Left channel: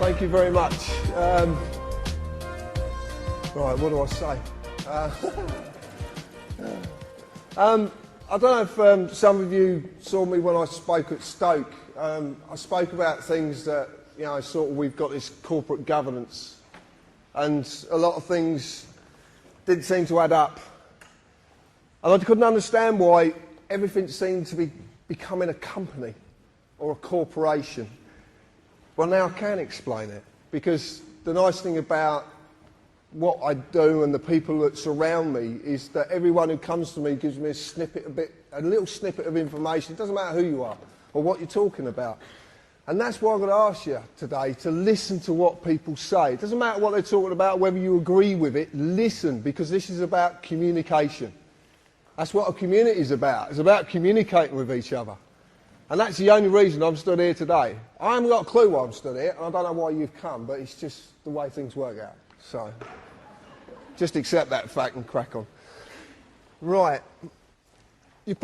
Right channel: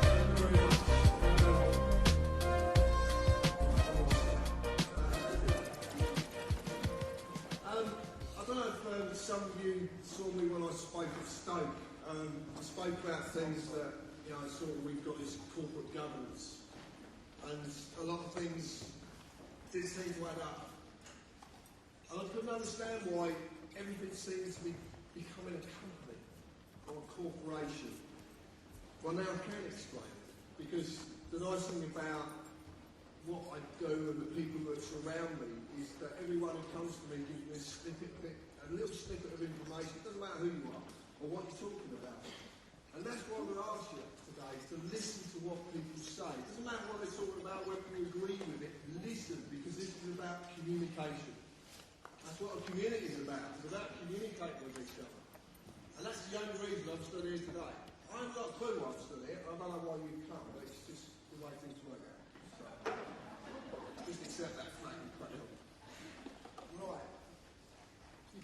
Thank you very much. Right, what do I say? I don't know if some of you saw me when I spoke at Stoke. I spoke about things that, you know, sort of we've got this corporate governance, and a lot of things didn't seem to add up. And I couldn't understand why everything seemed to be becoming a company or a corporation. Well, now I can explain it, because the nice thing about what I do and the people that surround me is that everyone who comes to me gives me a little snippet of information. It doesn't matter who you are or what you're talking about. And that's why I'm going to ask you today to listen to what people say. It doesn't matter what they're talking about, whether you agree with it, listen, because this is about communication. That's what a community is about. It's about communicating with each other. And that's the only reason I'm stood here today. I haven't got a clue why I'm stood here, and I don't know why you've come, but it's just the way things work out. So, just accept that fact and crack on. Right. A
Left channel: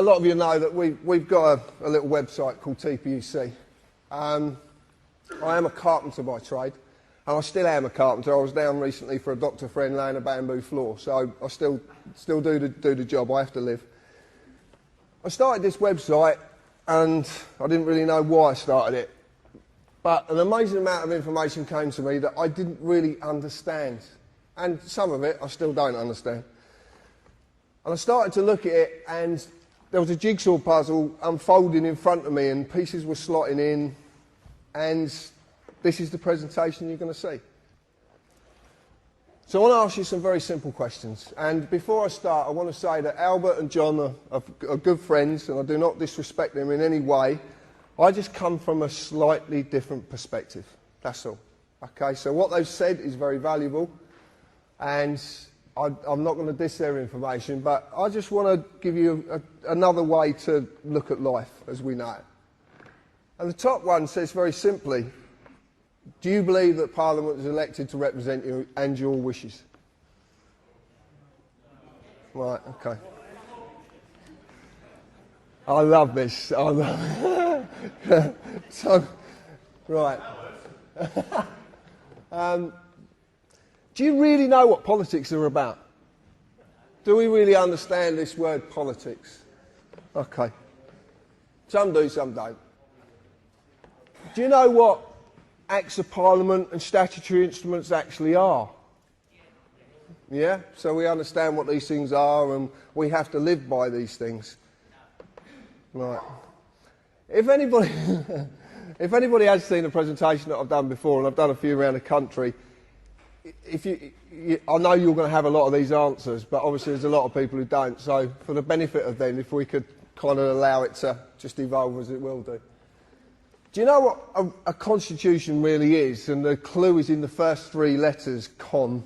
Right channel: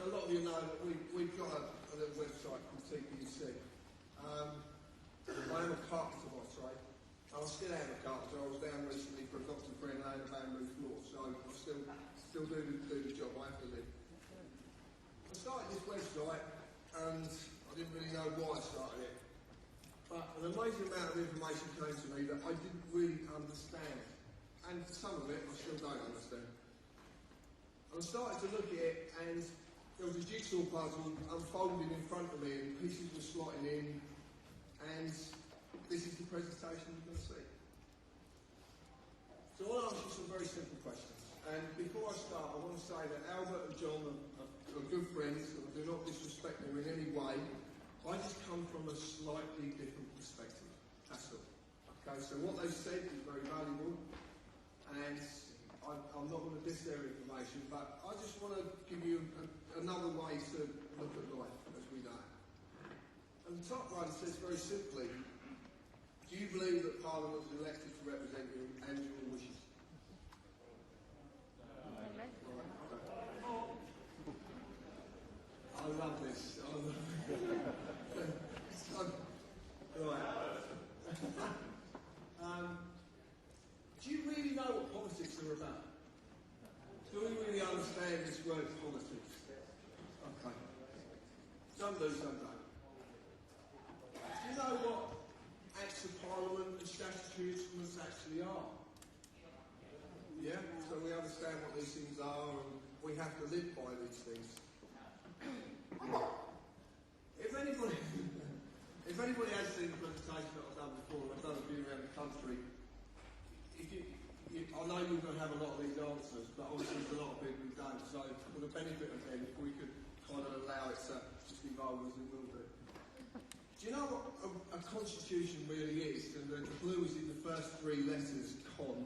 lot of you know that we've got a little website called TPUC. I am a carpenter by trade, and I still am a carpenter. I was down recently for a doctor friend laying a bamboo floor, so I still do the job. I have to live. I started this website, and I didn't really know why I started it. But an amazing amount of information came to me that I didn't really understand. And some of it I still don't understand. And I started to look at it, and there was a jigsaw puzzle unfolding in front of me, and pieces were slotting in, and this is the presentation you're going to see. So I want to ask you some very simple questions. And before I start, I want to say that Albert and John are good friends, and I do not disrespect them in any way. I just come from a slightly different perspective. That's all. Okay, so what they've said is very valuable, and I'm not going to diss their information, but I just want to give you another way to look at life as we know it. And the top one says very simply, do you believe that Parliament is elected to represent you and your wishes? Right, okay. I love this. I love it. So, right. Do you really know what politics are about? Do we really understand this word politics? Okay. Some do, some don't. Do you know what Acts of Parliament and statutory instruments actually are? Yeah? So we understand what these things are, and we have to live by these things. Right. If anybody has seen a presentation that I've done before, and I've done a few around the country, I know you're going to have a lot of these answers, but obviously there's a lot of people who don't. So for the benefit of them, if we could kind of allow it to just evolve as it will do. Do you know what a constitution really is? And the clue is in the first three letters, con.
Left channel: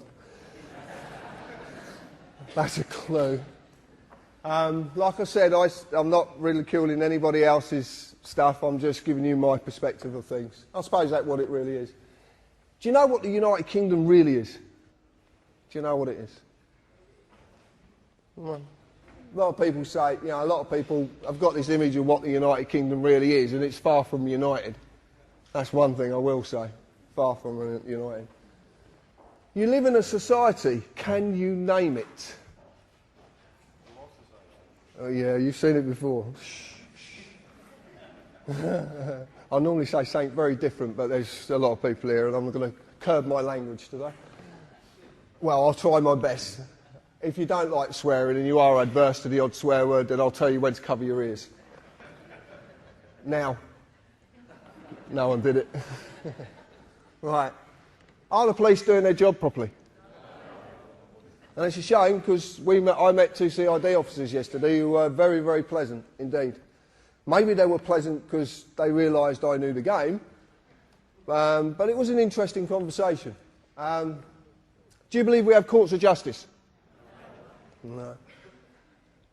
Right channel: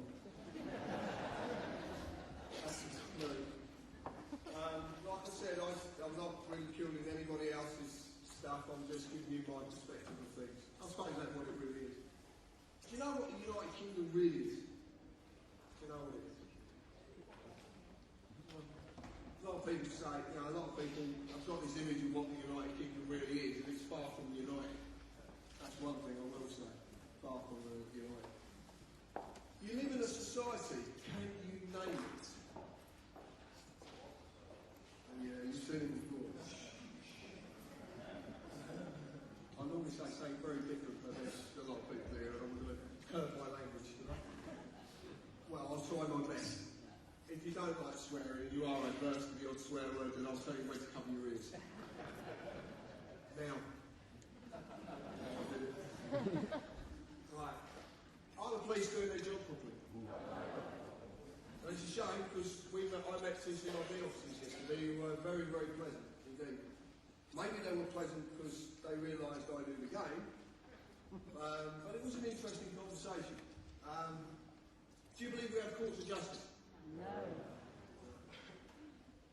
That's a clue. Like I said, I'm not ridiculing anybody else's stuff. I'm just giving you my perspective of things. I suppose that's what it really is. Do you know what the United Kingdom really is? Do you know what it is? Well, a lot of people say, you know, a lot of people have got this image of what the United Kingdom really is, and it's far from united. That's one thing I will say. Far from united. You live in a society. Can you name it? Oh yeah, you've seen it before. I normally say something very different, but there's a lot of people here, and I'm going to curb my language today. Well, I'll try my best. If you don't like swearing and you are adverse to the odd swear word, then I'll tell you when to cover your ears. Now. No one did it. Right. Are the police doing their job properly? And it's a shame because I met two CID officers yesterday who were very, very pleasant indeed. Maybe they were pleasant because they realised I knew the game, but it was an interesting conversation. Do you believe we have courts of justice? No.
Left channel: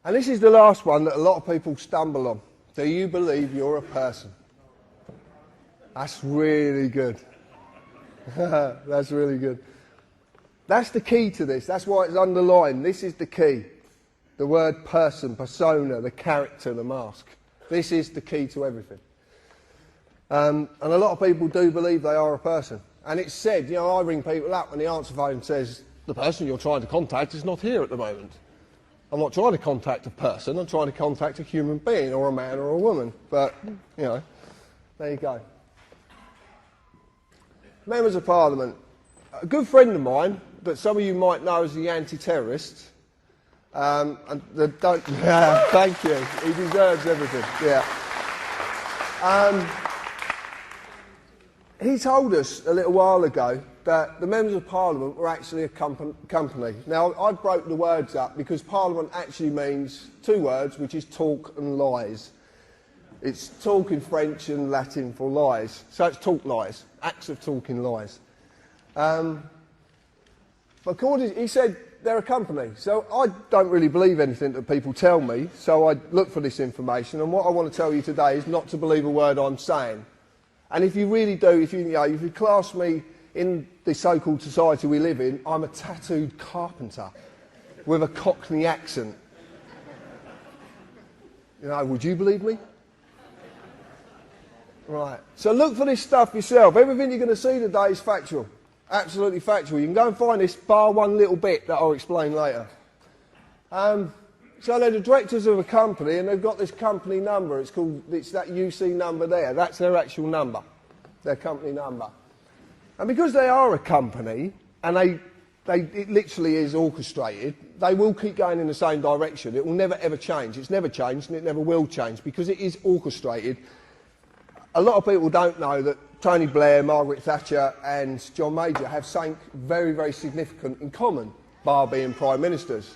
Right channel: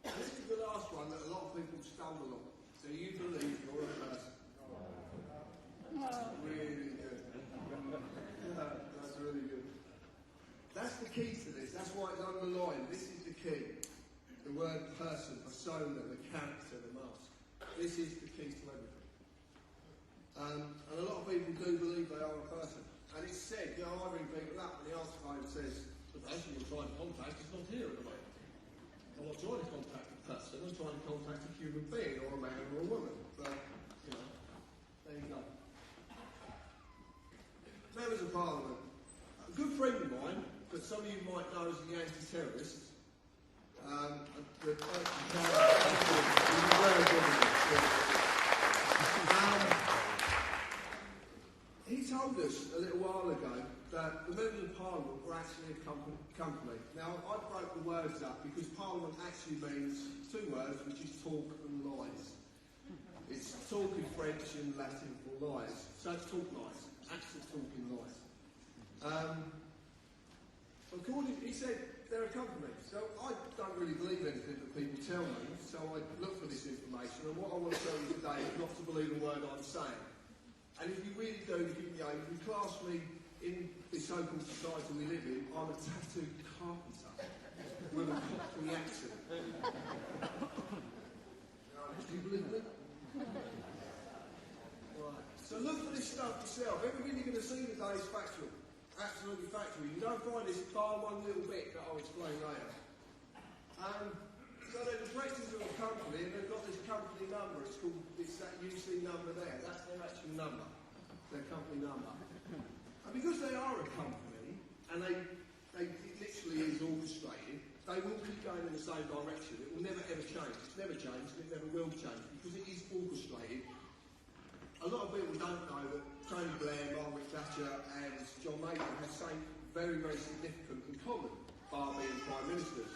And this is the last one that a lot of people stumble on. Do you believe you're a person? That's really good. That's really good. That's the key to this. That's why it's underlined. This is the key. The word person, persona, the character, the mask. This is the key to everything. And a lot of people do believe they are a person. And it's said, you know, I ring people up and the answer phone says, the person you're trying to contact is not here at the moment. I'm not trying to contact a person, I'm trying to contact a human being, or a man or a woman. But, you know, there you go. Members of Parliament. A good friend of mine, that some of you might know as the anti-terrorist, thank you, he deserves everything, yeah. He told us a little while ago that the Members of Parliament were actually a company. Now, I broke the words up because Parliament actually means two words, which is talk and lies. It's talk in French and Latin for lies. So it's talk lies, acts of talking lies. But he said they're a company. So I don't really believe anything that people tell me, so I look for this information. And what I want to tell you today is not to believe a word I'm saying. And if you really do, if you class me in the so-called society we live in, I'm a tattooed carpenter with a Cockney accent. You know, would you believe me? Right. So look for this stuff yourself. Everything you're going to see today is factual. Absolutely factual. You can go and find this, bar one little bit that I'll explain later. So they're the directors of a company and they've got this company number. It's that UC number there. That's their actual number, their company number. And because they are a company and it literally is orchestrated, they will keep going in the same direction. It will never ever change. It's never changed and it never will change because it is orchestrated. A lot of people don't know that Tony Blair, Margaret Thatcher and John Major have something very, very significant in common, bar being prime ministers.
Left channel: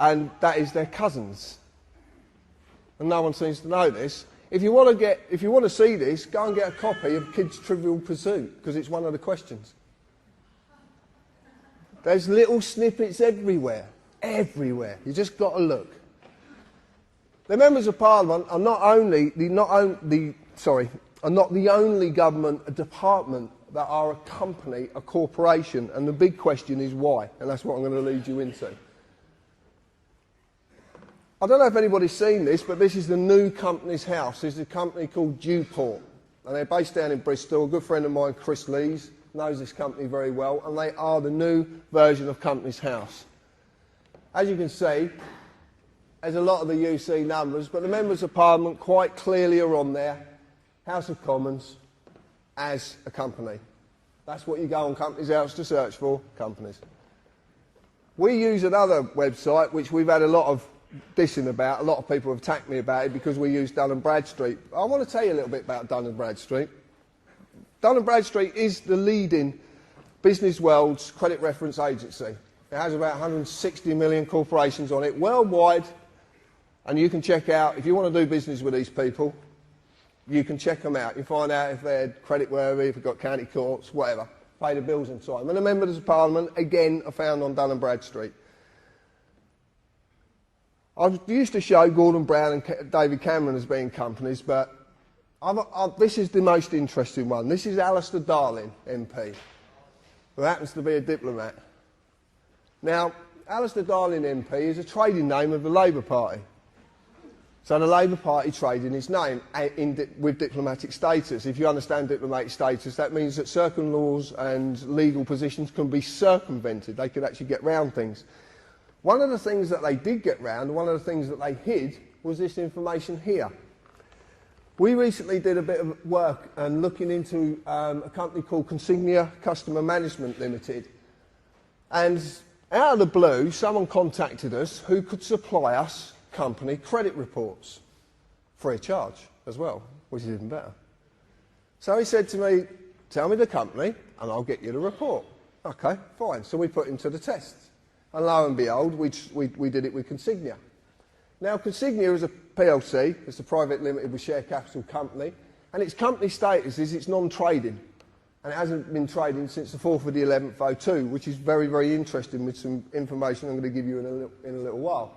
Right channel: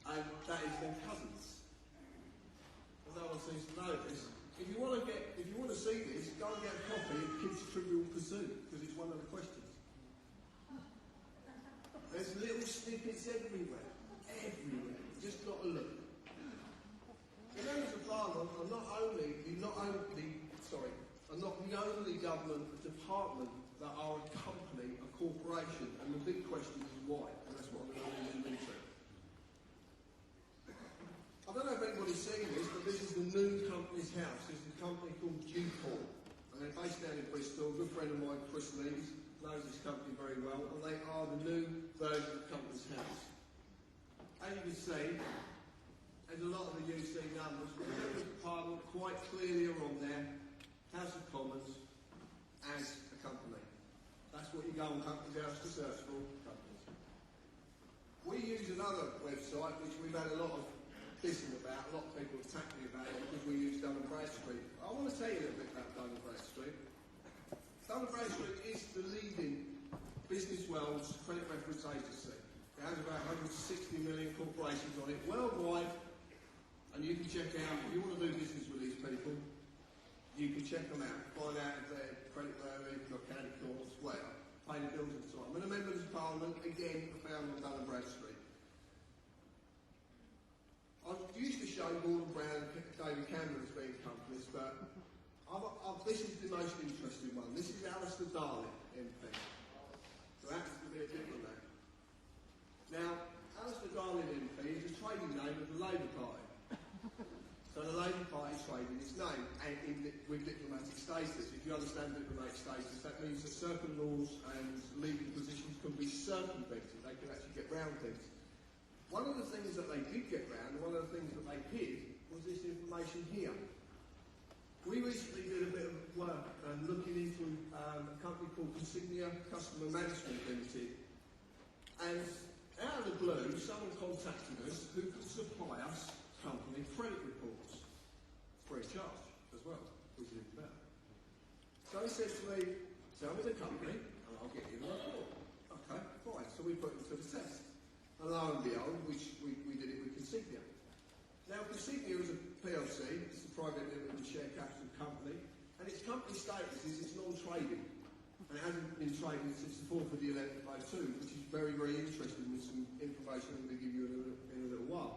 And that is their cousins. And no one seems to know this. If you want to see this, go and get a copy of Kids Trivial Pursuit, because it's one of the questions. There's little snippets everywhere. Everywhere. You just got to look. The Members of Parliament are not the only government department that are a company, a corporation, and the big question is why, and that's what I'm going to lead you into. I don't know if anybody's seen this, but this is the new Companies House. This is a company called Dewport, and they're based down in Bristol. A good friend of mine, Chris Lees, knows this company very well, and they are the new version of Companies House. As you can see, there's a lot of the UC numbers, but the Members of Parliament quite clearly are on there. House of Commons as a company. That's what you go on Companies House to search for, companies. We use another website which we've had a lot of dissing about. A lot of people have attacked me about it because we use Dun & Bradstreet. I want to tell you a little bit about Dun & Bradstreet. Dun & Bradstreet is the leading business world's credit reference agency. It has about 160 million corporations on it worldwide, and you can check out, if you want to do business with these people, you can check them out. You find out if they're creditworthy, if they've got county courts, whatever. Pay the bills in time. And the Members of Parliament, again, are found on Dun & Bradstreet. I used to show Gordon Brown and David Cameron as being companies, but this is the most interesting one. This is Alistair Darling, MP, who happens to be a diplomat. Now, Alistair Darling MP is a trading name of the Labour Party. So the Labour Party trade in his name with diplomatic status. If you understand diplomatic status, that means that certain laws and legal positions can be circumvented. They can actually get round things. One of the things that they did get round, one of the things that they hid, was this information here. We recently did a bit of work and looking into a company called Consignia Customer Management Limited. And out of the blue, someone contacted us who could supply us company credit reports free of charge as well, which is even better. So he said to me, tell me the company and I'll get you the report. Okay, fine. So we put him to the test. And lo and behold, we did it with Consignia. Now, Consignia is a PLC, it's a private limited with share capital company, and its company status is it's non-trading. And it hasn't been trading since the 4th of the 11th, 2002, which is very, very interesting with some information I'm going to give you in a little while.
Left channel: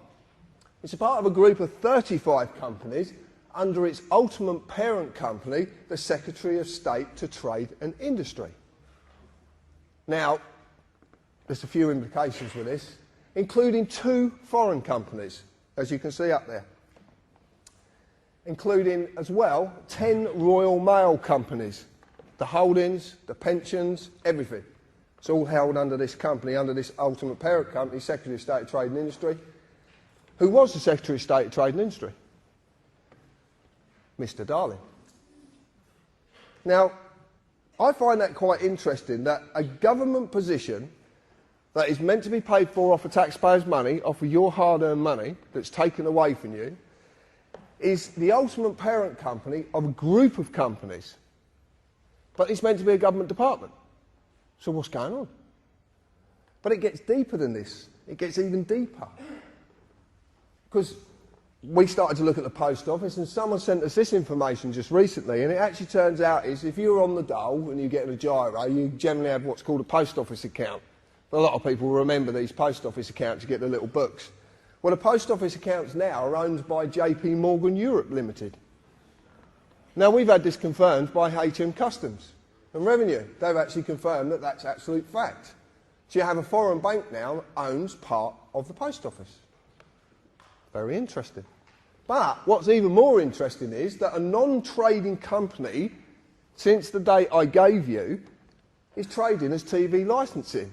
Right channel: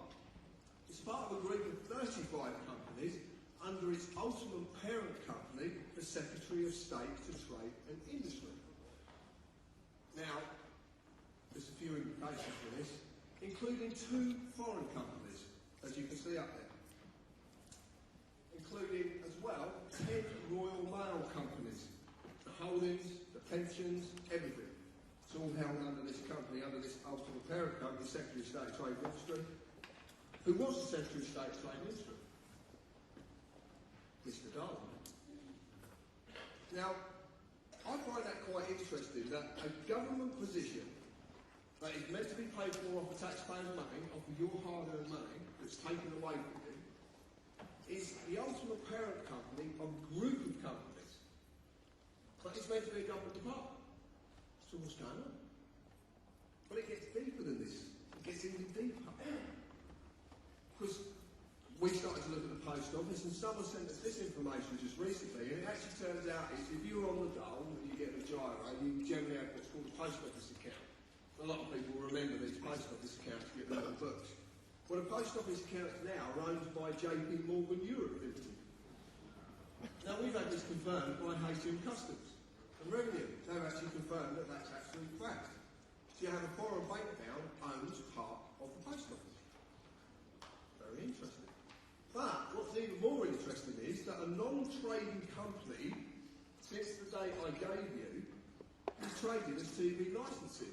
It's a part of a group of 35 companies under its ultimate parent company, the Secretary of State to Trade and Industry. Now, there's a few implications with this, including 2 foreign companies, as you can see up there, including as well 10 Royal Mail companies, the holdings, the pensions, everything. It's all held under this company, under this ultimate parent company, Secretary of State of Trade and Industry. Who was the Secretary of State of Trade and Industry? Mr. Darling. Now, I find that quite interesting, that a government position that is meant to be paid for off of taxpayers' money, off of your hard-earned money that's taken away from you, is the ultimate parent company of a group of companies. But it's meant to be a government department. So what's going on? But it gets deeper than this. It gets even deeper. Because we started to look at the post office, and someone sent us this information just recently, and it actually turns out is if you're on the dole and you get a gyro, you generally have what's called a post office account. A lot of people remember these post office accounts, you get the little books. Well, the post office accounts now are owned by JP Morgan Europe Limited. Now, we've had this confirmed by HM Customs and Revenue. They've actually confirmed that that's absolute fact. So you have a foreign bank now that owns part of the post office. Very interesting. But what's even more interesting is that a non-trading company, since the date I gave you, is trading as TV licensing.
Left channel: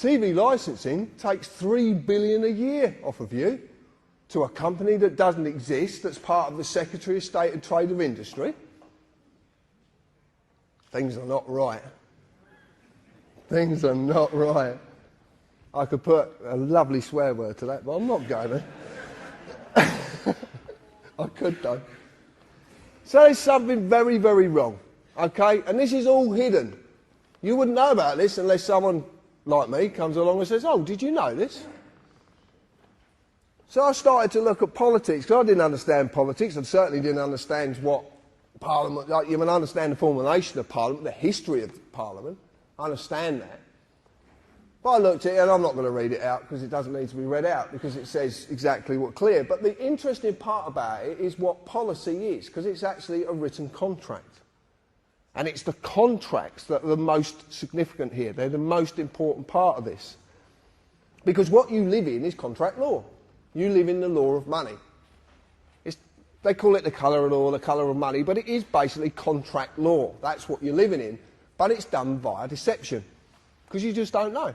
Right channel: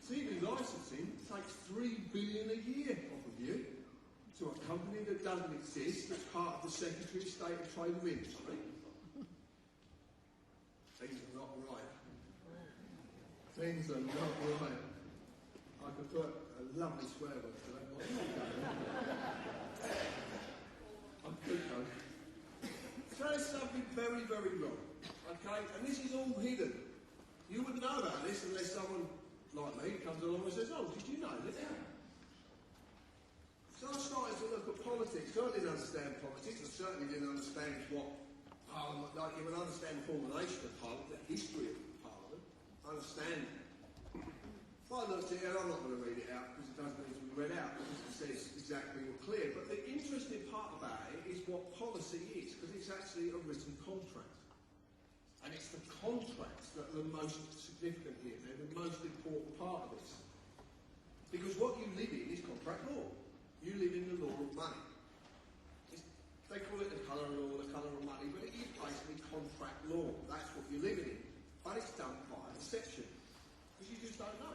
TV licensing takes $3 billion a year off of you to a company that doesn't exist, that's part of the Secretary of State of Trade and Industry. Things are not right. Things are not right. I could put a lovely swear word to that, but I'm not going to. I could though. So there's something very, very wrong, okay? And this is all hidden. You wouldn't know about this unless someone like me comes along and says, oh, did you know this? So I started to look at politics, because I didn't understand politics. I certainly didn't understand what Parliament, like, you can understand the formulation of Parliament, the history of Parliament. I understand that. But I looked at it, and I'm not going to read it out because it doesn't need to be read out because it says exactly what's clear. But the interesting part about it is what policy is, because it's actually a written contract. And it's the contracts that are the most significant here. They're the most important part of this. Because what you live in is contract law. You live in the law of money. They call it the colour of law, the colour of money, but it is basically contract law. That's what you're living in. But it's done via deception, because you just don't know.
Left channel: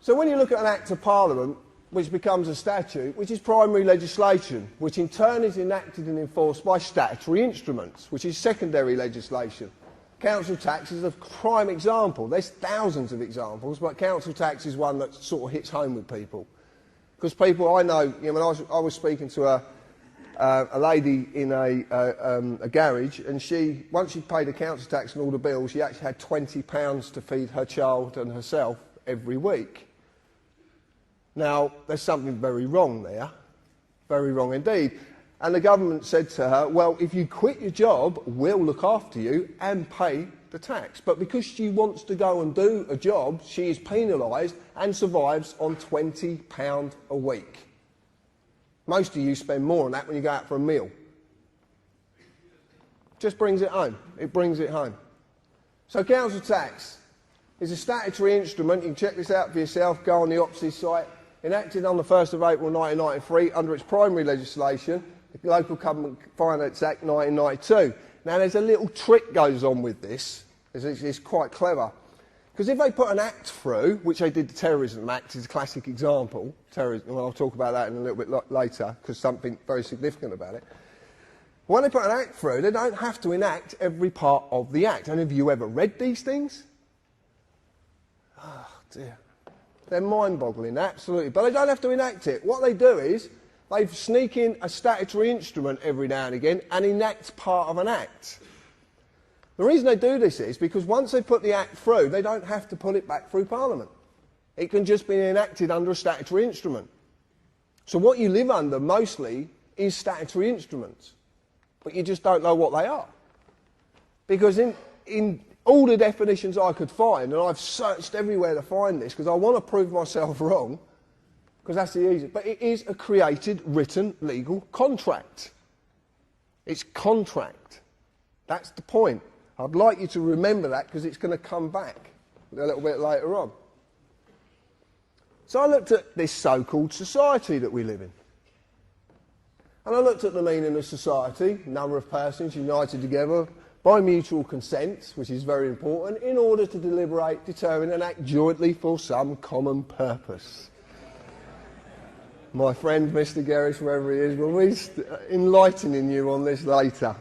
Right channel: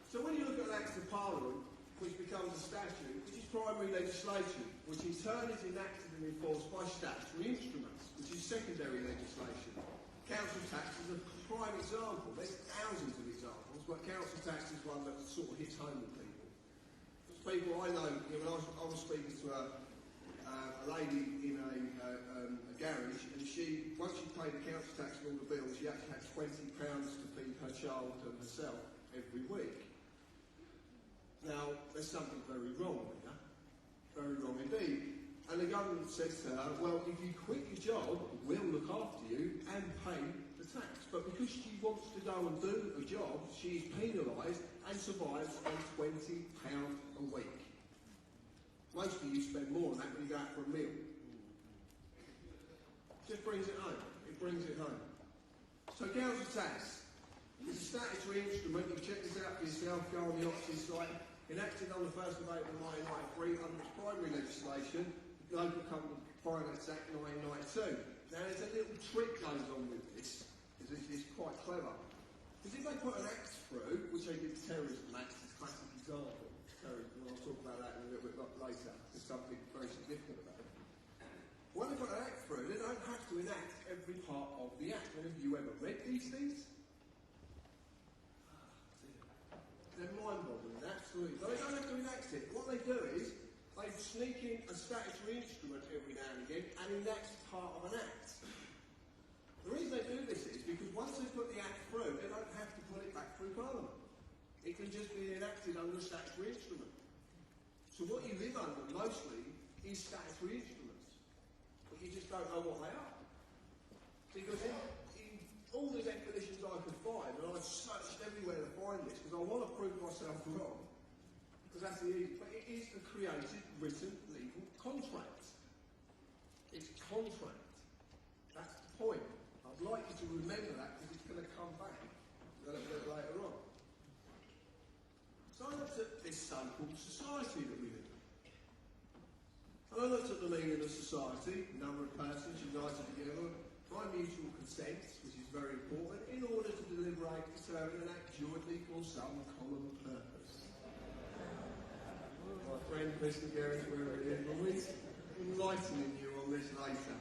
So when you look at an Act of Parliament, which becomes a statute, which is primary legislation, which in turn is enacted and enforced by statutory instruments, which is secondary legislation. Council tax is a prime example. There's thousands of examples, but council tax is one that sort of hits home with people. Because people, I know, when I was speaking to a lady in a garage, and once she paid the council tax and all the bills, she actually had £20 to feed her child and herself every week. Now, there's something very wrong there, very wrong indeed. And the government said to her, well, if you quit your job, we'll look after you and pay the tax. But because she wants to go and do a job, she is penalised and survives on £20 a week. Most of you spend more on that when you go out for a meal. Just brings it home. It brings it home. So council tax is a statutory instrument. You can check this out for yourself. Go on the OPSI site. Enacted on the 1st of April 1993 under its primary legislation, the Local Government Finance Act 1992. Now there's a little trick goes on with this. It's quite clever. Because if they put an act through, which they did the Terrorism Act, is a classic example, terrorism, well, I'll talk about that in a little bit later, because something very significant about it. When they put an act through, they don't have to enact every part of the act. And have you ever read these things? Oh, dear. They're mind-boggling, absolutely. But they don't have to enact it. What they do is they sneak in a statutory instrument every now and again and enact part of an act. The reason they do this is because once they put the act through, they don't have to put it back through Parliament. It can just be enacted under a statutory instrument. So what you live under mostly is statutory instruments, but you just don't know what they are. Because in all the definitions I could find, and I've searched everywhere to find this, because I want to prove myself wrong, because that's the easiest, but it is a created, written, legal contract. It's contract. That's the point. I'd like you to remember that, because it's going to come back a little bit later on. So I looked at this so-called society that we live in. And I looked at the meaning of society, number of persons united together by mutual consent, which is very important, in order to deliberate, determine and act jointly for some common purpose. My friend Mr. Gerrish, wherever he is, will be enlightening you on this later.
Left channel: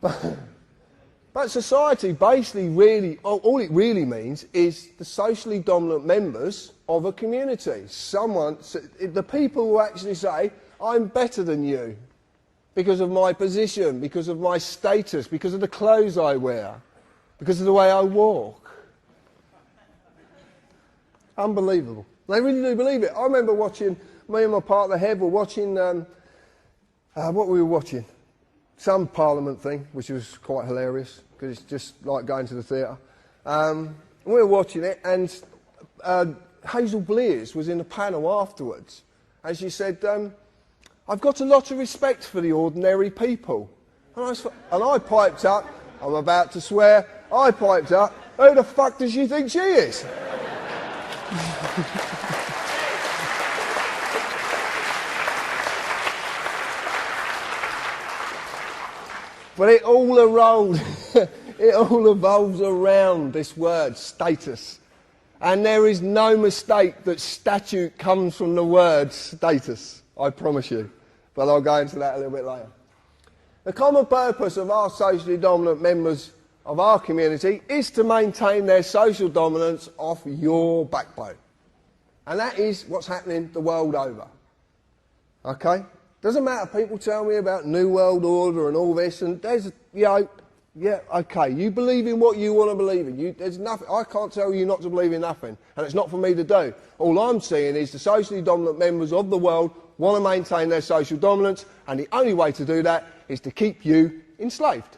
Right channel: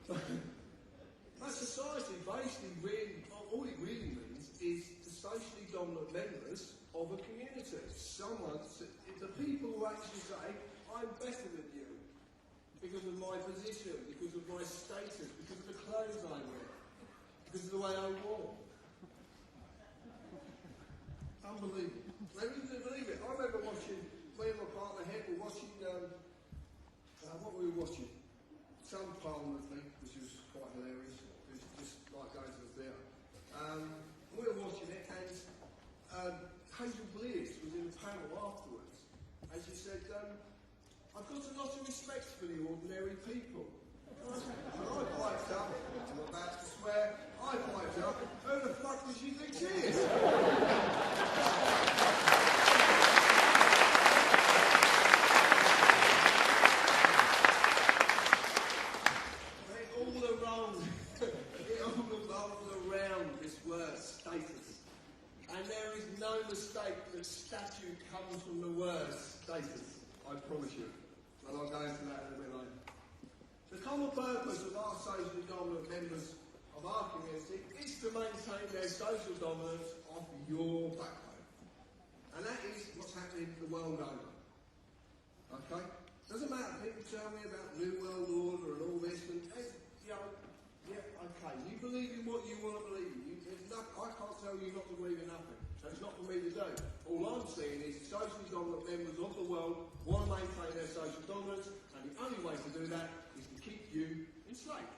But society basically really, all it really means is the socially dominant members of a community. The people who actually say, I'm better than you because of my position, because of my status, because of the clothes I wear, because of the way I walk. Unbelievable. They really do believe it. I remember watching, me and my partner Hev were watching, what were we watching? Some Parliament thing, which was quite hilarious, because it's just like going to the theatre. We were watching it, and Hazel Blears was in the panel afterwards, and she said, I've got a lot of respect for the ordinary people. And I piped up, I'm about to swear, I piped up, who the fuck does she think she is? But it all evolves around this word, status. And there is no mistake that statute comes from the word status, I promise you. But I'll go into that a little bit later. The common purpose of our socially dominant members of our community is to maintain their social dominance off your backbone. And that is what's happening the world over. Okay? Doesn't matter, people tell me about New World Order and all this, and there's, yeah, okay, you believe in what you want to believe in. There's nothing, I can't tell you not to believe in nothing, and it's not for me to do. All I'm saying is the socially dominant members of the world want to maintain their social dominance, and the only way to do that is to keep you enslaved.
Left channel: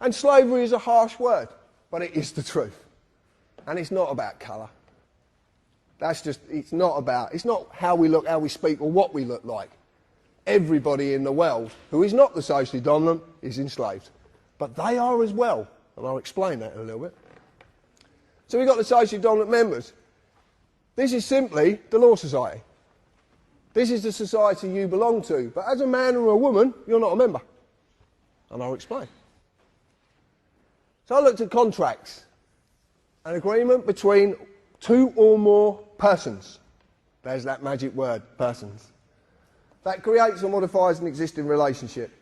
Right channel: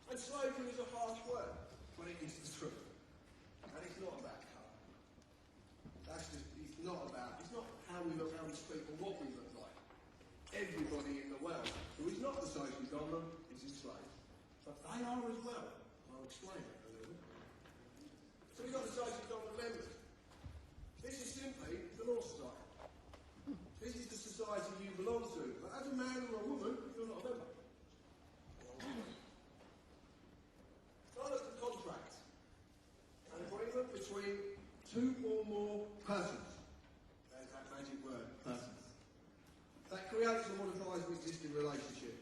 And slavery is a harsh word, but it is the truth. And it's not about colour. It's not how we look, how we speak, or what we look like. Everybody in the world who is not the socially dominant is enslaved. But they are as well, and I'll explain that in a little bit. So we've got the socially dominant members. This is simply the Law Society. This is the society you belong to. But as a man or a woman, you're not a member. And I'll explain. So I looked at contracts. An agreement between two or more persons. There's that magic word, persons. That creates or modifies an existing relationship.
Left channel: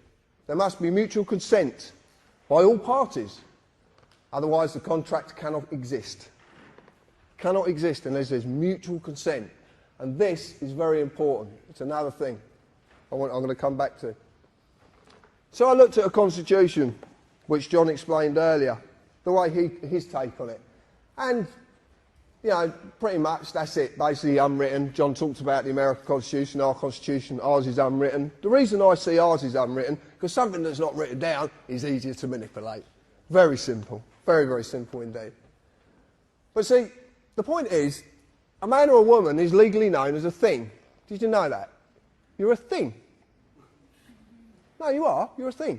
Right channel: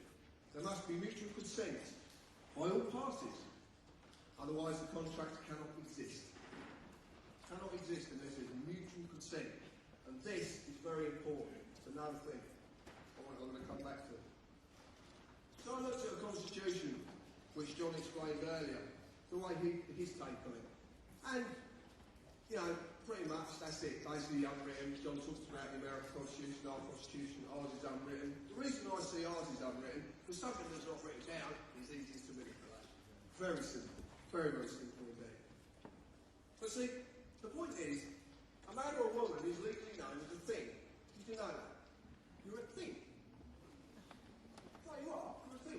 There must be mutual consent by all parties. Otherwise the contract cannot exist. Cannot exist unless there's mutual consent. And this is very important. It's another thing I'm going to come back to. So I looked at a constitution, which John explained earlier, the way his take on it. And, you know, pretty much that's it, basically unwritten. John talked about the American Constitution, ours is unwritten. The reason I see ours is unwritten, because something that's not written down is easier to manipulate. Very simple. Very, very simple indeed. But see, the point is, a man or a woman is legally known as a thing. Did you know that? You're a thing. No, you are. You're a thing.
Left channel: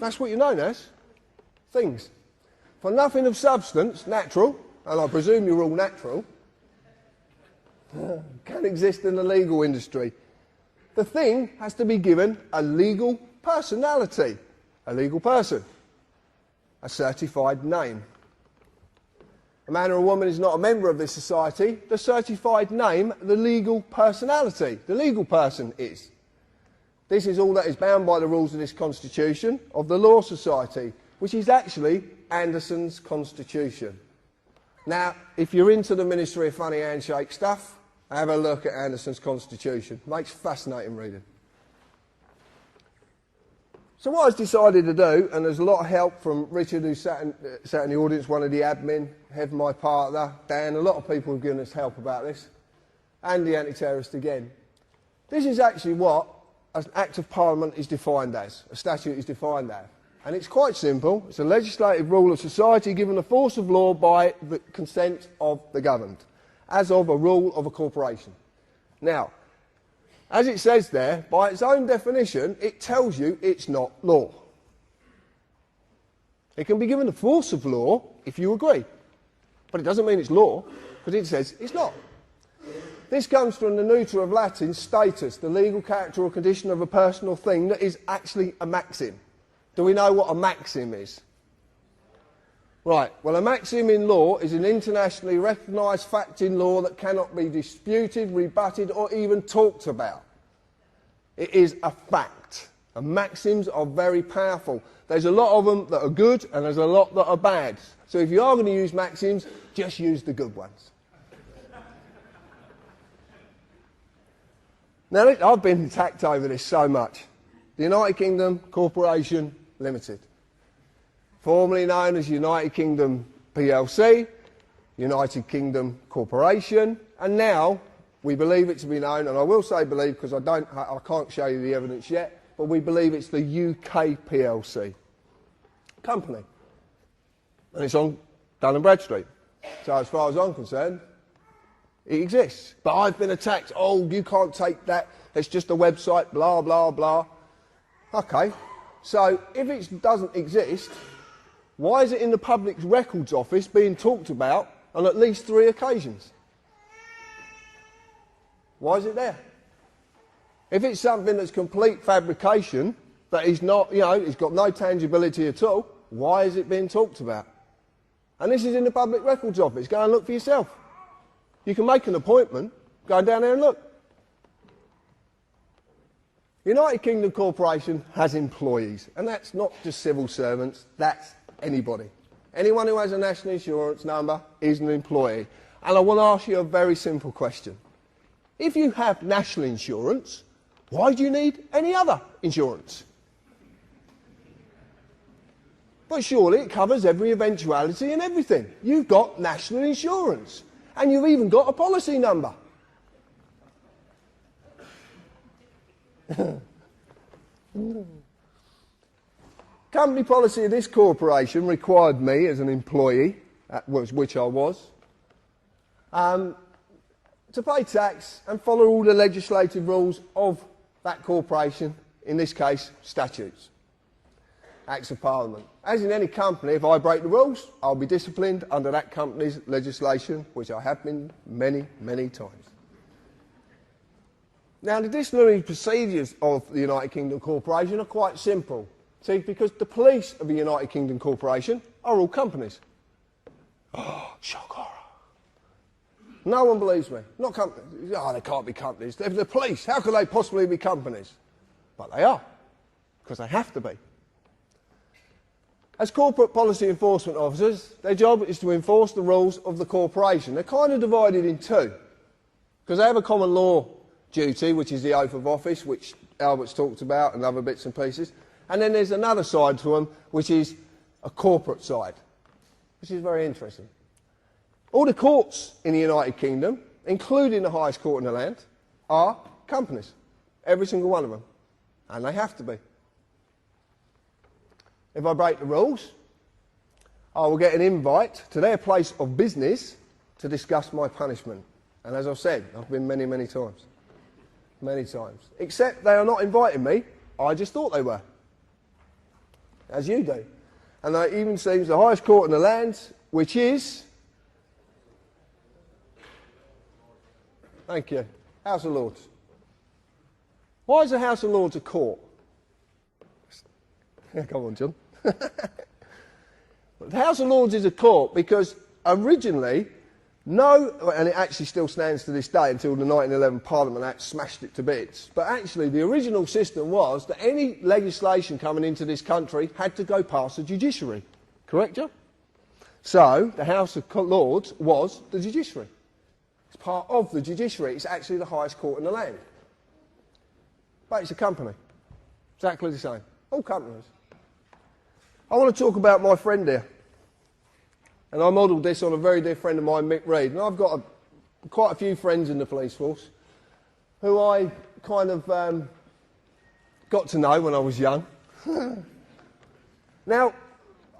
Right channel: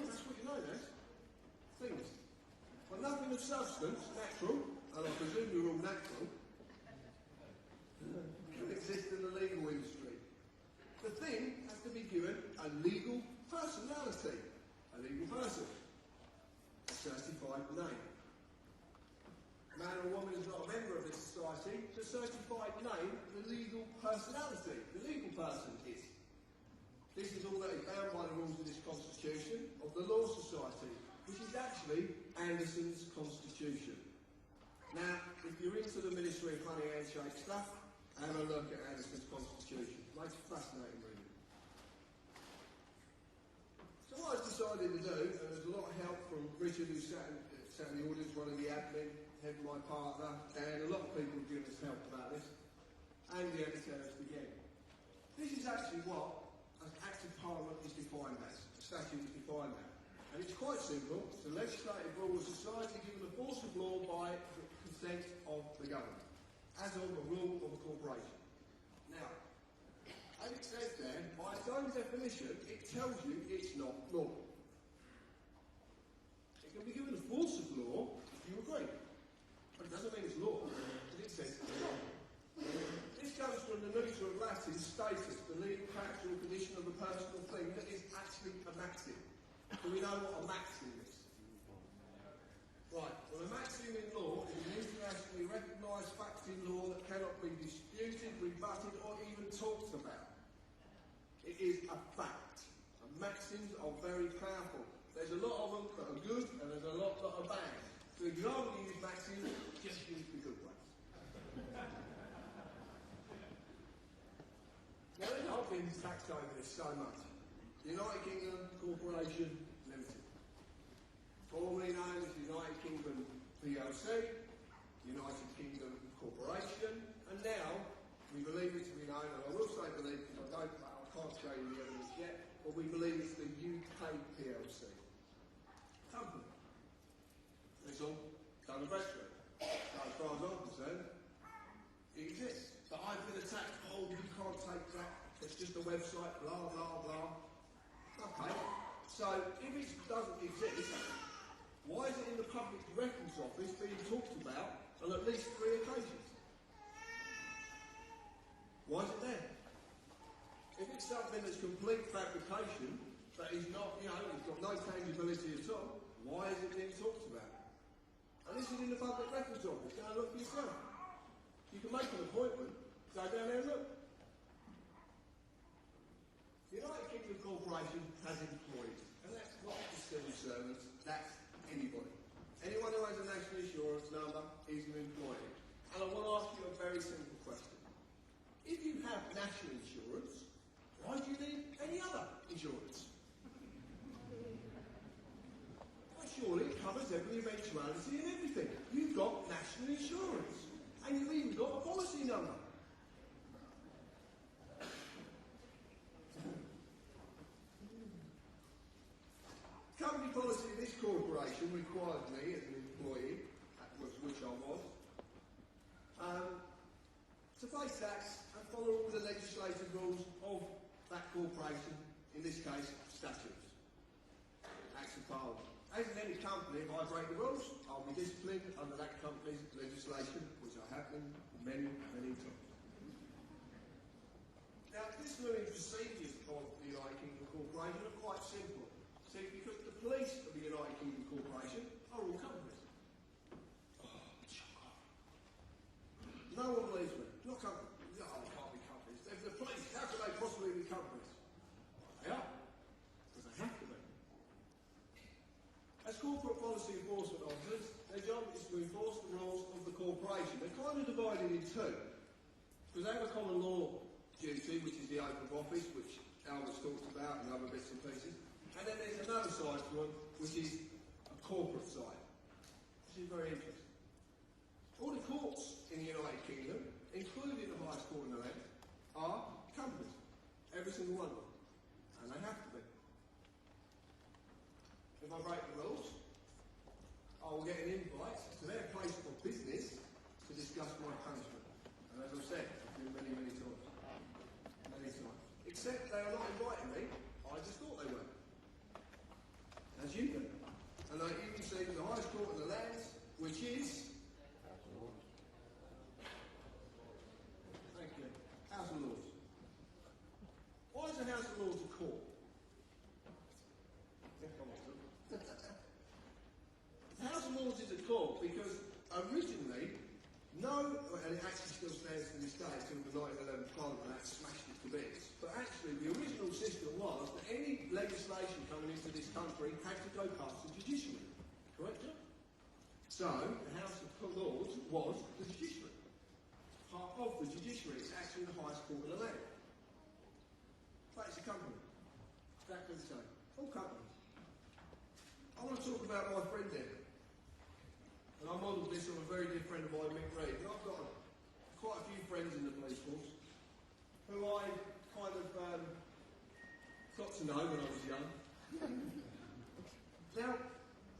That's what you're known as. Things. For nothing of substance, natural, and I presume you're all natural, can exist in the legal industry. The thing has to be given a legal personality. A legal person. A certified name. A man or a woman is not a member of this society. The certified name, the legal personality. The legal person is. This is all that is bound by the rules of this constitution of the Law Society, which is actually Anderson's constitution. Now, if you're into the Ministry of Funny Handshake stuff, have a look at Anderson's constitution. Makes fascinating reading. So what I've decided to do, and there's a lot of help from Richard, who sat in the audience, one of the admin, Hev, my partner, Dan, a lot of people have given us help about this, and the anti-terrorist again. This is actually what an Act of Parliament is defined as, a statute is defined as. And it's quite simple. It's a legislative rule of society given the force of law by the consent of the governed, as of a rule of a corporation. Now, as it says there, by its own definition, it tells you it's not law. It can be given the force of law if you agree, but it doesn't mean it's law, because it says it's not. This comes from the neuter of Latin status, the legal character or condition of a person or thing that is actually a maxim. Do we know what a maxim is? Right, well, a maxim in law is an internationally recognised fact in law that cannot be disputed, rebutted or even talked about. It is a fact. And maxims are very powerful. There's a lot of them that are good and there's a lot that are bad. So if you are going to use maxims, just use the good ones. Now, I've been attacked over this so much. The United Kingdom Corporation Limited, formerly known as United Kingdom PLC, United Kingdom Corporation, and now we believe it to be known, and I will say believe because I can't show you the evidence yet, but we believe it's the UK PLC company, and it's on Dun & Bradstreet. So as far as I'm concerned, it exists. But I've been attacked. Oh, you can't take that. It's just a website. Blah blah blah. Okay. So if it doesn't exist, why is it in the Public Records Office being talked about on at least 3 occasions? Why is it there? If it's something that's complete fabrication, that is not, it's got no tangibility at all, why is it being talked about? And this is in the Public Records Office. Go and look for yourself. You can make an appointment, go down there and look. United Kingdom Corporation has employees, and that's not just civil servants, that's anybody. Anyone who has a national insurance number is an employee. And I want to ask you a very simple question. If you have national insurance, why do you need any other insurance? But surely it covers every eventuality and everything. You've got national insurance, and you've even got a policy number. Company policy of this corporation required me as an employee, which I was, to pay tax and follow all the legislative rules of that corporation, in this case, statutes, Acts of Parliament. As in any company, if I break the rules, I'll be disciplined under that company's legislation, which I have been many, many times. Now, the disciplinary procedures of the United Kingdom Corporation are quite simple. See, because the police of the United Kingdom Corporation are all companies. Oh, shock horror. No one believes me. Not companies. Oh, they can't be companies. They're the police. How could they possibly be companies? But they are, because they have to be. As corporate policy enforcement officers, their job is to enforce the rules of the corporation. They're kind of divided in two, because they have a common law duty, which is the oath of office, which Albert's talked about, and other bits and pieces. And then there's another side to them, which is a corporate side, which is very interesting. All the courts in the United Kingdom, including the highest court in the land, are companies. Every single one of them. And they have to be. If I break the rules, I will get an invite to their place of business to discuss my punishment. And as I've said, I've been many, many times. Many times. Except they are not inviting me. I just thought they were. As you do. And that even seems the highest court in the land, which is... Thank you. House of Lords. Why is the House of Lords a court? Come on, John. The House of Lords is a court because originally, and it actually still stands to this day until the 1911 Parliament Act smashed it to bits, but actually the original system was that any legislation coming into this country had to go past the judiciary. Correct, John? So, the House of Lords was the judiciary. It's part of the judiciary. It's actually the highest court in the land. But it's a company. Exactly the same. All companies. I want to talk about my friend here. And I modelled this on a very dear friend of mine, Mick Reed. And I've got quite a few friends in the police force who I kind of got to know when I was young. Now,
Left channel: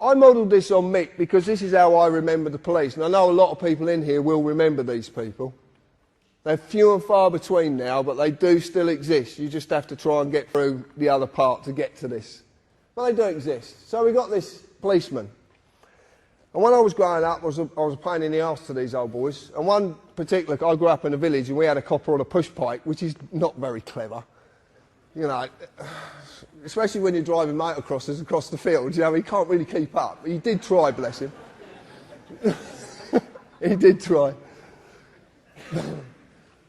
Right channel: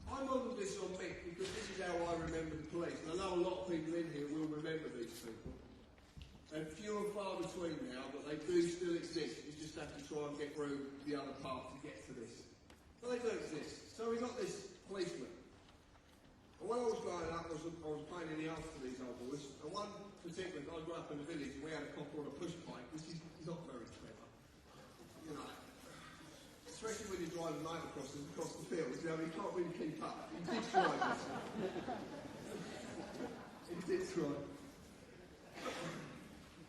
I modelled this on Mick because this is how I remember the police. And I know a lot of people in here will remember these people. They're few and far between now, but they do still exist. You just have to try and get through the other part to get to this. But they do exist. So we got this policeman. And when I was growing up, I was a pain in the arse to these old boys. And one particular, I grew up in a village and we had a copper on a push pike, which is not very clever. You know, especially when you're driving motocrossers across the field, you know, he can't really keep up. He did try, bless him. He did try.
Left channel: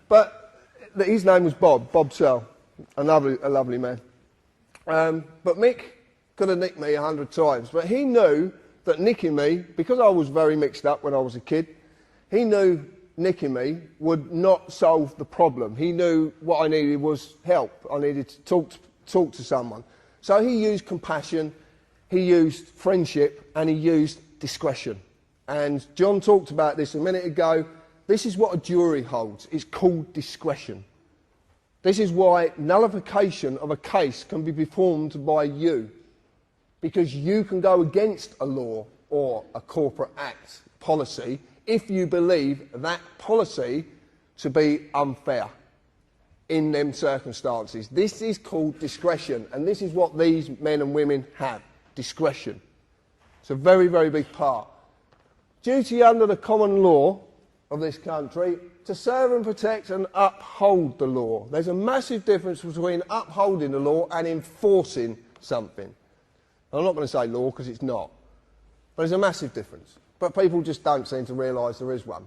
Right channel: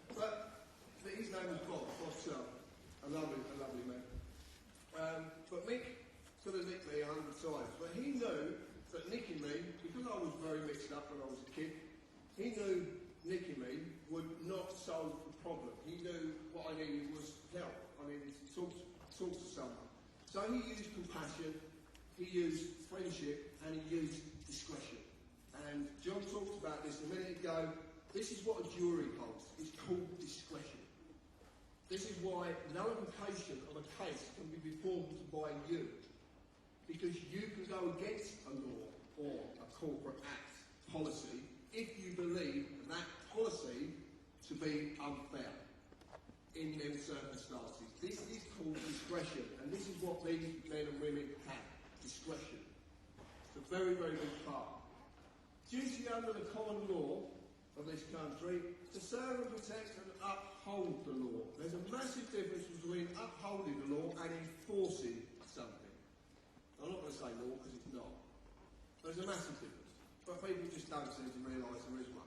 But his name was Bob Searle, a lovely man. But Mick could have nicked me 100 times, but he knew that nicking me, because I was very mixed up when I was a kid, he knew nicking me would not solve the problem. He knew what I needed was help. I needed to talk to someone. So he used compassion, he used friendship, and he used discretion. And John talked about this a minute ago. This is what a jury holds. It's called discretion. This is why nullification of a case can be performed by you, because you can go against a law or a corporate act policy if you believe that policy to be unfair in them circumstances. This is called discretion, and this is what these men and women have, discretion. It's a very, very big part. Duty under the common law of this country to serve and protect and uphold the law. There's a massive difference between upholding the law and enforcing something. I'm not going to say law because it's not, but there's a massive difference. But people just don't seem to realise there is one.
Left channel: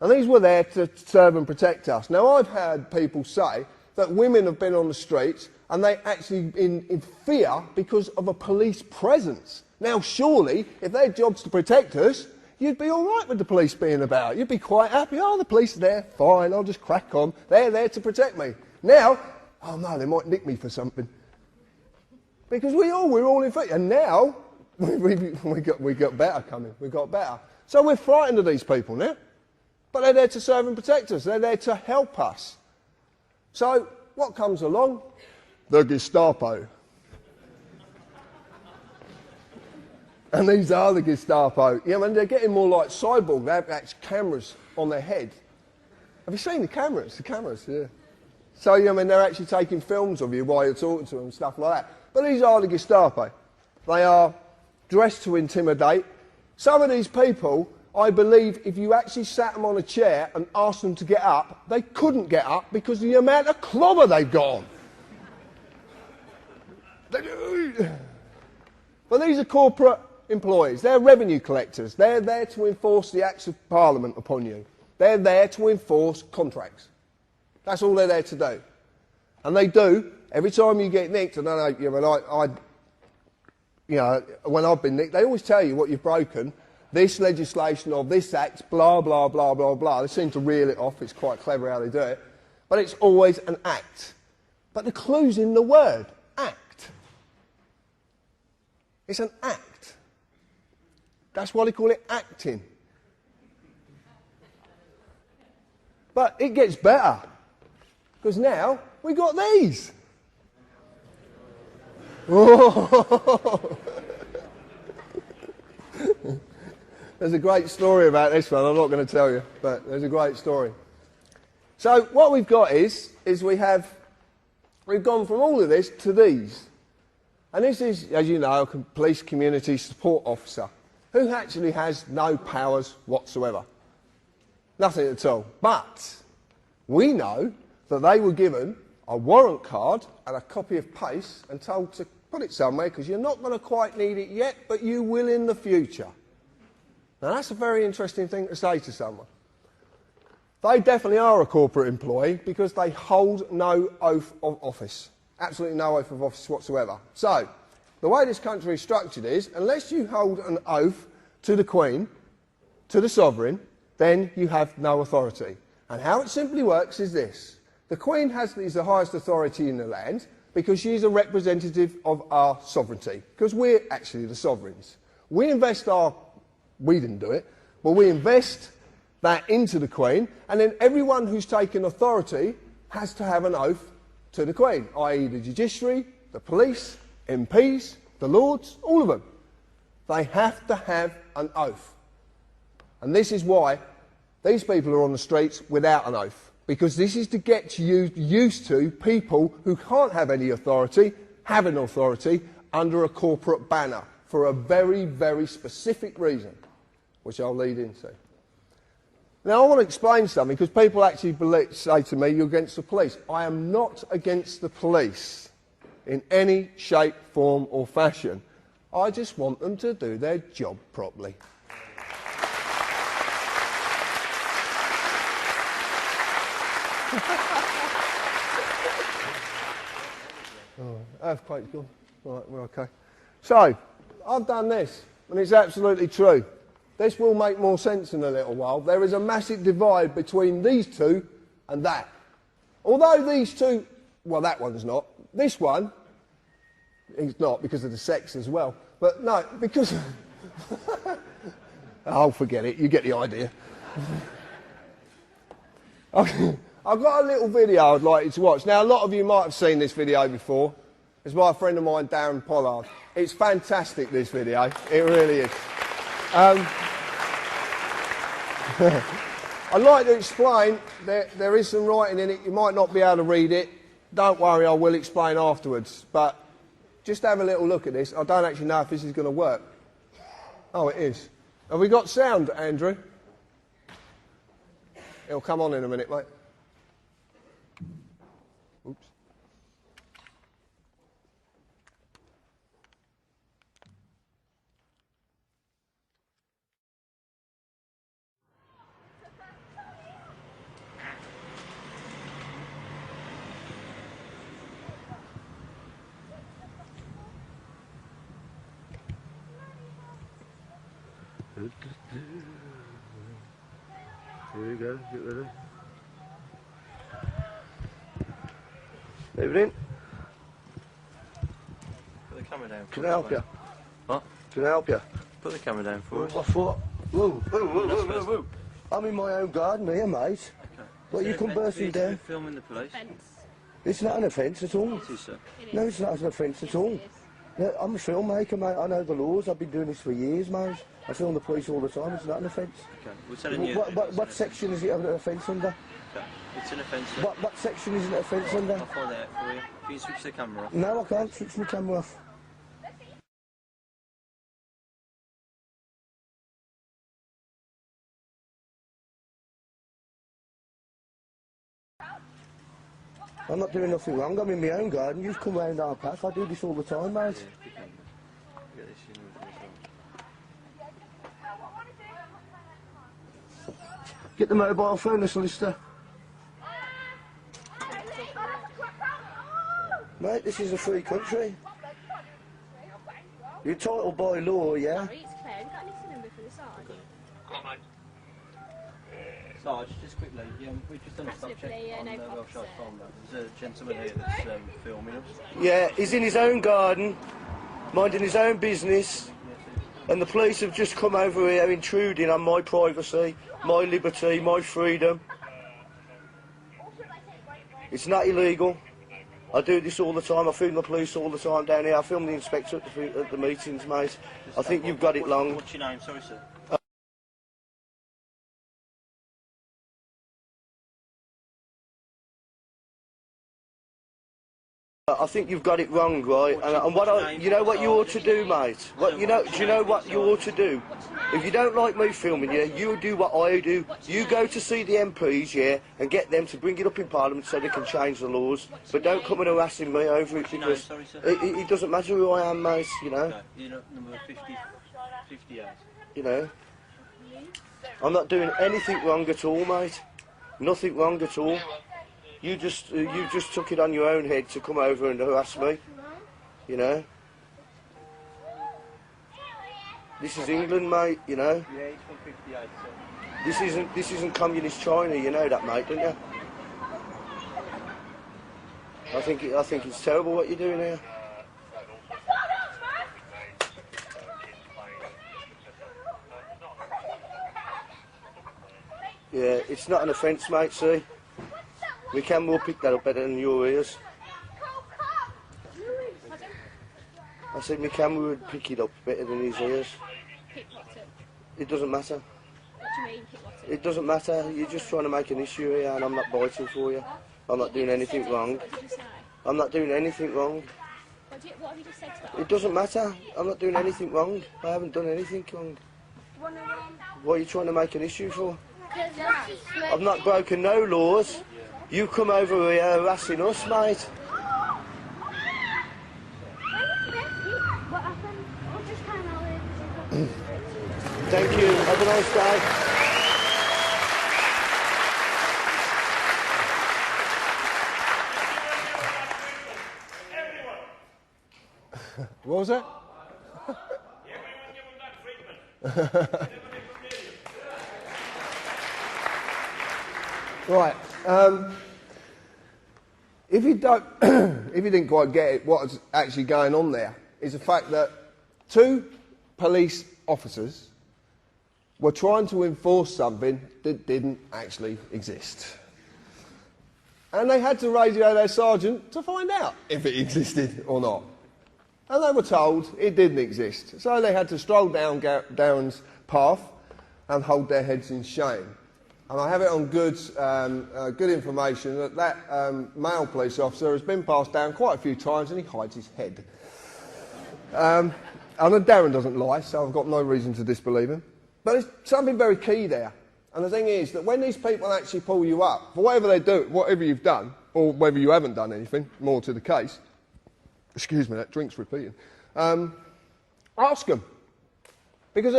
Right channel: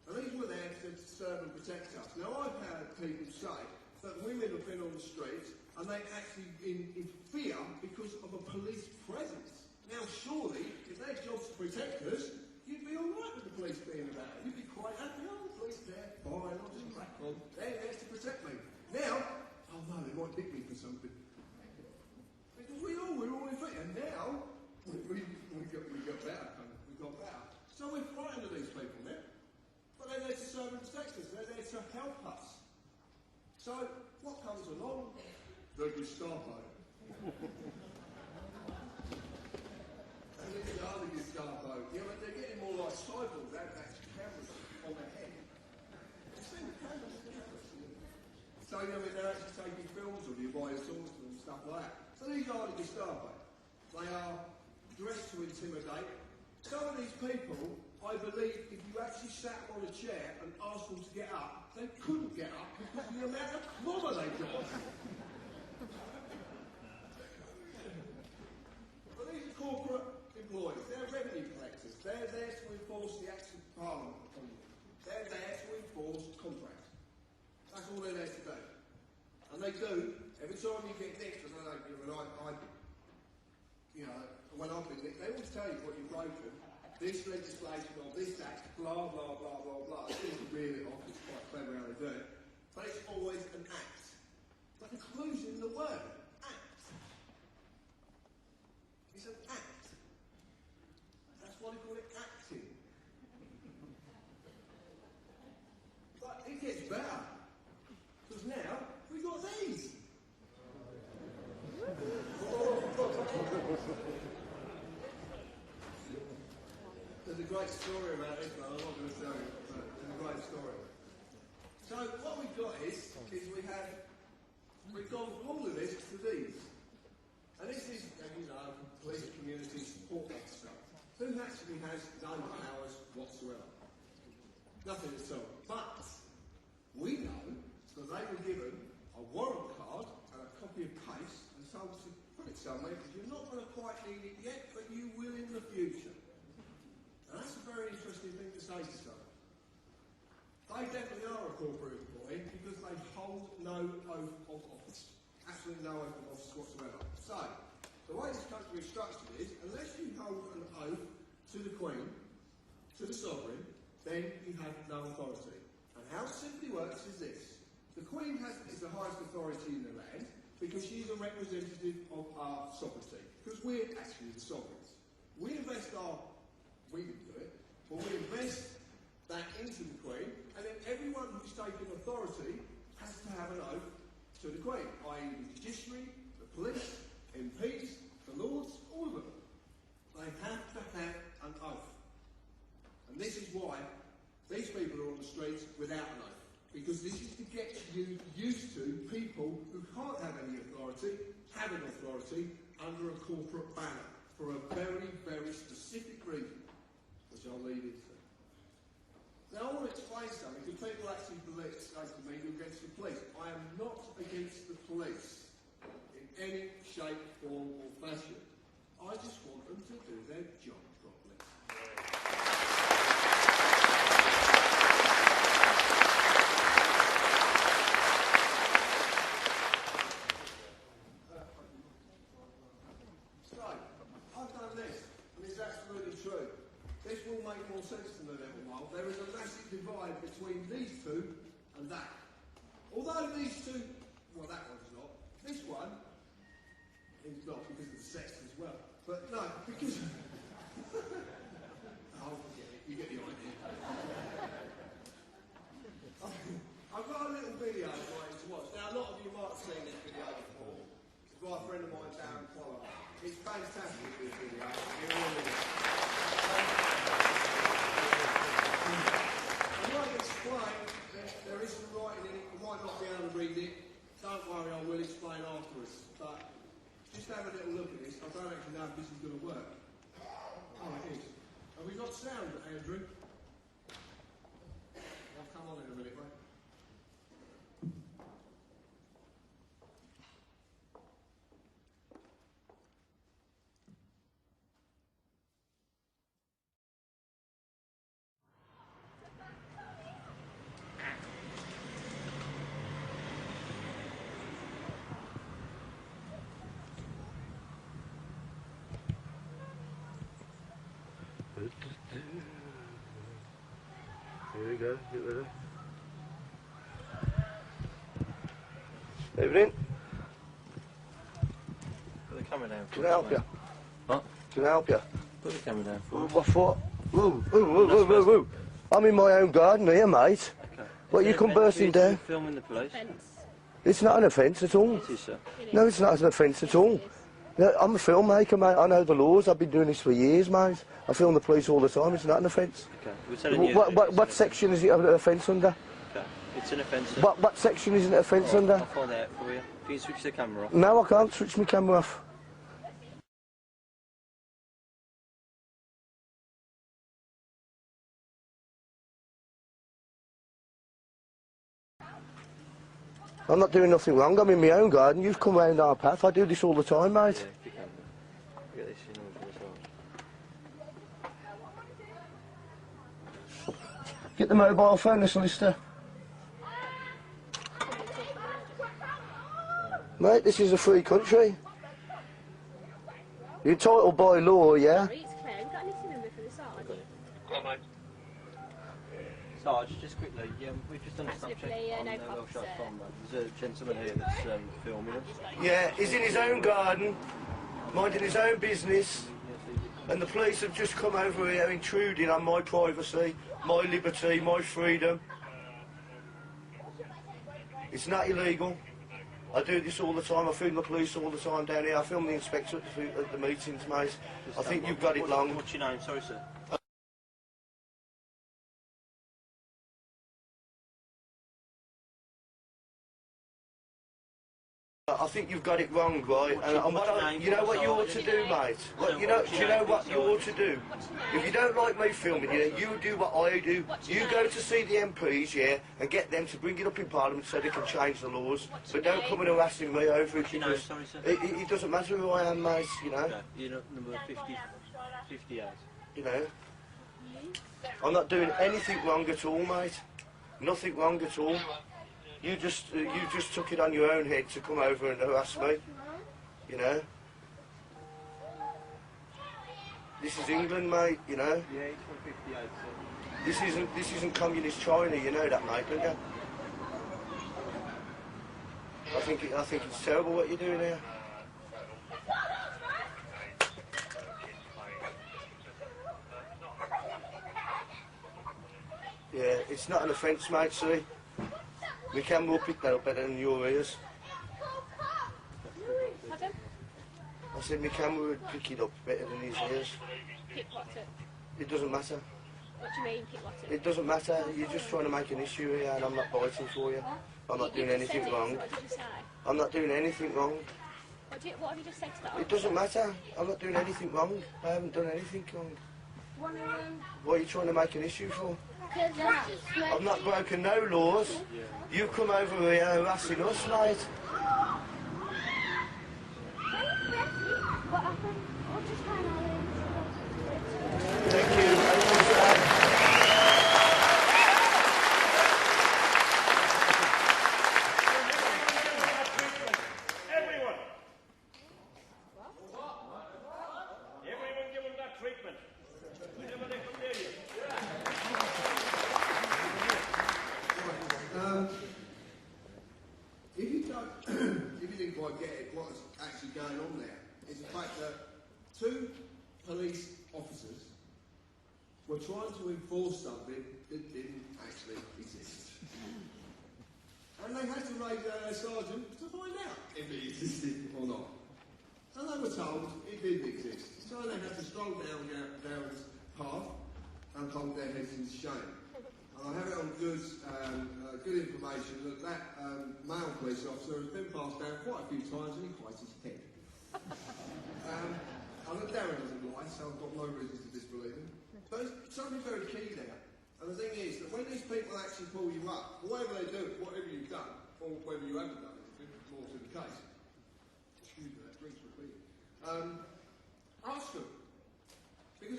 And these were there to serve and protect us. Now, I've heard people say that women have been on the streets and they actually in fear because of a police presence. Now, surely, if their job's to protect us, you'd be all right with the police being about. You'd be quite happy. Oh, the police are there. Fine, I'll just crack on. They're there to protect me. Now, oh no, they might nick me for something. Because we're all in fear. And now, we got better coming. We got better. So we're frightened of these people now. But they're there to serve and protect us. They're there to help us. So what comes along? The Gestapo. And these are the Gestapo. Yeah, I mean, they're getting more like Cyborg. They have actually cameras on their head. Have you seen the cameras? The cameras, yeah. So, I mean, they're actually taking films of you while you're talking to them and stuff like that. But these are the Gestapo. They are dressed to intimidate. Some of these people, I believe, if you actually sat them on a chair and asked them to get up, they couldn't get up because of the amount of clobber they've got on. But these are corporate employees. They're revenue collectors. They're there to enforce the acts of Parliament upon you. They're there to enforce contracts. That's all they're there to do. And they do. Every time you get nicked, I don't know, when I've been nicked, they always tell you what you've broken. This legislation or this act, blah, blah, blah, blah, blah. They seem to reel it off. It's quite clever how they do it. But it's always an act. But the clue's in the word, act. It's an act. That's why they call it acting. But it gets better. Because now we've got these. Oh. There's a great story about this one. I'm not going to tell you, but there's a great story. So what we've got is we've gone from all of this to these. And this is, as you know, a police community support officer who actually has no powers whatsoever. Nothing at all. But we know that they were given a warrant card and a copy of PACE and told to put it somewhere because you're not going to quite need it yet, but you will in the future. Now that's a very interesting thing to say to someone. They definitely are a corporate employee because they hold no oath of office. Absolutely no oath of office whatsoever. So, the way this country is structured is, unless you hold an oath to the Queen, to the Sovereign, then you have no authority. And how it simply works is this. The Queen is the highest authority in the land. because she's a representative of our sovereignty, because we're actually the sovereigns. We didn't do it, but we invest that into the Queen, and then everyone who's taken authority has to have an oath to the Queen, i.e. the judiciary, the police, MPs, the Lords, all of them. They have to have an oath. And this is why these people are on the streets without an oath, because this is to get you used to people who can't have any authority, having authority under a corporate banner for a very, very specific reason, which I'll lead into. Now, I want to explain something, because people actually say to me, you're against the police. I am not against the police in any shape, form or fashion. I just want them to do their job properly. Earthquake's gone. Right, we're okay. So, I've done this, and it's absolutely true. This will make more sense in a little while. There is a massive divide between these two and that. Although these two, well, that one's not. This one, it's not because of the sex as well. But no, because... oh, forget it. You get the idea. I've got a little video I'd like you to watch. Now, a lot of you might have seen this video before. It's by a friend of mine, Darren Pollard. It's fantastic, this video. It really is. I'd like to explain, there is some writing in it. You might not be able to read it. Don't worry, I will explain afterwards. But just have a little look at this. I don't actually know if this is going to work. Oh, it is. Have we got sound, Andrew? It'll come on in a minute, mate. Oops. Put the camera down for us, mate. What? Can I help you? Put the camera down for us. What? Whoa. I'm in my own garden here, mate. Okay. What, you come bursting down? Filming the police? It's not an offence at all. It is, sir. No, it's not an offence at all. No, I'm a filmmaker, mate. I know the laws. I've been doing this for years, mate. I film the police all the time. It's not an offence. Okay. We're telling you. What section is it an offence under? Okay. It's an offence, sir. What section is it an offence under? I'll find out for you. Can you switch the camera off? No, I can't switch my camera off. I'm not doing nothing wrong. I'm in my own garden. You've come round our path. I do this all the time, mate. Yeah, if you can. Get this in for yourself. Get the mobile phone, the solicitor. Mate, this is a free country. You're entitled by law, yeah? Sorry, it's Claire. Have you got a knitting number for the Sarge? Sarge, just quickly, we've just done a stop check on no the problem, Welsh sir. Farm. There's a gentleman here that's filming us. Yeah, he's in his own garden, minding his own business, and the police have just come over here intruding on my privacy, my liberty, my freedom. It's not illegal. I do this all the time. I film the police all the time down here. I film the inspector at the meetings, mate. I think you've got it long. What's your name? Sorry, sir. I think you've got it wrong, right? And what you know what you ought to do, mate? What, do you know what you ought to do? If you don't like me filming you, you do what I do. You go to see the MPs, yeah, and get them to bring it up in Parliament so they can change the laws. But don't come and harassing me over it because Sorry, sir. it doesn't matter who I am, mate, you know. Okay. You're not number 58. You know. I'm not doing anything wrong at all, mate. Nothing wrong at all. You just took it on your own head to come over and harass me, you know. This is England, mate, you know. Yeah, it's from 58, sir. This isn't communist China, you know that, mate, don't you? I think it's terrible what you're doing here. Yeah, it's not an offence, mate, see? The camera will pick that up better than your ears. Pardon? I said my camera would pick it up better than his ears. Pick what up? It doesn't matter. What do you mean, pick what up? It doesn't matter. You're just trying to make an issue here and I'm not biting for you. I'm not doing anything wrong. What did you say? I'm not doing anything wrong. What have you just said to that? It doesn't matter. I'm not doing anything wrong. I haven't done anything wrong. What are you trying to make an issue for? I've not broken no laws. You come over here harassing us, mate. Thank you. Have a nice day. What was that? Right. If you don't, if you didn't quite get it, what's actually going on there is the fact that 2 police officers were trying to enforce something that didn't actually exist. And they had to radio their sergeant to find out if it existed or not. And they were told it didn't exist. So they had to stroll down Darren's path and hold their heads in shame. And I have it on good information that male police officer has been passed down quite a few times and he hides his head. I know Darren doesn't lie, so I've got no reason to disbelieve him. But there's something very key there. And the thing is that when these people actually pull you up, for whatever they do, whatever you've done, or whether you haven't done anything, more to the case, excuse me, that drink's repeating, ask them. Because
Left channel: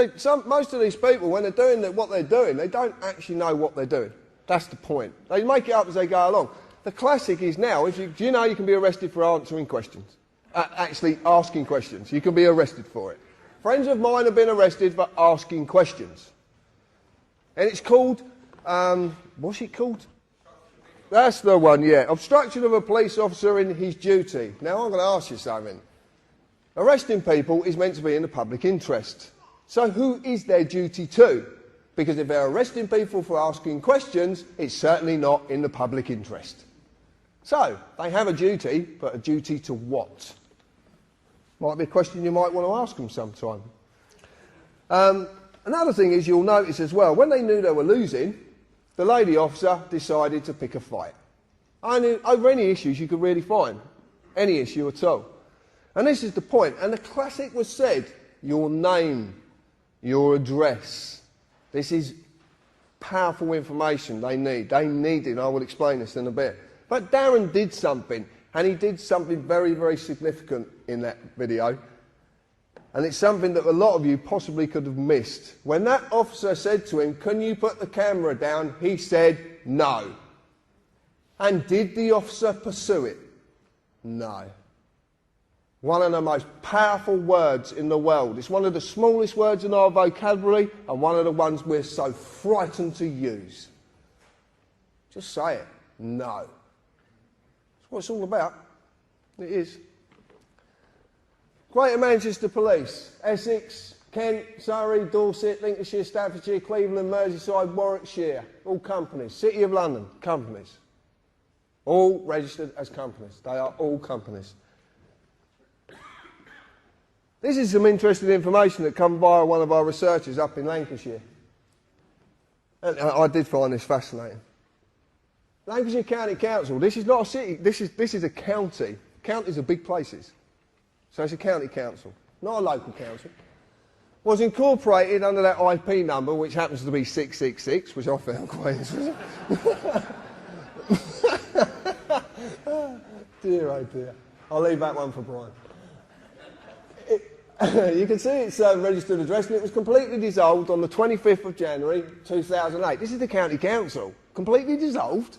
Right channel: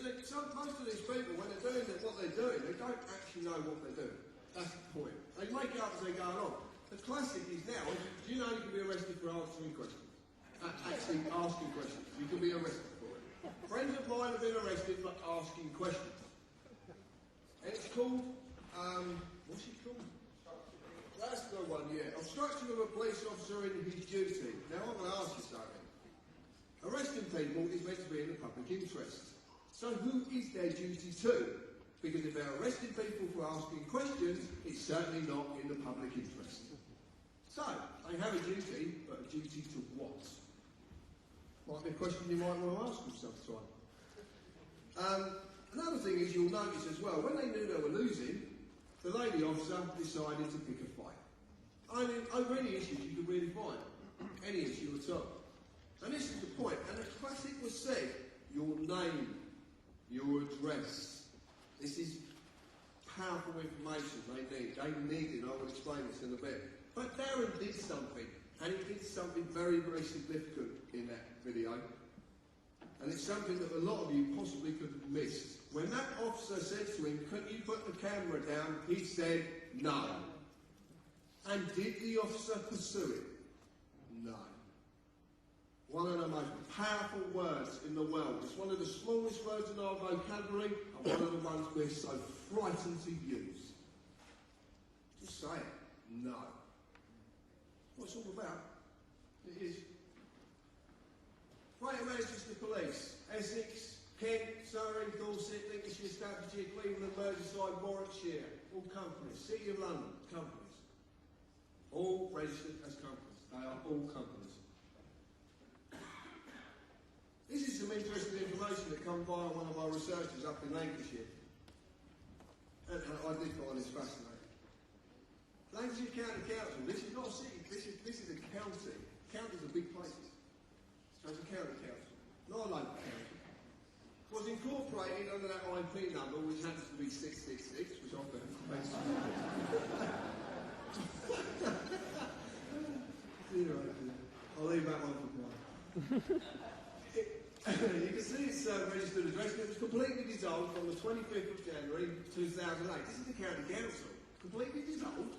most of these people, when they're doing what they're doing, they don't actually know what they're doing. That's the point. They make it up as they go along. The classic is now, do you know you can be arrested for answering questions? Actually asking questions. You can be arrested for it. Friends of mine have been arrested for asking questions. And it's called, what's it called? That's the one, yeah. Obstruction of a police officer in his duty. Now I'm going to ask you something. Arresting people is meant to be in the public interest. So who is their duty to? Because if they're arresting people for asking questions, it's certainly not in the public interest. So, they have a duty, but a duty to what? Might be a question you might want to ask them sometime. Another thing is you'll notice as well, when they knew they were losing, the lady officer decided to pick a fight. Over any issues you could really find. Any issue at all. And this is the point. And the classic was said, your name, your address. This is powerful information they need. They need it, and I will explain this in a bit. But Darren did something, and he did something very, very significant in that video. And it's something that a lot of you possibly could have missed. When that officer said to him, "Can you put the camera down?" he said, "No." And did the officer pursue it? No. One of the most powerful words in the world. It's one of the smallest words in our vocabulary and one of the ones we're so frightened to use. Just say it. No. That's what it's all about. It is. Greater Manchester Police, Essex, Kent, Surrey, Dorset, Lincolnshire, Staffordshire, Cleveland, Merseyside, Warwickshire, all companies. City of London, companies. All registered as companies. They are all companies. This is some interesting information that come via one of our researchers up in Lancashire. And I did find this fascinating. Lancashire County Council, this is not a city, this is a county. Counties are big places. So it's a county council, not a local council. Was incorporated under that IP number, which happens to be 666, which I found quite interesting. Dear, oh dear. I'll leave that one for Brian. You can see it's a registered address, and it was completely dissolved on the 25th of January 2008. This is the county council. Completely dissolved.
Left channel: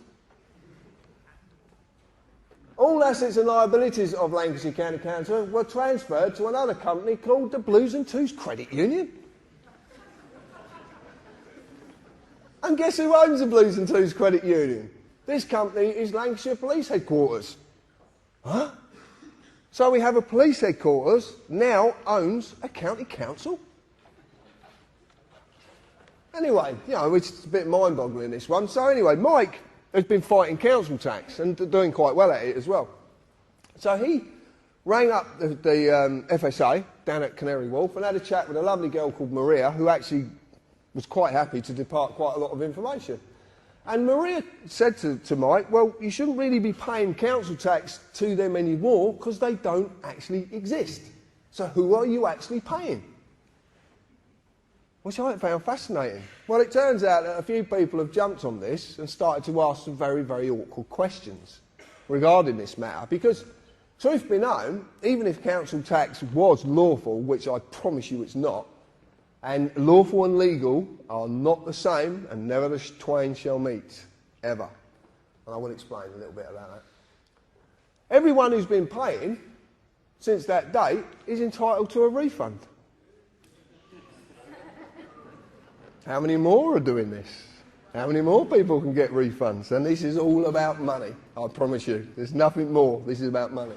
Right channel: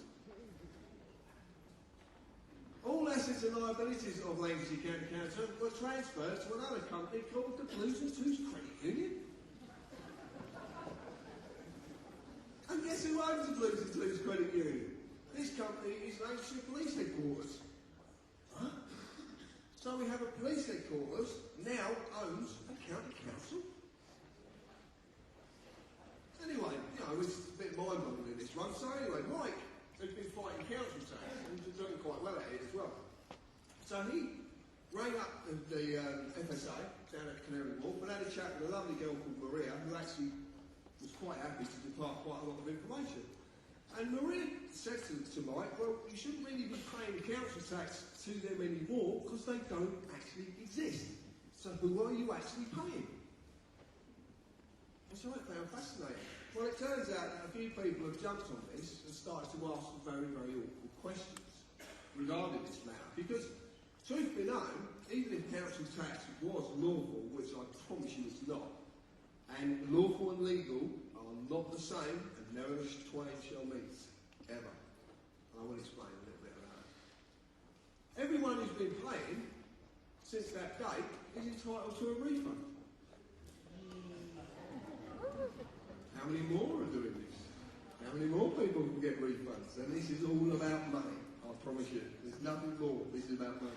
All assets and liabilities of Lancashire County Council were transferred to another company called the Blues and Twos Credit Union. And guess who owns the Blues and Twos Credit Union? This company is Lancashire Police Headquarters. Huh? So we have a police headquarters now owns a county council? Anyway, you know, it's a bit mind-boggling, this one. So anyway, Mike has been fighting council tax and doing quite well at it as well. So he rang up the FSA down at Canary Wharf and had a chat with a lovely girl called Maria, who actually was quite happy to depart quite a lot of information. And Maria said to Mike, well, you shouldn't really be paying council tax to them anymore because they don't actually exist. So who are you actually paying? Which I found fascinating. Well, it turns out that a few people have jumped on this and started to ask some very, very awkward questions regarding this matter. Because, truth be known, even if council tax was lawful, which I promise you it's not, and lawful and legal are not the same, and never the twain shall meet, ever. And I will explain a little bit about that. Everyone who's been paying since that date is entitled to a refund. How many more are doing this? How many more people can get refunds? And this is all about money, I promise you. There's nothing more. This is about money.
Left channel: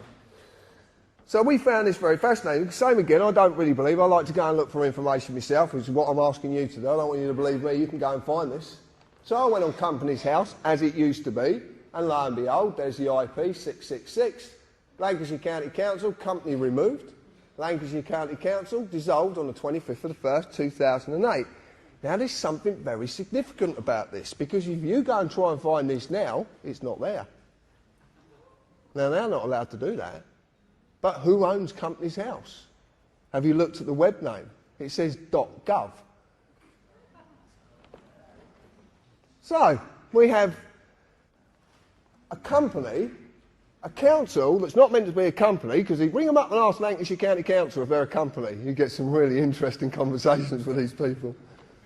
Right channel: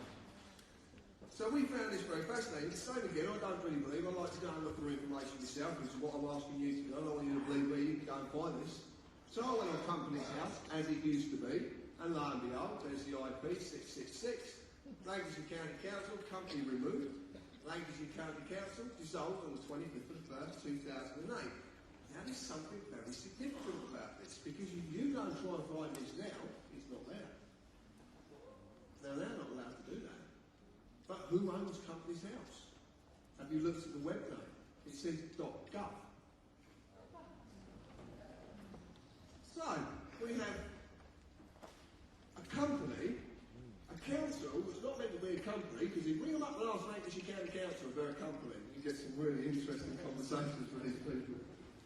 So we found this very fascinating. Same again, I don't really believe. I like to go and look for information myself, which is what I'm asking you to do. I don't want you to believe me. You can go and find this. So I went on Companies House, as it used to be, and lo and behold, there's the IP 666. Lancashire County Council, company removed. Lancashire County Council dissolved on the 25th of the 1st, 2008. Now, there's something very significant about this, because if you go and try and find this now, it's not there. Now, they're not allowed to do that. But who owns Companies House? Have you looked at the web name? It says .gov. So, we have a company, a council that's not meant to be a company, because you ring them up and ask Lancashire County Council if they're a company. You get some really interesting conversations with these people.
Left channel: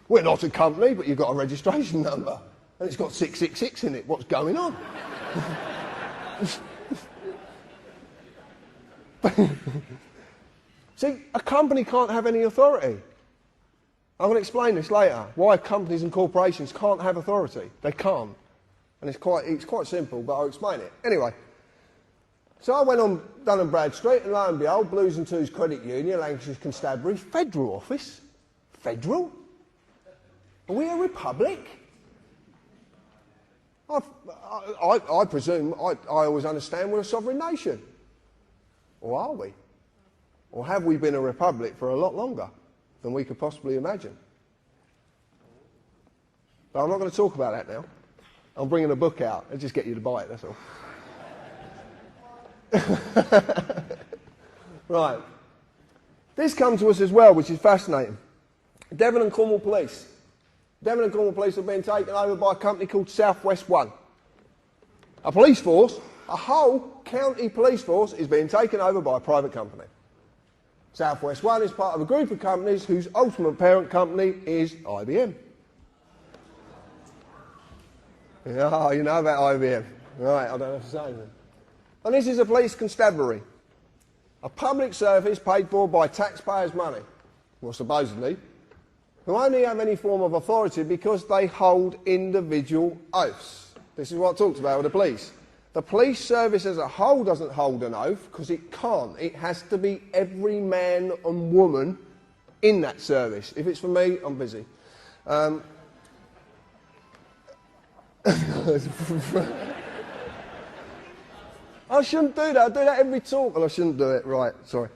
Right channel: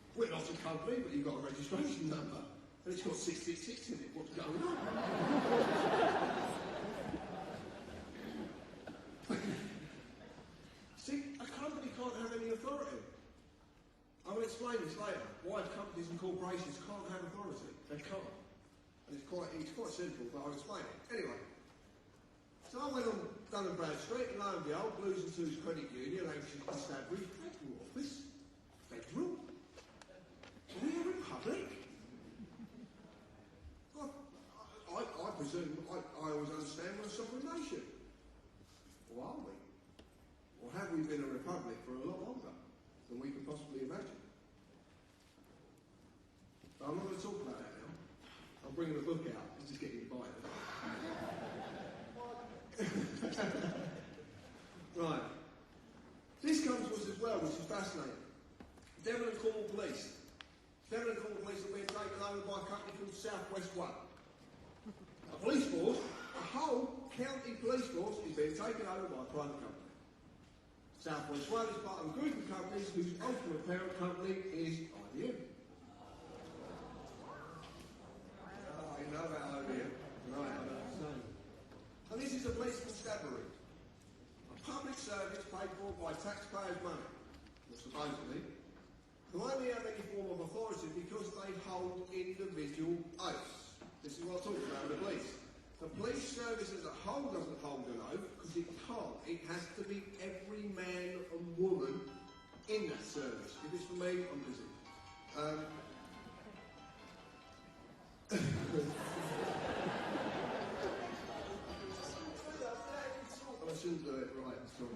We're not a company, but you've got a registration number. And it's got 666 in it. What's going on? See, a company can't have any authority. I'm going to explain this later, why companies and corporations can't have authority. They can't. And it's quite simple, but I'll explain it. Anyway, so I went on Dun & Bradstreet, and lo and behold, Blues and Twos Credit Union, Lancashire Constabulary, Federal Office. Federal? Are we a republic? I presume, I always understand we're a sovereign nation. Or are we? Or have we been a republic for a lot longer than we could possibly imagine? But I'm not going to talk about that now. I'm bringing a book out and just get you to buy it, that's all. Right. This comes to us as well, which is fascinating. Devon and Cornwall Police. Devon and Cornwall Police have been taken over by a company called South West One. A police force, a whole county police force, is being taken over by a private company. South West One is part of a group of companies whose ultimate parent company is IBM. Oh, you know about IBM. Right, I don't have to say anything. And this is a police constabulary. A public service paid for by taxpayers' money. Well, supposedly. Who only have any form of authority because they hold individual oaths. This is what I talked about with the police. The police service as a whole doesn't hold an oath because it can't. It has to be every man and woman in that service. If it's for me, I'm busy. I shouldn't do that. I do that every talk, and I shouldn't do it. Right, sorry.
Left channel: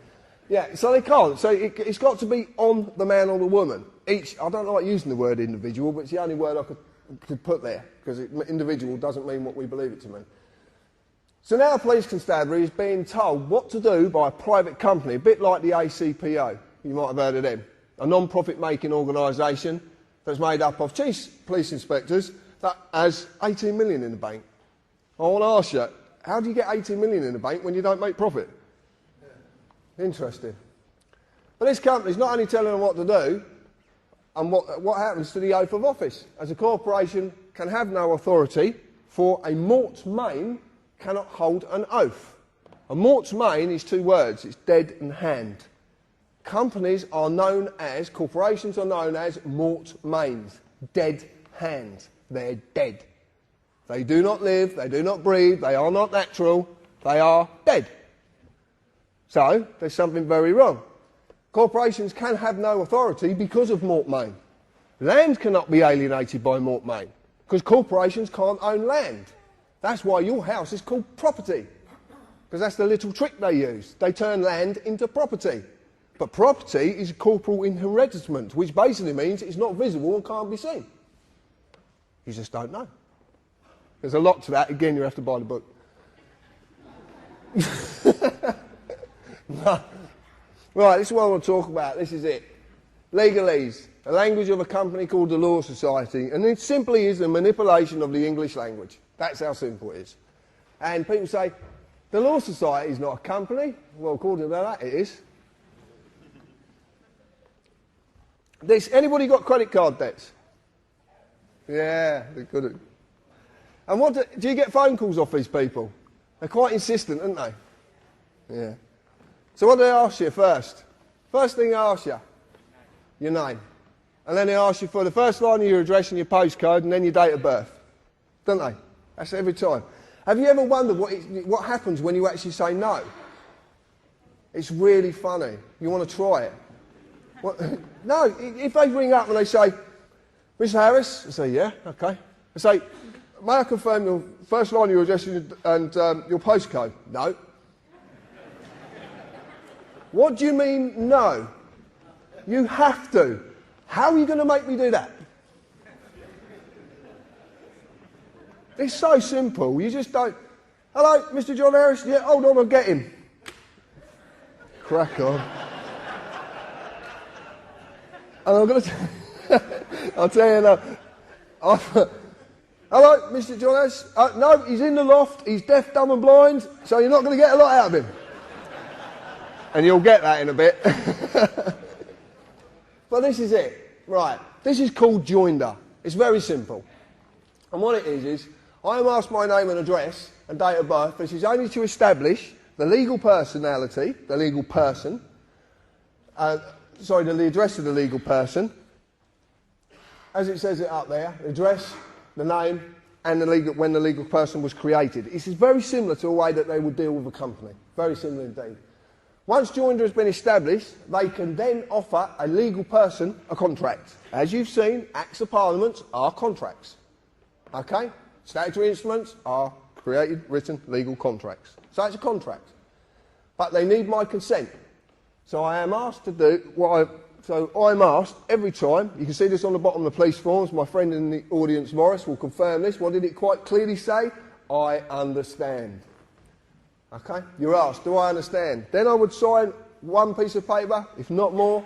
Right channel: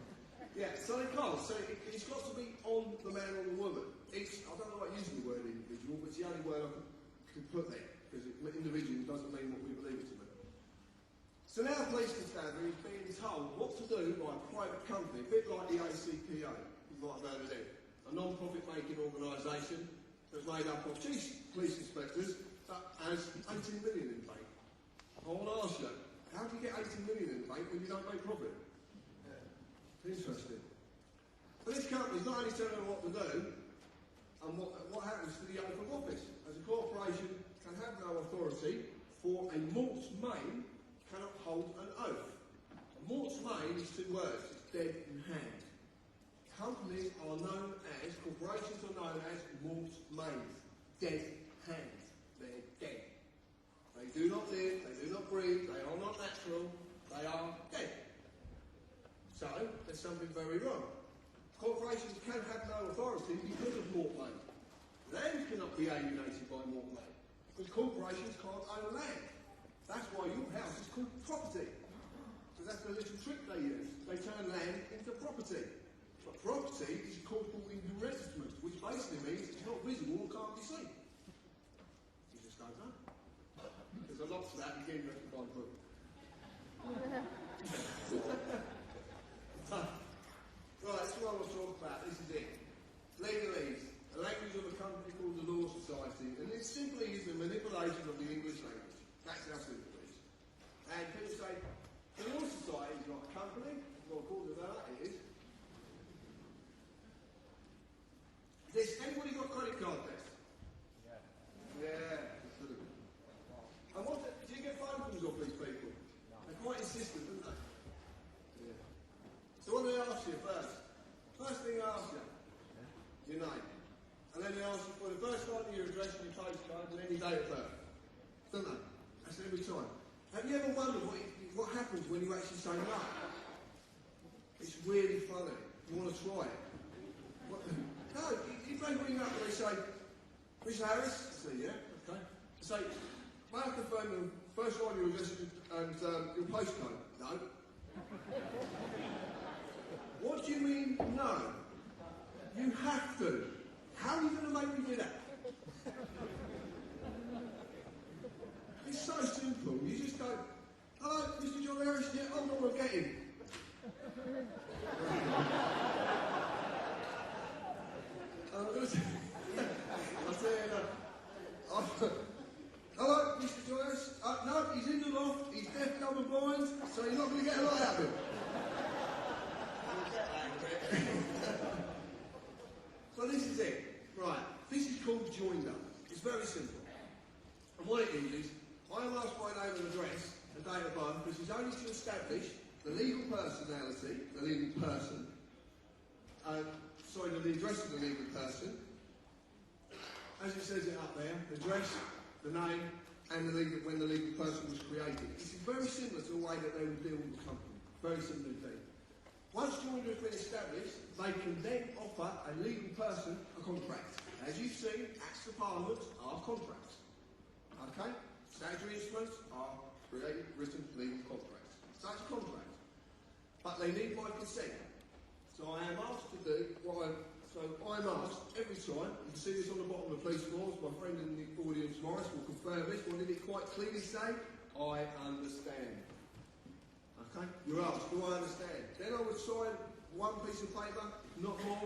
Yeah, so they can't. So it's got to be on the man or the woman. I don't like using the word individual, but it's the only word I could put there, because individual doesn't mean what we believe it to mean. So now Police Constabulary is being told what to do by a private company, a bit like the ACPO. You might have heard of them. A non-profit making organisation that's made up of chief police inspectors that has 18 million in the bank. I want to ask you, how do you get 18 million in the bank when you don't make profit? Interesting. But this company's not only telling them what to do, and what happens to the oath of office. As a corporation can have no authority, for a mort's main cannot hold an oath. A mort's main is two words, it's dead and hand. Companies are known as, corporations are known as mort mains, dead hands. They're dead. They do not live, they do not breathe, they are not natural, They are dead. So there's something very wrong. Corporations can have no authority because of Mortmain. Land cannot be alienated by Mortmain because corporations can't own land. That's why your house is called property, because that's the little trick they use. They turn land into property. But property is a corporal inheritance, which basically means it's not visible and can't be seen. You just don't know. There's a lot to that. Again, you have to buy the book. Right, this is what I want to talk about. This is it. Legalese, a language of a company called the Law Society, and it simply is a manipulation of the English language. That's how simple it is. And people say, the Law Society is not a company. Well, according to that, it is. Anybody got credit card debts? Yeah, they're good. And do you get phone calls off these people? They're quite insistent, aren't they? Yeah. So what do they ask you first? First thing they ask you, your name. And then they ask you for the first line of your address and your postcode and then your date of birth. Don't they? That's every time. Have you ever wondered what happens when you actually say no? It's really funny. You want to try it. No, if they ring up and they say, Mr. Harris, I say, yeah, okay. I say, may I confirm your first line of your address and your postcode? No. What do you mean, no? You have to. How are you going to make me do that? It's so simple. You just don't. Hello, Mr. John Harris? Yeah, hold on, I'll get him. Crack on. And I'm going to... I'll tell you now. Hello, Mr. John Harris? No, he's in the loft. He's deaf, dumb and blind, so you're not going to get a lot out of him. And you'll get that in a bit. But this is it. Right. This is called joinder. It's very simple. And what it is I am asked my name and address and date of birth. This is only to establish the legal personality, the legal person, the address of the legal person, as it says it up there, the address, the name, and when the legal person was created. This is very similar to a way that they would deal with a company. Very similar indeed. Once joinder has been established, they can then offer a legal person a contract. As you've seen, Acts of Parliament are contracts. Okay? Statutory instruments are created, written, legal contracts. So it's a contract. But they need my consent. So I am asked to do So I'm asked every time, you can see this on the bottom of the police forms, my friend in the audience, Morris, will confirm this. What did it quite clearly say? I understand. Okay? You're asked, do I understand? Then I would sign one piece of paper, if not more,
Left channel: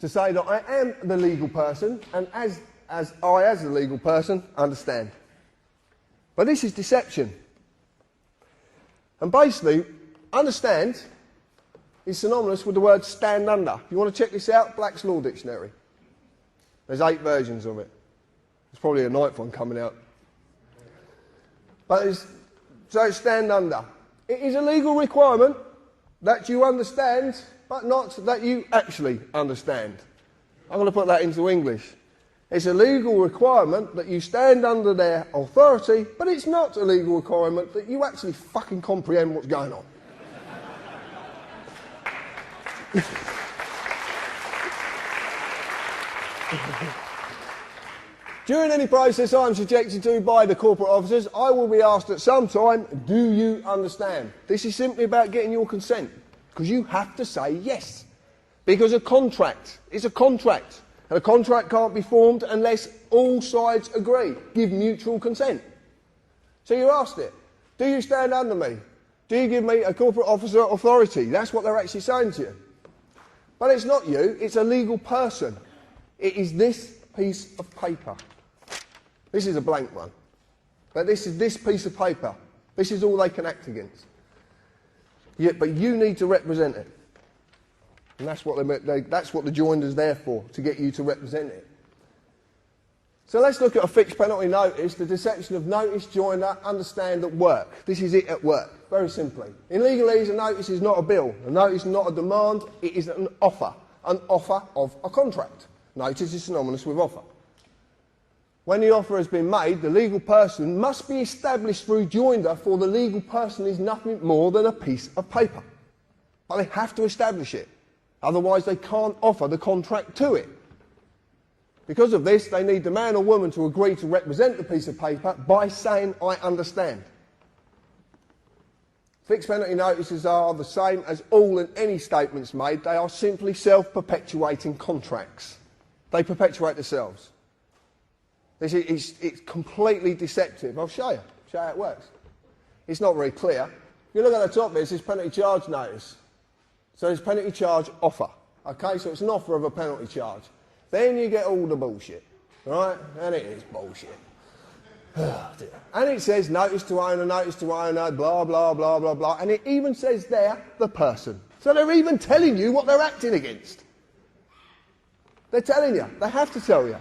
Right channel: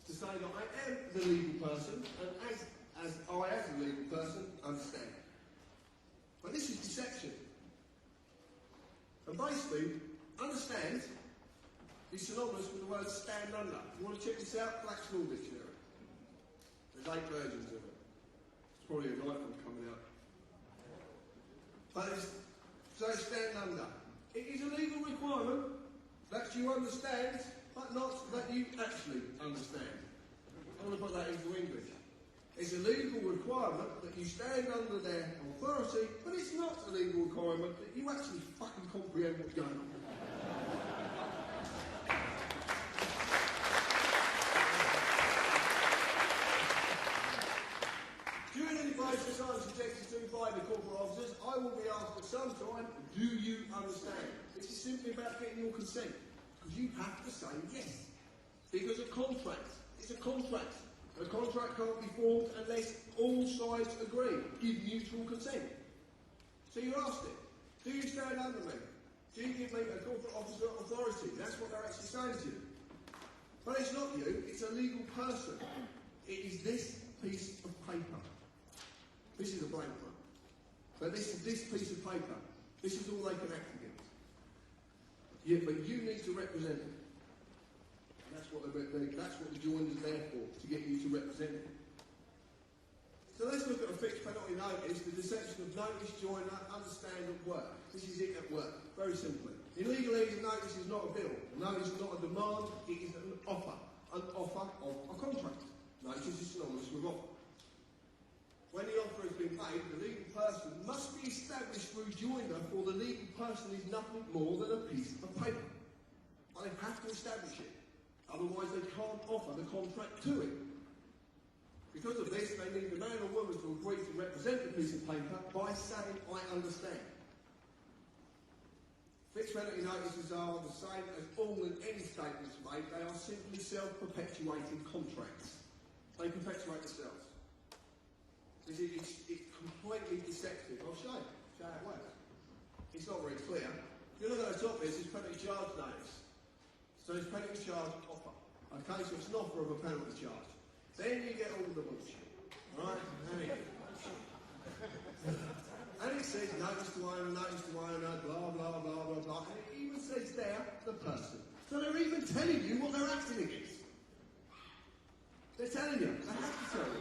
to say that I am the legal person, and as the legal person, understand. But this is deception. And basically, understand is synonymous with the word stand under. You want to check this out? Black's Law Dictionary. There's 8 versions of it. There's probably a 9th one coming out. But it's stand under. It is a legal requirement that you understand, but not that you actually understand. I'm going to put that into English. It's a legal requirement that you stand under their authority, but it's not a legal requirement that you actually fucking comprehend what's going on. During any process I am subjected to by the corporate officers, I will be asked at some time, do you understand? This is simply about getting your consent, because you have to say yes. Because a contract is a contract, and a contract can't be formed unless all sides agree, give mutual consent. So you asked it, do you stand under me? Do you give me a corporate officer authority? That's what they're actually saying to you. But it's not you, it's a legal person. It is this piece of paper. This is a blank one. But this is this piece of paper. This is all they can act against. Yeah, but you need to represent it. And that's what the joinder's there for, to get you to represent it. So let's look at a fixed penalty notice, the deception of notice, joinder, understand at work. This is it at work, very simply. In legalese, a notice is not a bill. A notice is not a demand, it is an offer of a contract. Notice is synonymous with offer. When the offer has been made, the legal person must be established through joinder, for the legal person is nothing more than a piece of paper. But they have to establish it. Otherwise, they can't offer the contract to it. Because of this, they need the man or woman to agree to represent the piece of paper by saying, I understand. Fixed penalty notices are the same as all and any statements made. They are simply self-perpetuating contracts. They perpetuate themselves. It's completely deceptive. I'll show you how it works. It's not very clear. If you look at the top there, it says penalty charge notice. So there's penalty charge offer. Okay, so it's an offer of a penalty charge. Then you get all the bullshit, right? And it is bullshit. And it says notice to owner, blah, blah, blah, blah, blah. And it even says there, the person. So they're even telling you what they're acting against. They're telling you. They have to tell you.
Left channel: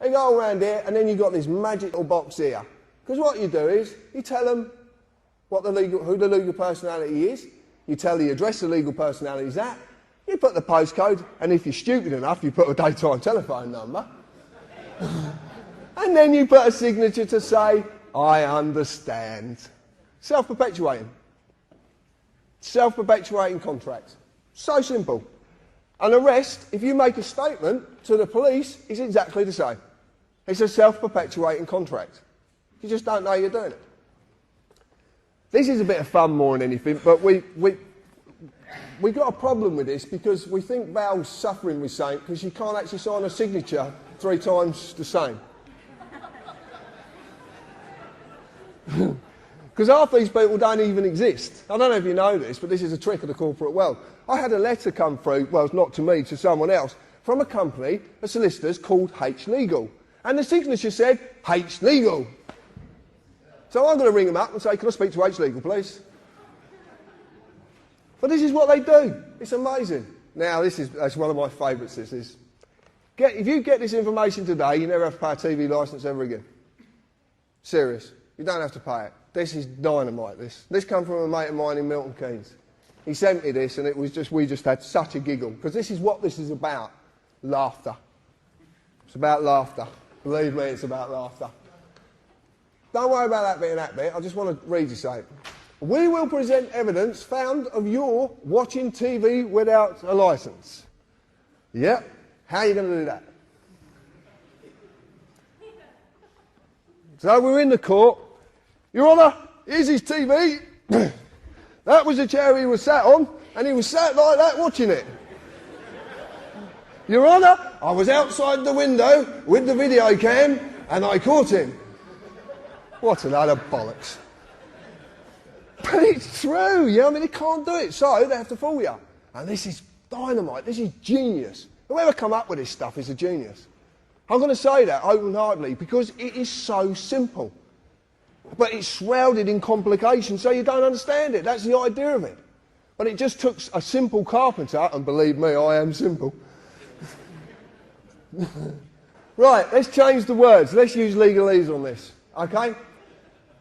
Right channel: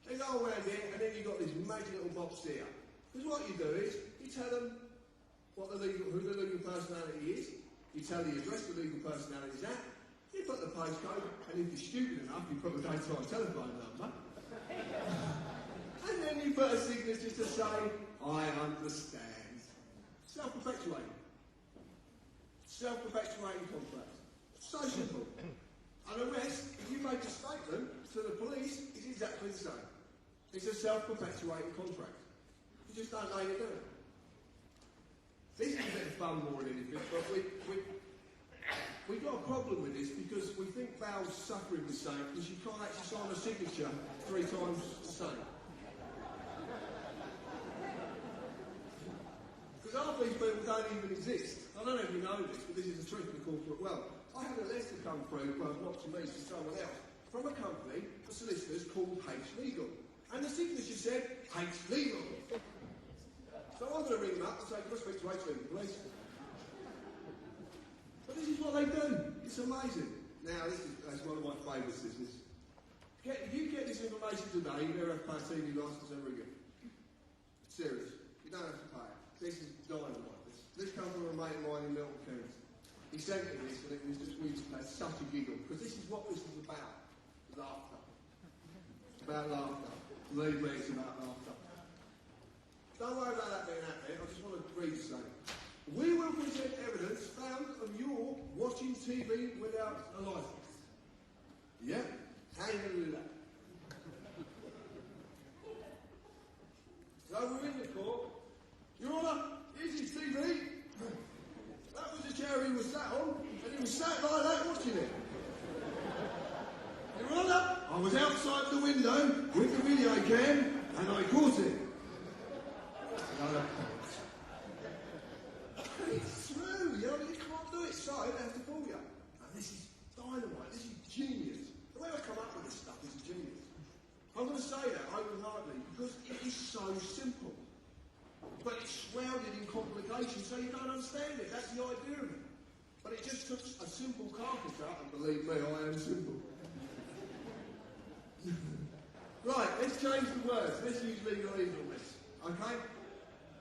They go around here, and then you've got this magic little box here. Because what you do is, you tell them who the legal personality is, you tell the address the legal personality is at, you put the postcode, and if you're stupid enough, you put a daytime telephone number. And then you put a signature to say, I understand. Self-perpetuating. Self-perpetuating contracts. So simple. And the rest, if you make a statement to the police, is exactly the same. It's a self-perpetuating contract. You just don't know you're doing it. This is a bit of fun more than anything, but we got a problem with this because we think Val's suffering with something because you can't actually sign a signature 3 times the same. Because half these people don't even exist. I don't know if you know this, but this is a trick of the corporate world. I had a letter come through, well, not to me, to someone else, from a company, a solicitor's called H Legal. And the signature said, H Legal. So I'm going to ring them up and say, can I speak to H Legal, please? But this is what they do. It's amazing. Now, that's one of my favourites, this is. If you get this information today, you never have to pay a TV licence ever again. Serious. You don't have to pay it. This is dynamite, this. This comes from a mate of mine in Milton Keynes. He sent me this, and it was we just had such a giggle, because this is what this is about. Laughter. It's about laughter. Believe me, it's about laughter. Don't worry about that bit and that bit. I just want to read you something. We will present evidence found of your watching TV without a licence. Yep. How are you going to do that? So we're in the court. Your Honour, here's his TV. That was the chair he was sat on, and he was sat like that watching it. Your Honour, I was outside the window with the video cam, and I caught him. What a load of bollocks. But it's true, yeah, I mean, they can't do it, so they have to fool you. And this is dynamite, this is genius. Whoever come up with this stuff is a genius. I'm going to say that open-heartedly because it is so simple. But it's shrouded in complications, so you don't understand it. That's the idea of it. But it just took a simple carpenter, and believe me, I am simple. Right, let's change the words. Let's use legalese on this, okay?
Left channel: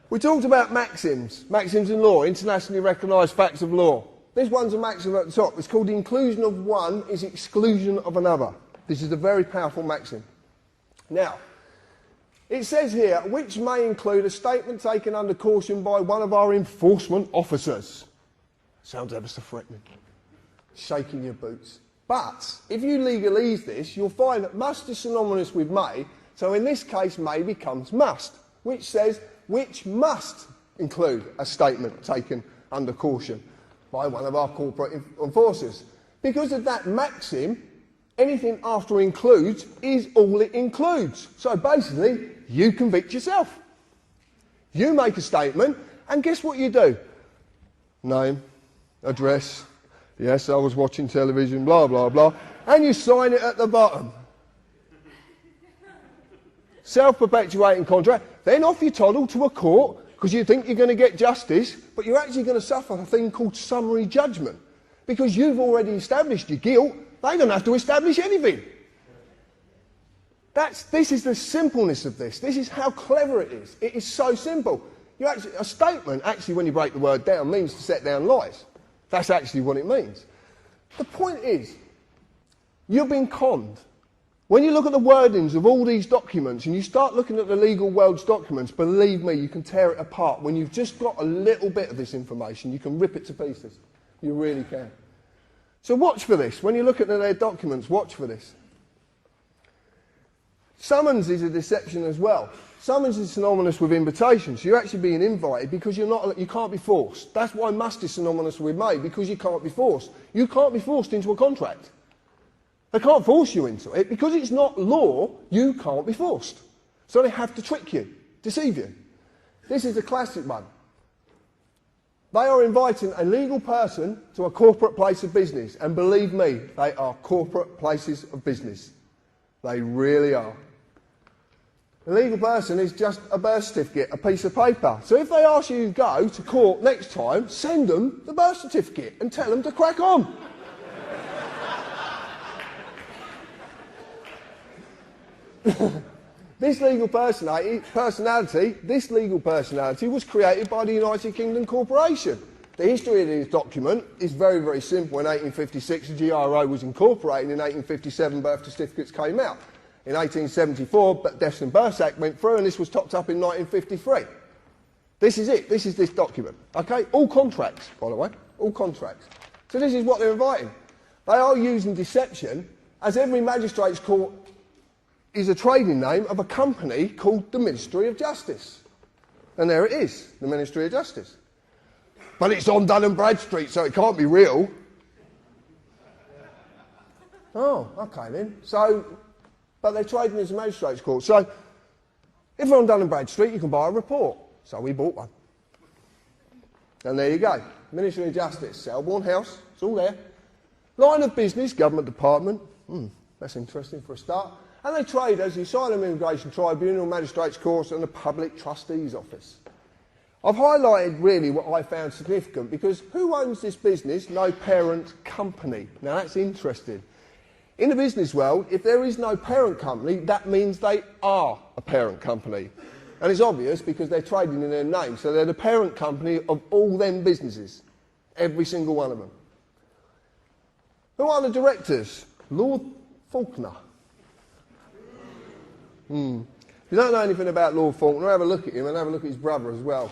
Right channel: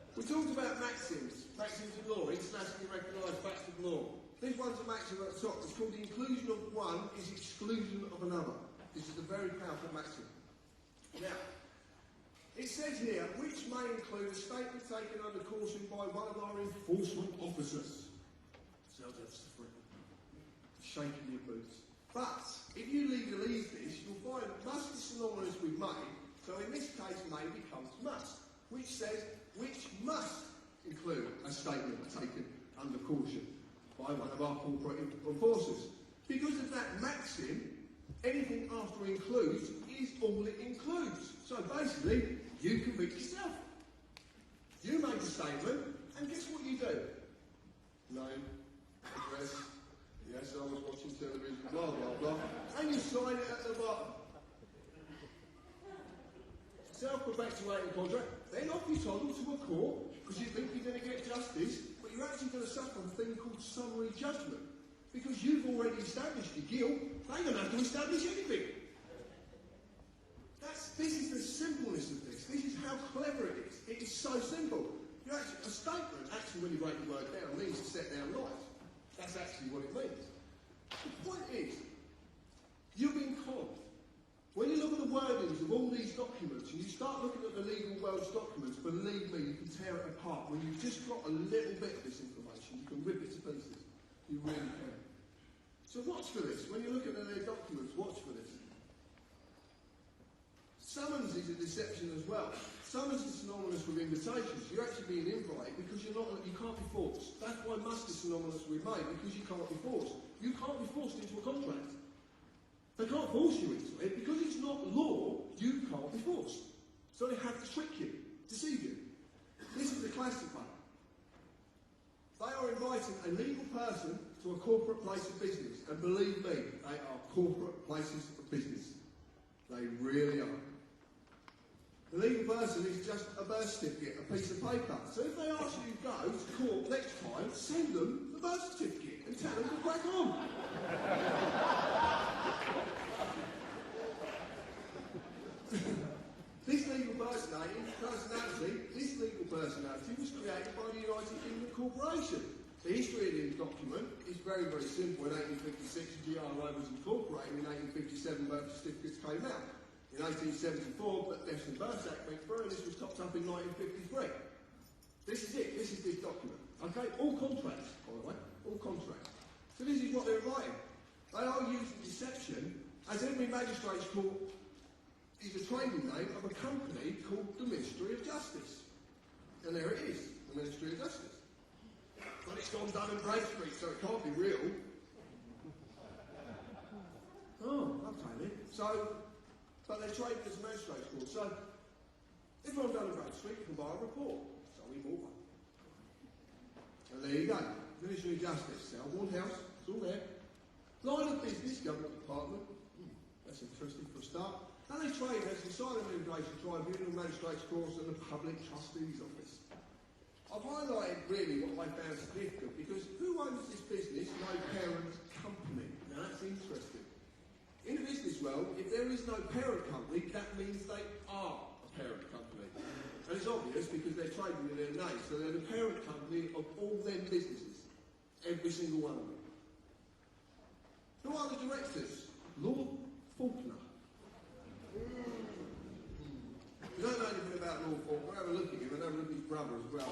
We talked about maxims in law, internationally recognised facts of law. This one's a maxim at the top. It's called the inclusion of one is exclusion of another. This is a very powerful maxim. Now, it says here, which may include a statement taken under caution by one of our enforcement officers. Sounds ever so threatening. Shaking your boots. But if you legalise this, you'll find that must is synonymous with may, so in this case may becomes must, which says which must include a statement taken under caution by one of our corporate enforcers. Because of that maxim, anything after includes is all it includes. So basically, you convict yourself. You make a statement, and guess what you do? Name, address, yes, I was watching television, blah, blah, blah, and you sign it at the bottom. Self-perpetuating contract. Then off you toddle to a court because you think you're going to get justice, but you're actually going to suffer a thing called summary judgment because you've already established your guilt. They don't have to establish anything. This is the simpleness of this. This is how clever it is. It is so simple. A statement, actually, when you break the word down, means to set down lies. That's actually what it means. The point is, you've been conned. When you look at the wordings of all these documents and you start looking at the legal world's documents, believe me, you can tear it apart. When you've just got a little bit of this information, you can rip it to pieces. You really can. So watch for this. When you look at their documents, watch for this. Summons is a deception as well. Summons is synonymous with invitation. So you're actually being invited because you can't be forced. That's why must is synonymous with may, because you can't be forced. You can't be forced into a contract. They can't force you into it. Because it's not law, you can't be forced. So they have to trick you, deceive you. This is a classic one. They are inviting a legal person to a corporate place of business. And believe me, they are corporate places of business. They really are. A legal person is just a birth certificate, a piece of paper. So if they ask you to go to court next time, send them the birth certificate and tell them to crack on. This legal personality was created by the United Kingdom Corporation. The history of this document is very, very simple. In 1856, the GRO was incorporated. In 1857, birth certificates came out. In 1874, Deaths and Births Act went through, and this was topped up in 1953. This is it. This is this document. Okay? All contracts, by the way. All contracts. So this is what they're inviting. They are using deception, as every magistrate's court is a trading name of a company called the Ministry of Justice. And there it is, the Ministry of Justice. But it's on Dun & Bradstreet, so it can't be real. Oh, okay then. But they're trading as a magistrate's court. So, if you're on Dun & Bradstreet, you can buy a report. So we bought one. And there you go. Ministry of Justice, Selborne House, it's all there. Line of business, government department. That's interesting for a start. And they trade as the Asylum Immigration Tribunal, Magistrates' Courts and the Public Trustee's Office. I've highlighted really what I found significant because who owns this business? No parent company. Now that's interesting. In the business world, if there is no parent company, that means they are a parent company. And it's obvious because they're trading in their name. So they're the parent company of all them businesses. Every single one of them. Who are the directors? Lord Faulkner. If you don't know anything about Lord Faulkner, have a look at him and have a look at his brother as well.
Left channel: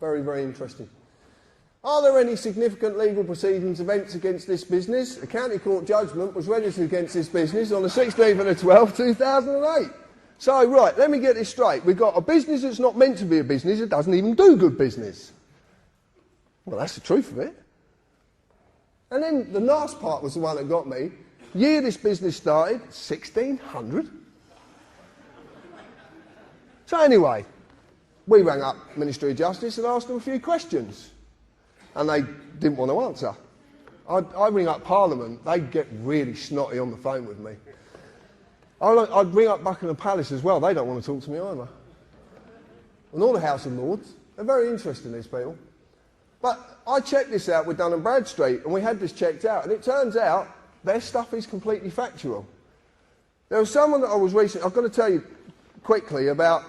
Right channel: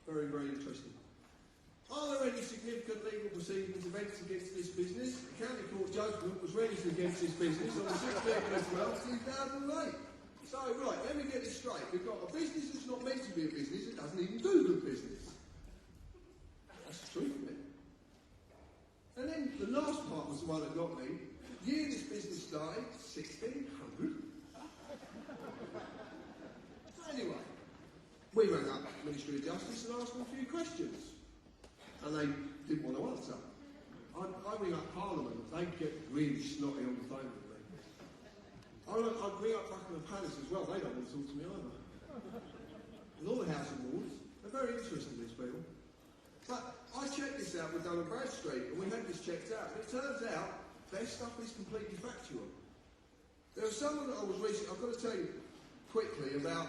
Very, very interesting. Are there any significant legal proceedings, events against this business? A county court judgment was registered against this business on the 16th of the 12th, 2008. So, right, let me get this straight. We've got a business that's not meant to be a business, it doesn't even do good business. Well, that's the truth of it. And then the last part was the one that got me. Year this business started, 1600. So anyway, we rang up Ministry of Justice and asked them a few questions. And they didn't want to answer. I ring up Parliament, they'd get really snotty on the phone with me. I'd ring up Buckingham Palace as well, they don't want to talk to me either. And all the House of Lords, they're very interesting, these people. But I checked this out with Dun & Bradstreet, and we had this checked out, and it turns out their stuff is completely factual. There was someone that I was recently, I've got to tell you quickly about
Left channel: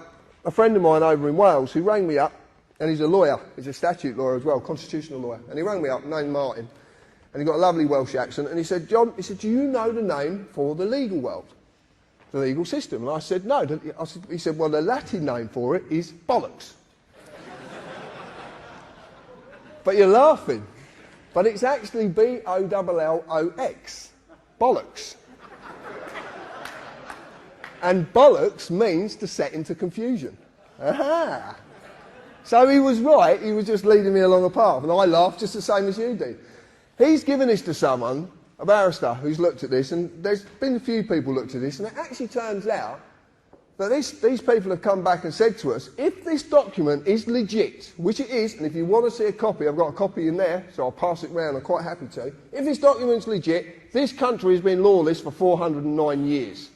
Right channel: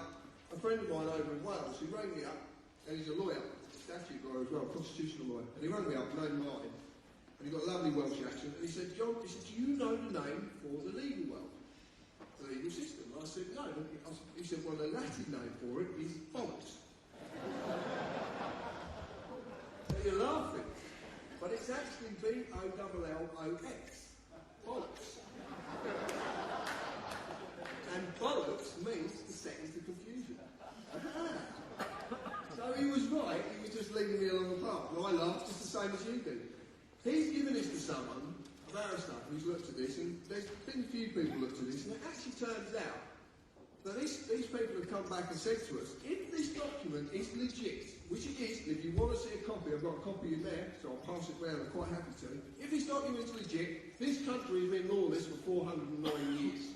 a friend of mine over in Wales who rang me up, and he's a lawyer, he's a statute lawyer as well, constitutional lawyer, and he rang me up, named Martin, and he got a lovely Welsh accent, and he said, John, he said, do you know the name for the legal world, the legal system? And I said, no. He said, well, the Latin name for it is bollocks. But you're laughing. But it's actually B-O-L-L-O-X, bollocks. And bollocks means to set into confusion. Aha! So he was right, he was just leading me along a path, and I laughed just the same as you do. He's given this to someone, a barrister, who's looked at this, and there's been a few people looked at this, and it actually turns out that these people have come back and said to us, if this document is legit, which it is, and if you want to see a copy, I've got a copy in there, so I'll pass it round, I'm quite happy to. If this document's legit, this country has been lawless for 409 years.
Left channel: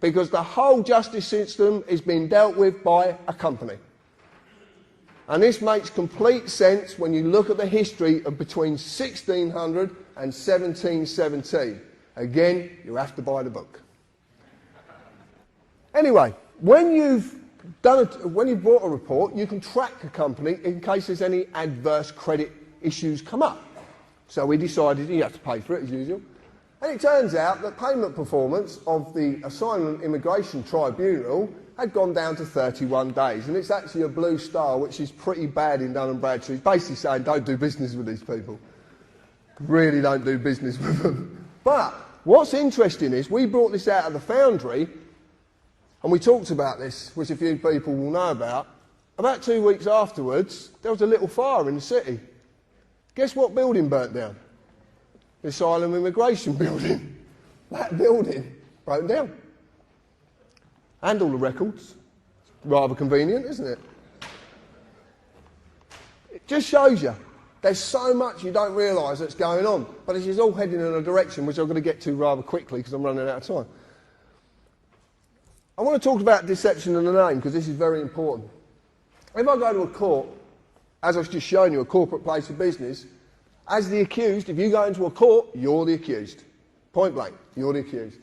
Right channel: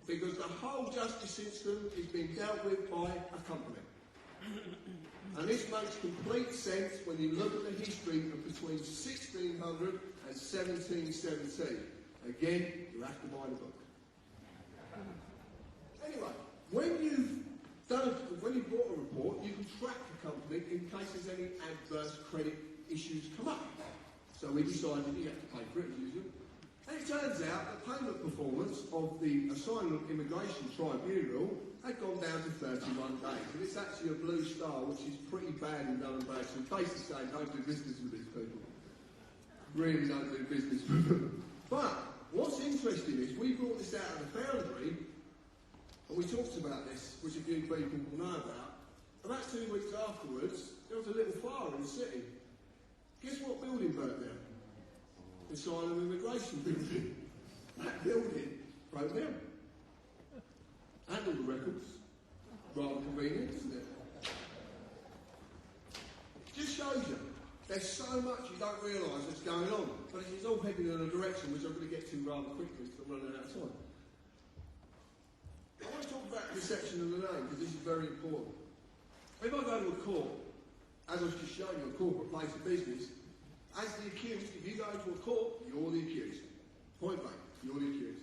Because the whole justice system is being dealt with by a company. And this makes complete sense when you look at the history of between 1600 and 1717. Again, you have to buy the book. Anyway, when you've bought a report, you can track a company in case there's any adverse credit issues come up. So we decided you have to pay for it as usual. And it turns out that payment performance of the Asylum Immigration Tribunal had gone down to 31 days. And it's actually a blue star, which is pretty bad in Dun & Bradstreet. It's basically saying don't do business with these people. Really don't do business with them. But what's interesting is we brought this out of the Foundry, and we talked about this, which a few people will know about. About 2 weeks afterwards, there was a little fire in the city. Guess what building burnt down? The Asylum Immigration Building. That building broke down. And all the records. Rather convenient, isn't it? It just shows you there's so much you don't realise that's going on. But this is all heading in a direction which I'm going to get to rather quickly because I'm running out of time. I want to talk about deception of the name because this is very important. If I go to a court, as I've just shown you, a corporate place of business, as the accused, if you go into a court, you're the accused. Point blank, you're the accused.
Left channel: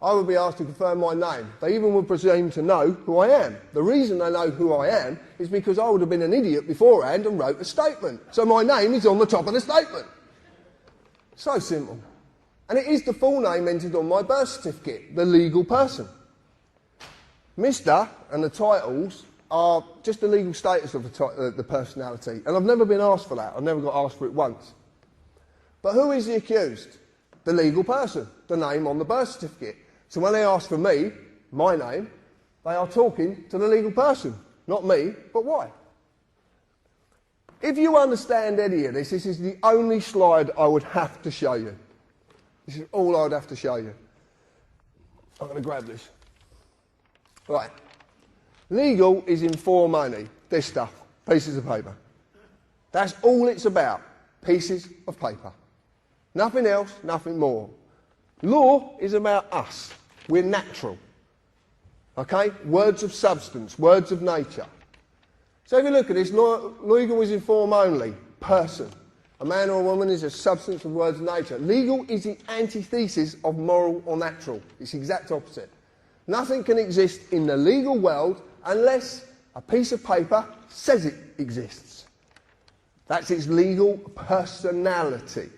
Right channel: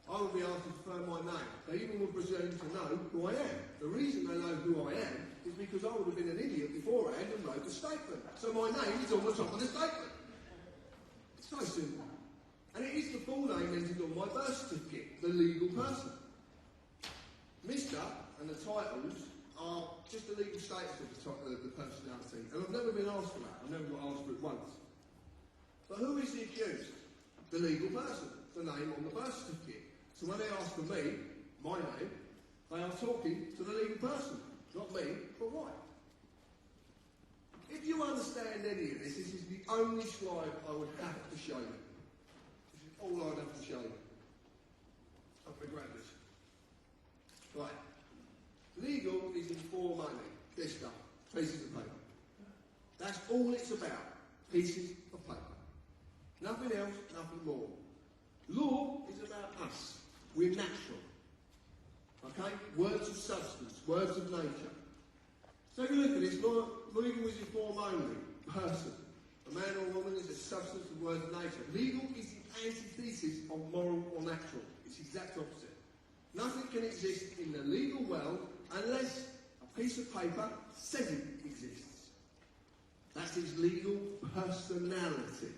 I would be asked to confirm my name. They even would presume to know who I am. The reason they know who I am is because I would have been an idiot beforehand and wrote a statement. So my name is on the top of the statement. So simple. And it is the full name entered on my birth certificate, the legal person. Mr. and the titles are just the legal status of the personality. And I've never been asked for that. I've never got asked for it once. But who is the accused? The legal person, the name on the birth certificate. So when they ask for me, my name, they are talking to the legal person. Not me, but why? If you understand any of this, this is the only slide I would have to show you. This is all I would have to show you. I'm going to grab this. Right. Legal is in for money. This stuff. Pieces of paper. That's all it's about. Pieces of paper. Nothing else, nothing more. Law is about us. We're natural. Okay? Words of substance, words of nature. So if you look at this, legal is in form only. Person. A man or a woman is a substance of words of nature. Legal is the antithesis of moral or natural. It's the exact opposite. Nothing can exist in the legal world unless a piece of paper says it exists. That's its legal personality.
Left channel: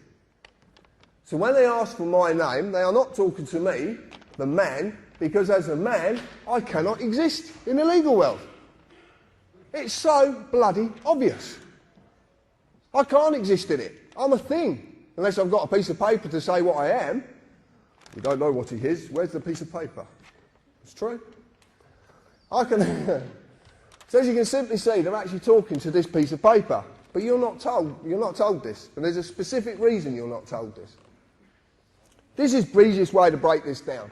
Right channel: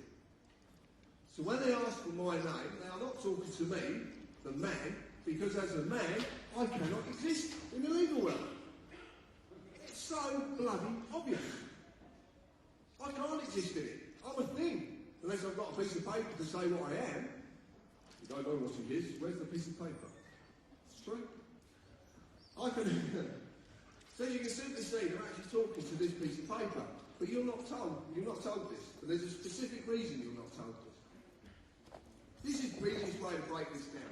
So when they ask for my name, they are not talking to me, the man, because as a man, I cannot exist in the legal world. It's so bloody obvious. I can't exist in it. I'm a thing. Unless I've got a piece of paper to say what I am. You don't know what he is. Where's the piece of paper? It's true. So as you can simply see, they're actually talking to this piece of paper. But you're not told this. And there's a specific reason you're not told this. This is the easiest way to break this down.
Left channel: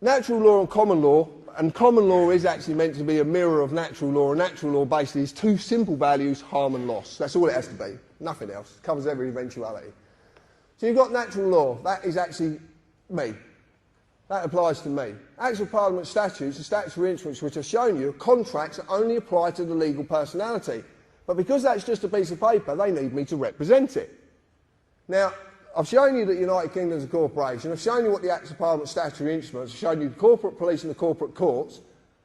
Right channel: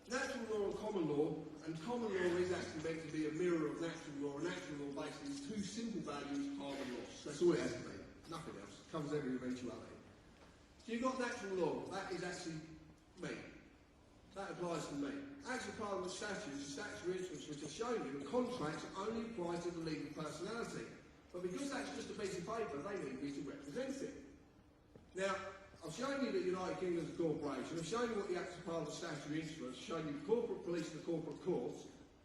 Natural law and common law is actually meant to be a mirror of natural law, and natural law basically is two simple values, harm and loss. That's all it has to be, nothing else. It covers every eventuality. So you've got natural law, that is actually me. That applies to me. Acts of Parliament statutes, the statutory instruments which I've shown you, contracts that only apply to the legal personality. But because that's just a piece of paper, they need me to represent it. Now, I've shown you that United Kingdom is a corporation. I've shown you what the Acts of Parliament statutory instruments. I've shown you the corporate police and the corporate courts,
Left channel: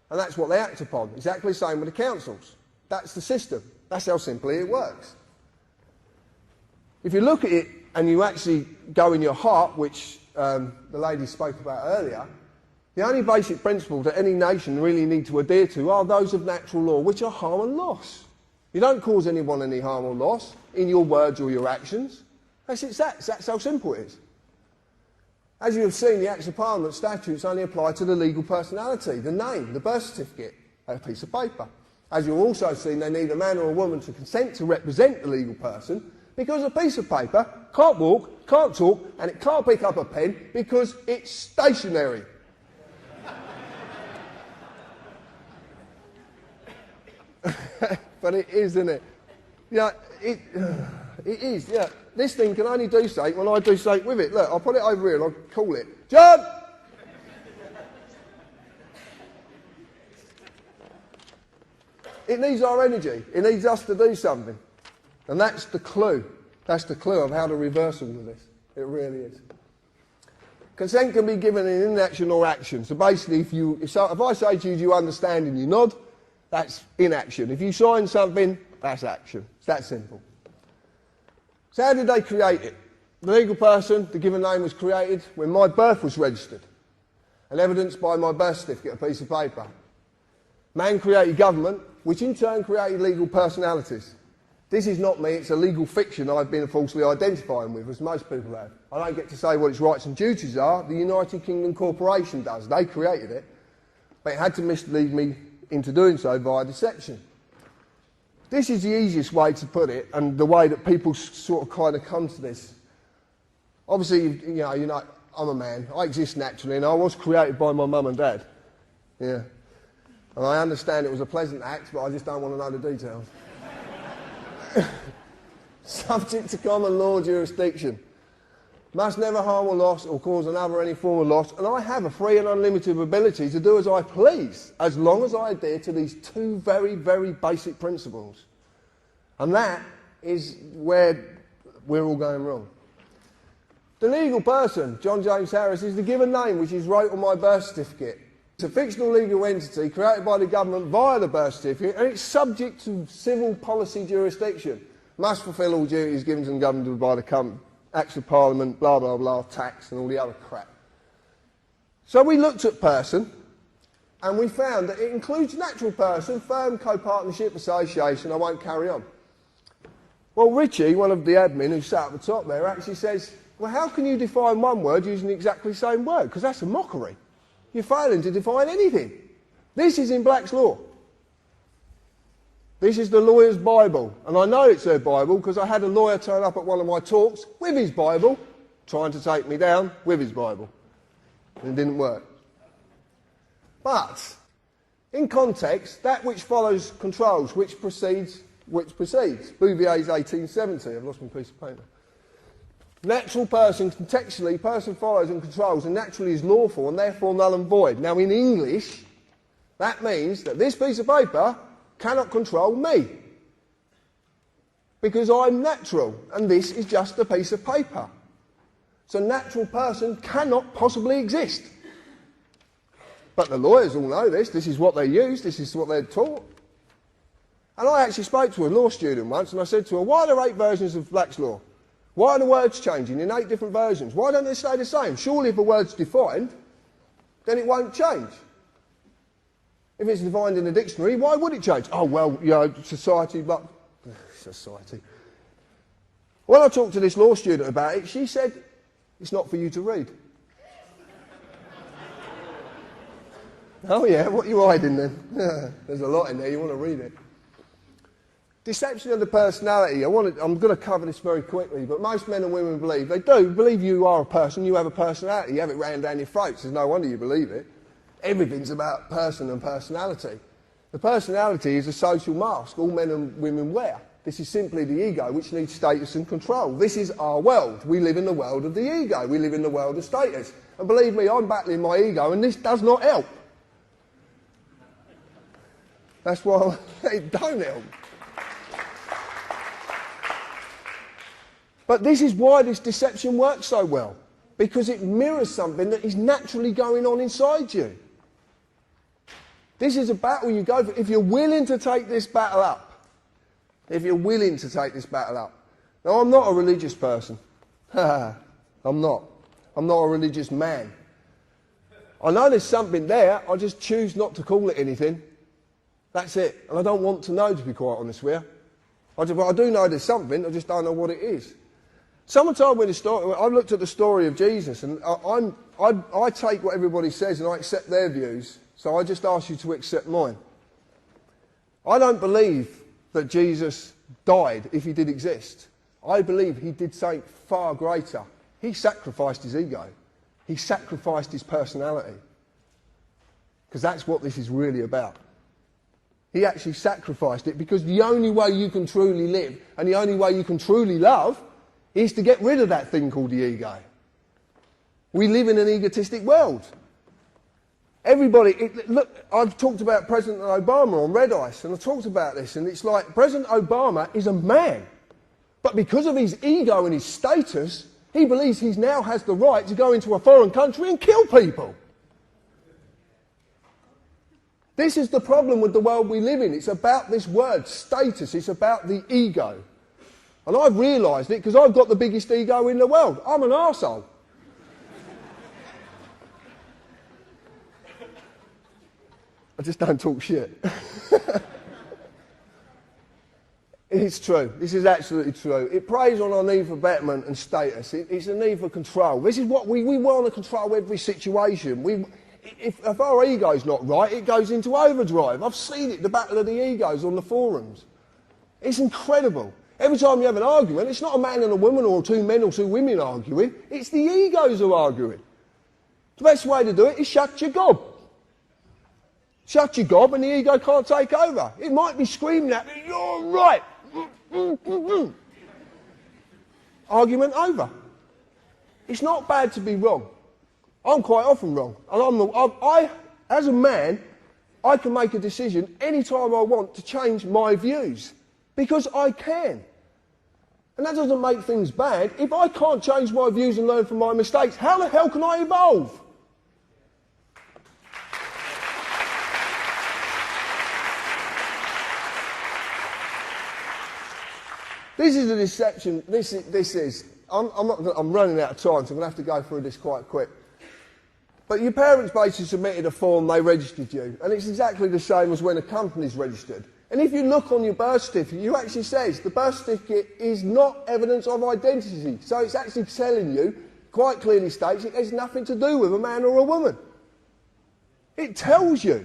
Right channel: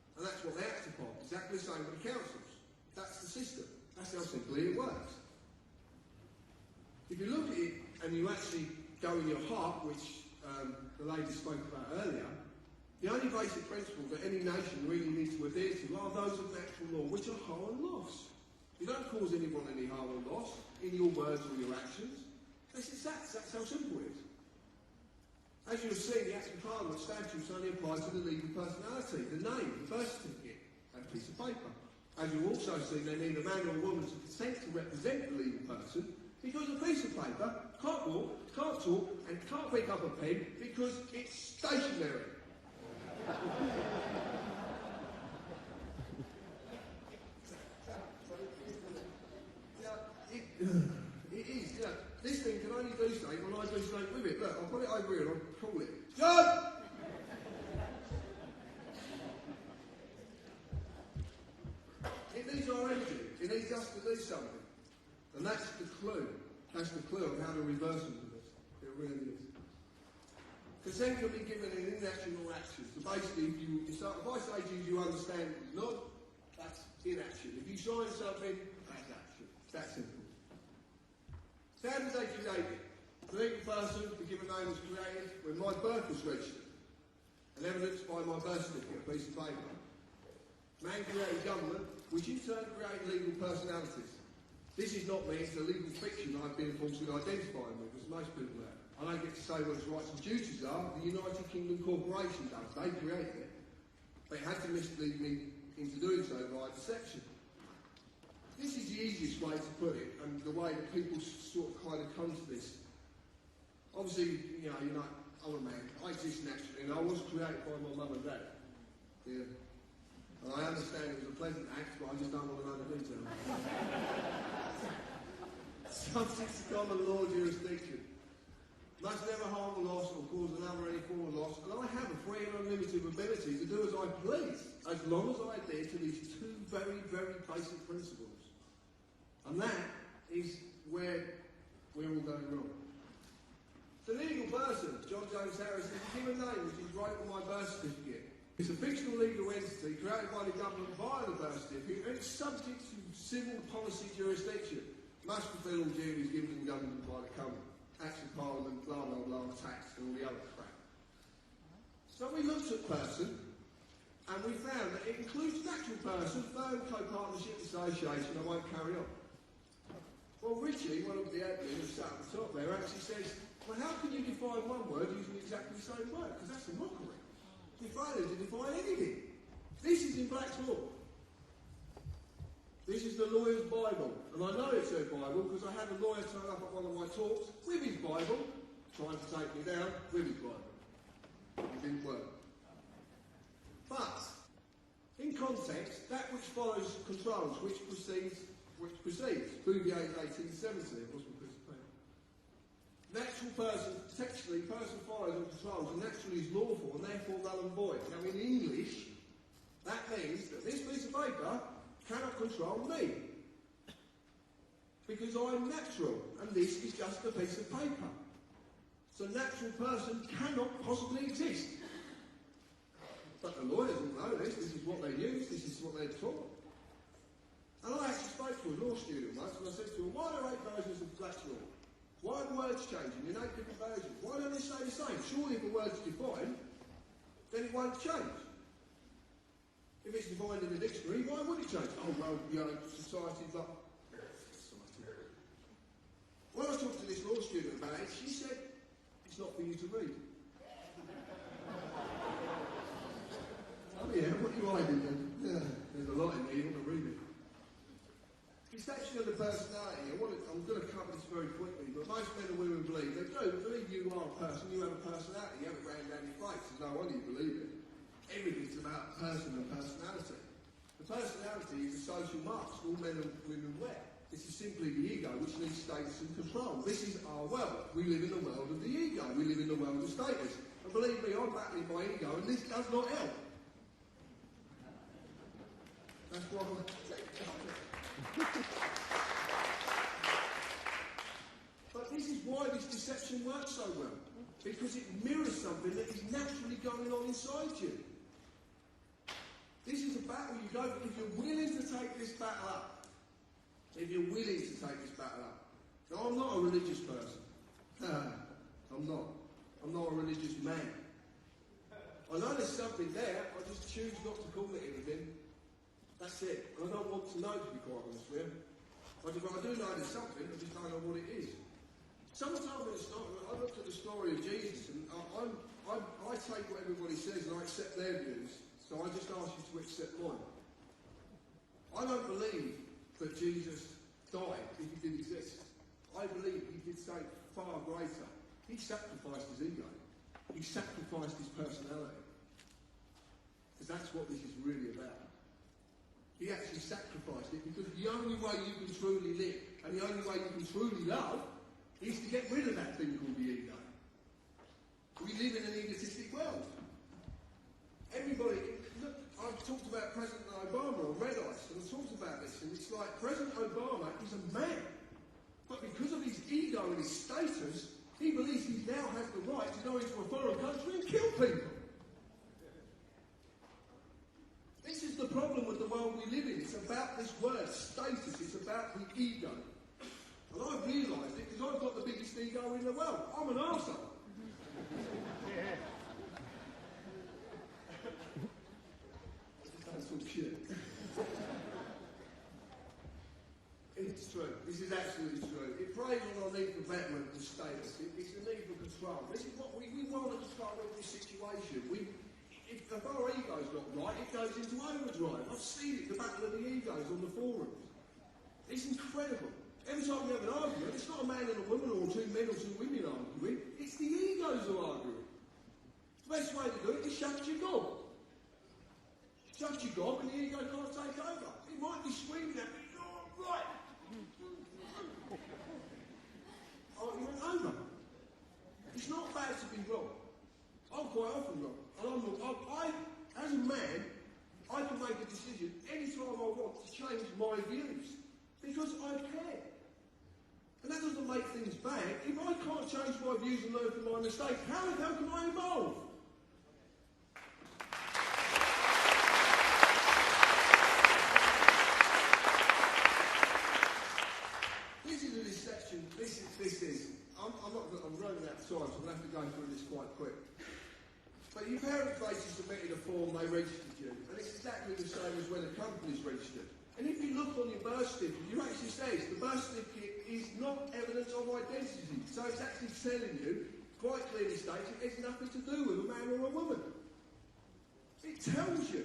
and that's what they act upon. Exactly the same with the councils. That's the system. That's how simply it works. If you look at it and you actually go in your heart, which the lady spoke about earlier, the only basic principles that any nation really need to adhere to are those of natural law, which are harm and loss. You don't cause anyone any harm or loss in your words or your actions. That's how simple it is. As you have seen, the Acts of Parliament statutes only apply to the legal personality, the name, the birth certificate, a piece of paper. As you've also seen, they need a man or a woman to consent to represent the legal person because a piece of paper can't walk, can't talk, and it can't pick up a pen because it's stationary. But it is, isn't it? Yeah, it is, yeah. This thing can only do something when I do something with it. Look, I'll put it over here and I'll call it. Jump! It needs our energy. It needs us to do something. And that's the clue. That's the clue of how to reverse all of this. It really is. Consent can be given in inaction or action. So basically, if I say to you, do you understand, and you nod, that's inaction. If you sign something, that's action. It's that simple. So how did they create it? The legal person, the given name, was created when my birth was registered and evidenced by my birth certificate, a piece of paper. Man created government, which in turn created legal personalities. This is not me, it's a legal fiction I've been falsely identifying with, as most people have. I don't get to say what its rights and duties are. The United Kingdom Corporation does. They created it. But it had to mislead me into doing so via deception. This is the easiest way to put it, and the way that people sort of kind of come to this. Obviously, you know, I'm a man. I exist naturally, and I was created by my mum and dad. Yeah. And I understand it was a pleasant act, but I just don't want to know the details. Subject to common law jurisdiction. Must never harm or loss or cause another any form of loss, and I have a free and unlimited ability to do as I please, as long as I adhere to these two very, very basic principles. And that is where we're all going wrong. The legal person, John James Harris, is the given name which is wrote on my birth certificate. It's a fictional legal entity created by the government via the birth certificate, and it's subject to civil policy jurisdiction. Must fulfil all duties given to the government by the company, acts of parliament, blah, blah, blah, tax and all the other crap. So we looked at person, and we found that it includes natural person, firm, co-partnership, association. I won't carry on. Well, Richie, one of the admin who sat at the top there, actually says, well, how can you define one word using exactly the same word? Because that's a mockery. You're failing to define anything. This is in Black's Law. This is the lawyer's Bible. And I know it's their Bible because I had a lawyer turn up at one of my talks with his Bible, trying to take me down with his Bible. And it didn't work. But, in context, that which follows controls, which precedes. Bouvier's 1870. I've lost my piece of paper. Natural person, contextually, person follows and controls, and naturally is lawful and therefore null and void. Now, in English, that means that this piece of paper cannot control me. Because I'm natural, and this is just a piece of paper. So natural person cannot possibly exist. But the lawyers all know this. This is what they use. This is what they're taught. And I actually spoke to a law student once, and I said to her, why are there 8 versions of Black's Law? Why are the words changing in 8 different versions? Why don't they stay the same? Surely if a word's defined, then it won't change. If it's defined in a dictionary, why would it change? Oh, well, you know, society, but... Society. When I talked to this law student about it, she said, it's not for you to read. Oh, yeah, what are you hiding then? There's a lot in there, you want to read it. Deception of the personality. I'm going to cover this very quickly, but most men and women believe, they do believe you are a person, you have a personality, you have it rammed down your throats. There's no wonder you believe it. Everything's about person and personality. The personality is a social mask all men and women wear. This is simply the ego, which needs status and control. This is our world. We live in the world of the ego. We live in the world of status. And believe me, I'm battling my ego, and this does not help. That's why it don't help. But this is why this deception works so well, because it mirrors something that is naturally going on inside you. This is a battle you go for. If you're willing to take this battle up, if you're willing to take this battle up. Now, I'm not a religious person. I'm not. I'm not a religious man. I know there's something there, I just choose not to call it anything. That's it. And I don't want to know, to be quite honest with you. I do know there's something, I just don't know what it is. Someone told me the story. I looked at the story of Jesus, and I take what everybody says and I accept their views, so I just ask you to accept mine. I don't believe that Jesus died if he did exist. I believe he did something far greater. He sacrificed his ego. He sacrificed his personality. Because that's what this is really about. He actually sacrificed it, because the only way you can truly live and the only way you can truly love is to get rid of that thing called the ego. We live in an egotistic world. Everybody, look, I've talked about President Obama on Red Ice, and I talked about this, and it's like President Obama is a man, but because of his ego and his status, he believes he now has the right to go into a foreign country and kill people. This is the problem with the world we live in. It's about this word, status. It's about the ego. And I've realised it because I've got the biggest ego in the world. I'm an arsehole. I just don't talk shit. It's true. This is absolutely true. It preys on our need for betterment and status. It's a need for control. This is what we want to control every situation. If our ego's not right, it goes into overdrive. I've seen it, the battle of the egos on the forums. It's incredible. Every time you have an argument, it's not a man and a woman or two men or two women arguing. It's the egos who are arguing. The best way to do it is shut your gob. Shut your gob and the ego can't take over. It might be screaming at me, you're right. Argument over. It's not bad to be wrong. I'm quite often wrong. And as a man, I can make a decision any time I want to change my views. Because I can. And that doesn't make things bad. If I can't change my views and learn from my mistakes, how the hell can I evolve? This is a deception. I'm running out of time, so I'm going to have to go through this quite quick. But your parents basically submitted a form, they registered you, and it's exactly the same as when a company's registered. And if you look on your birth certificate, you actually says the birth certificate is not evidence of identity. So it's actually telling you, quite clearly states, it has nothing to do with a man or a woman. It tells you.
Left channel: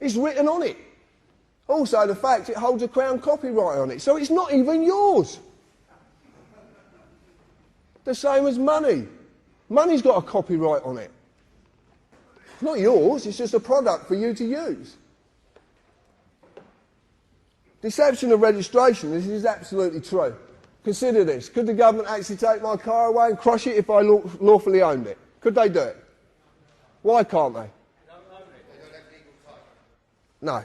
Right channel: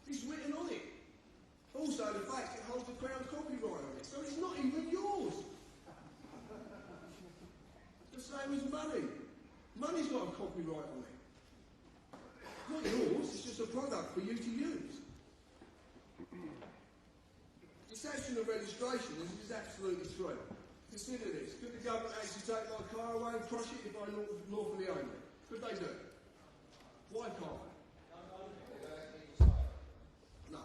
It's written on it. Also, the fact it holds a Crown copyright on it, so it's not even yours. The same as money. Money's got a copyright on it. It's not yours, it's just a product for you to use. Deception of registration, this is absolutely true. Consider this. Could the government actually take my car away and crush it if I lawfully owned it? Could they do it? Why can't they? No.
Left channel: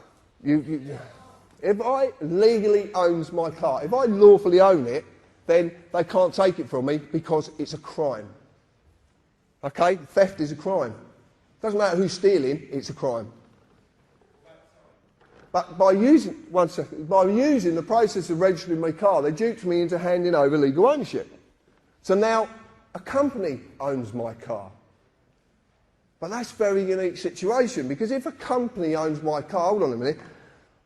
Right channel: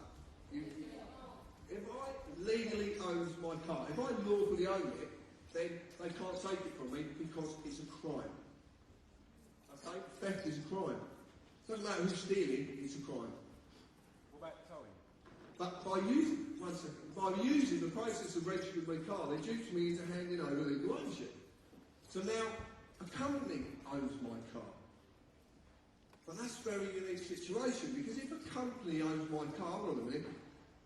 If I legally owns my car, if I lawfully own it, then they can't take it from me because it's a crime. Okay? Theft is a crime. Doesn't matter who's stealing, it's a crime. But by using the process of registering my car, they duped me into handing over legal ownership. So now a company owns my car. But that's a very unique situation, because if a company owns my car, hold on a minute,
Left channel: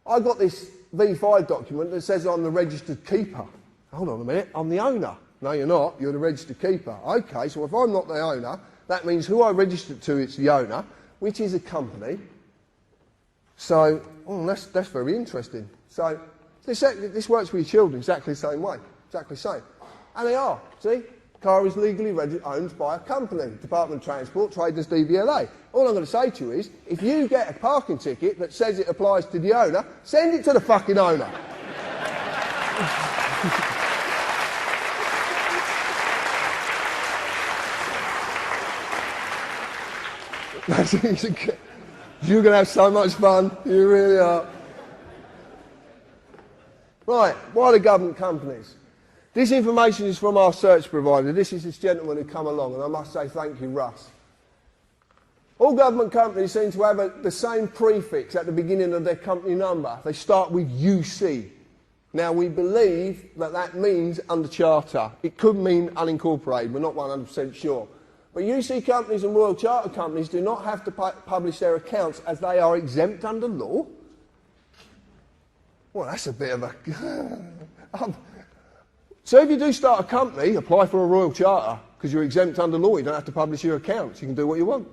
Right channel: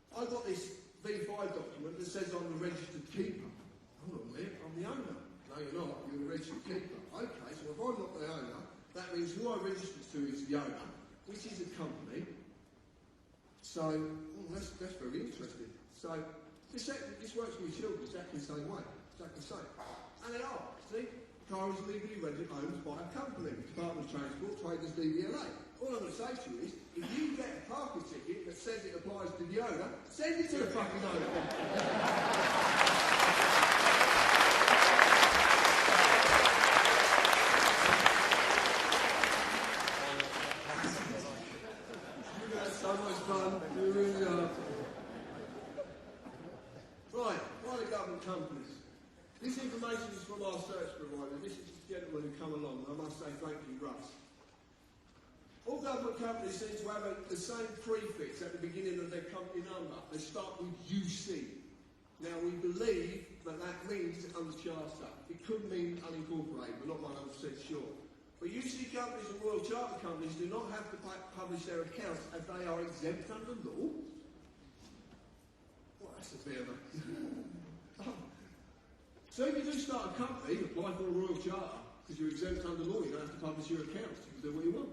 I got this V5 document that says I'm the registered keeper. Hold on a minute, I'm the owner. No, you're not, you're the registered keeper. Okay, so if I'm not the owner, that means who I registered to is the owner, which is a company. So, that's very interesting. So, this works with your children exactly the same way, exactly the same. And they are, see? Car is legally owned by a company, Department of Transport, trading as DVLA. All I'm going to say to you is, if you get a parking ticket that says it applies to the owner, send it to the fucking owner. You're going to have so much fun, you really are. Right, why the government companies? This information is from our search provider. This is this gentleman who come along, and I must say thank you, Russ. All government companies seem to have the same prefix at the beginning of their company number. They start with UC. Now, we believe that that means under charter. It could mean unincorporated. We're not 100% sure. But UC companies and Royal Charter companies do not have to publish their accounts as they are exempt under law. Well, that's a bit of a... So if you do start a company, apply for a Royal Charter, because you're exempt under law, you don't have to publish your accounts, you can do what you want.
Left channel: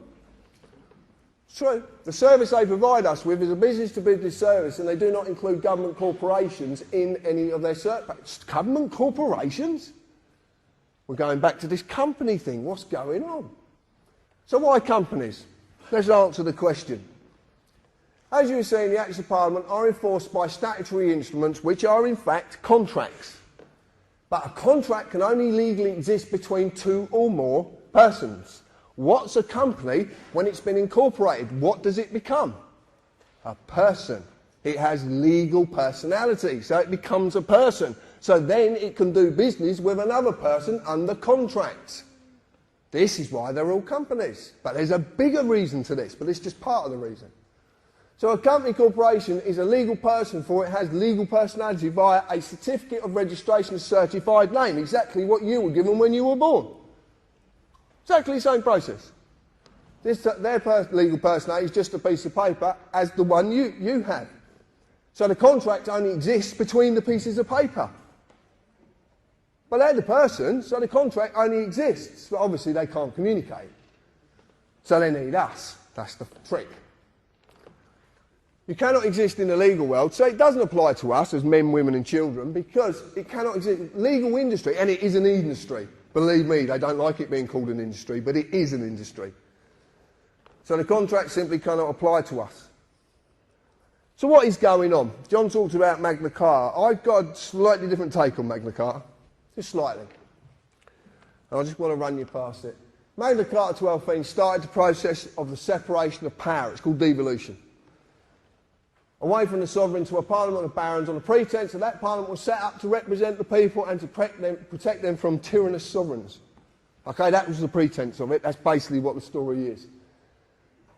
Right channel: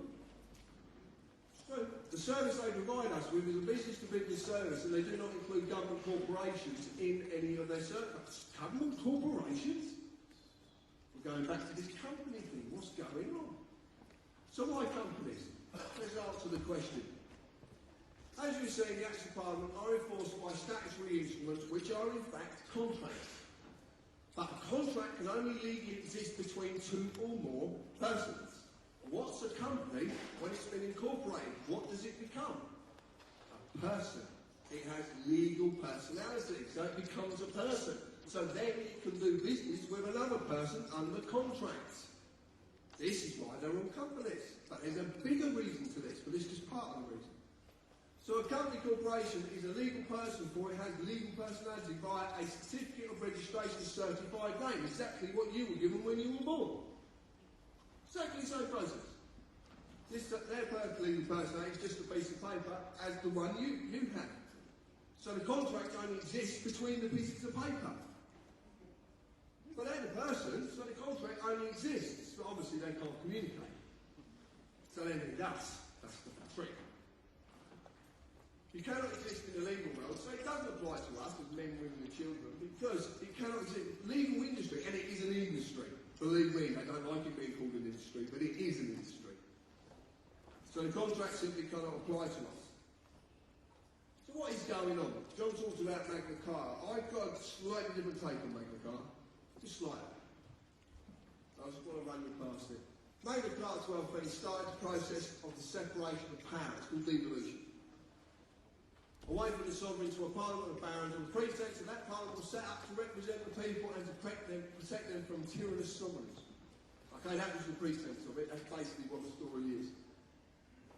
It's true. The service they provide us with is a business-to-business service, and they do not include government corporations in any of their services. Government corporations? We're going back to this company thing. What's going on? So why companies? Let's answer the question. As you see, the Acts of Parliament are enforced by statutory instruments which are in fact contracts. But a contract can only legally exist between two or more persons. What's a company when it's been incorporated? What does it become? A person. It has legal personality, so it becomes a person. So then it can do business with another person under contract. This is why they're all companies. But there's a bigger reason to this, but it's just part of the reason. So a company corporation is a legal person for it has legal personality via a certificate of registration certified name, exactly what you were given when you were born. Exactly the same process. Their legal personality is just a piece of paper as the one you have. So the contract only exists between the pieces of paper. But they're the person, so the contract only exists. But obviously they can't communicate. So they need us. That's the trick. You cannot exist in the legal world, so it doesn't apply to us as men, women and children because it cannot exist. Legal industry, and it is an industry. Believe me, they don't like it being called an industry, but it is an industry. So the contract simply cannot apply to us. So what is going on? John talks about Magna Carta. I've got a slightly different take on Magna Carta. Just slightly. And I just want to run you past it. Magna Carta 1215 started the process of the separation of power. It's called devolution. Away from the sovereign to a parliament of barons on the pretence that that parliament was set up to represent the people and to protect them from tyrannous sovereigns. Okay, that was the pretence of it. That's basically what the story is.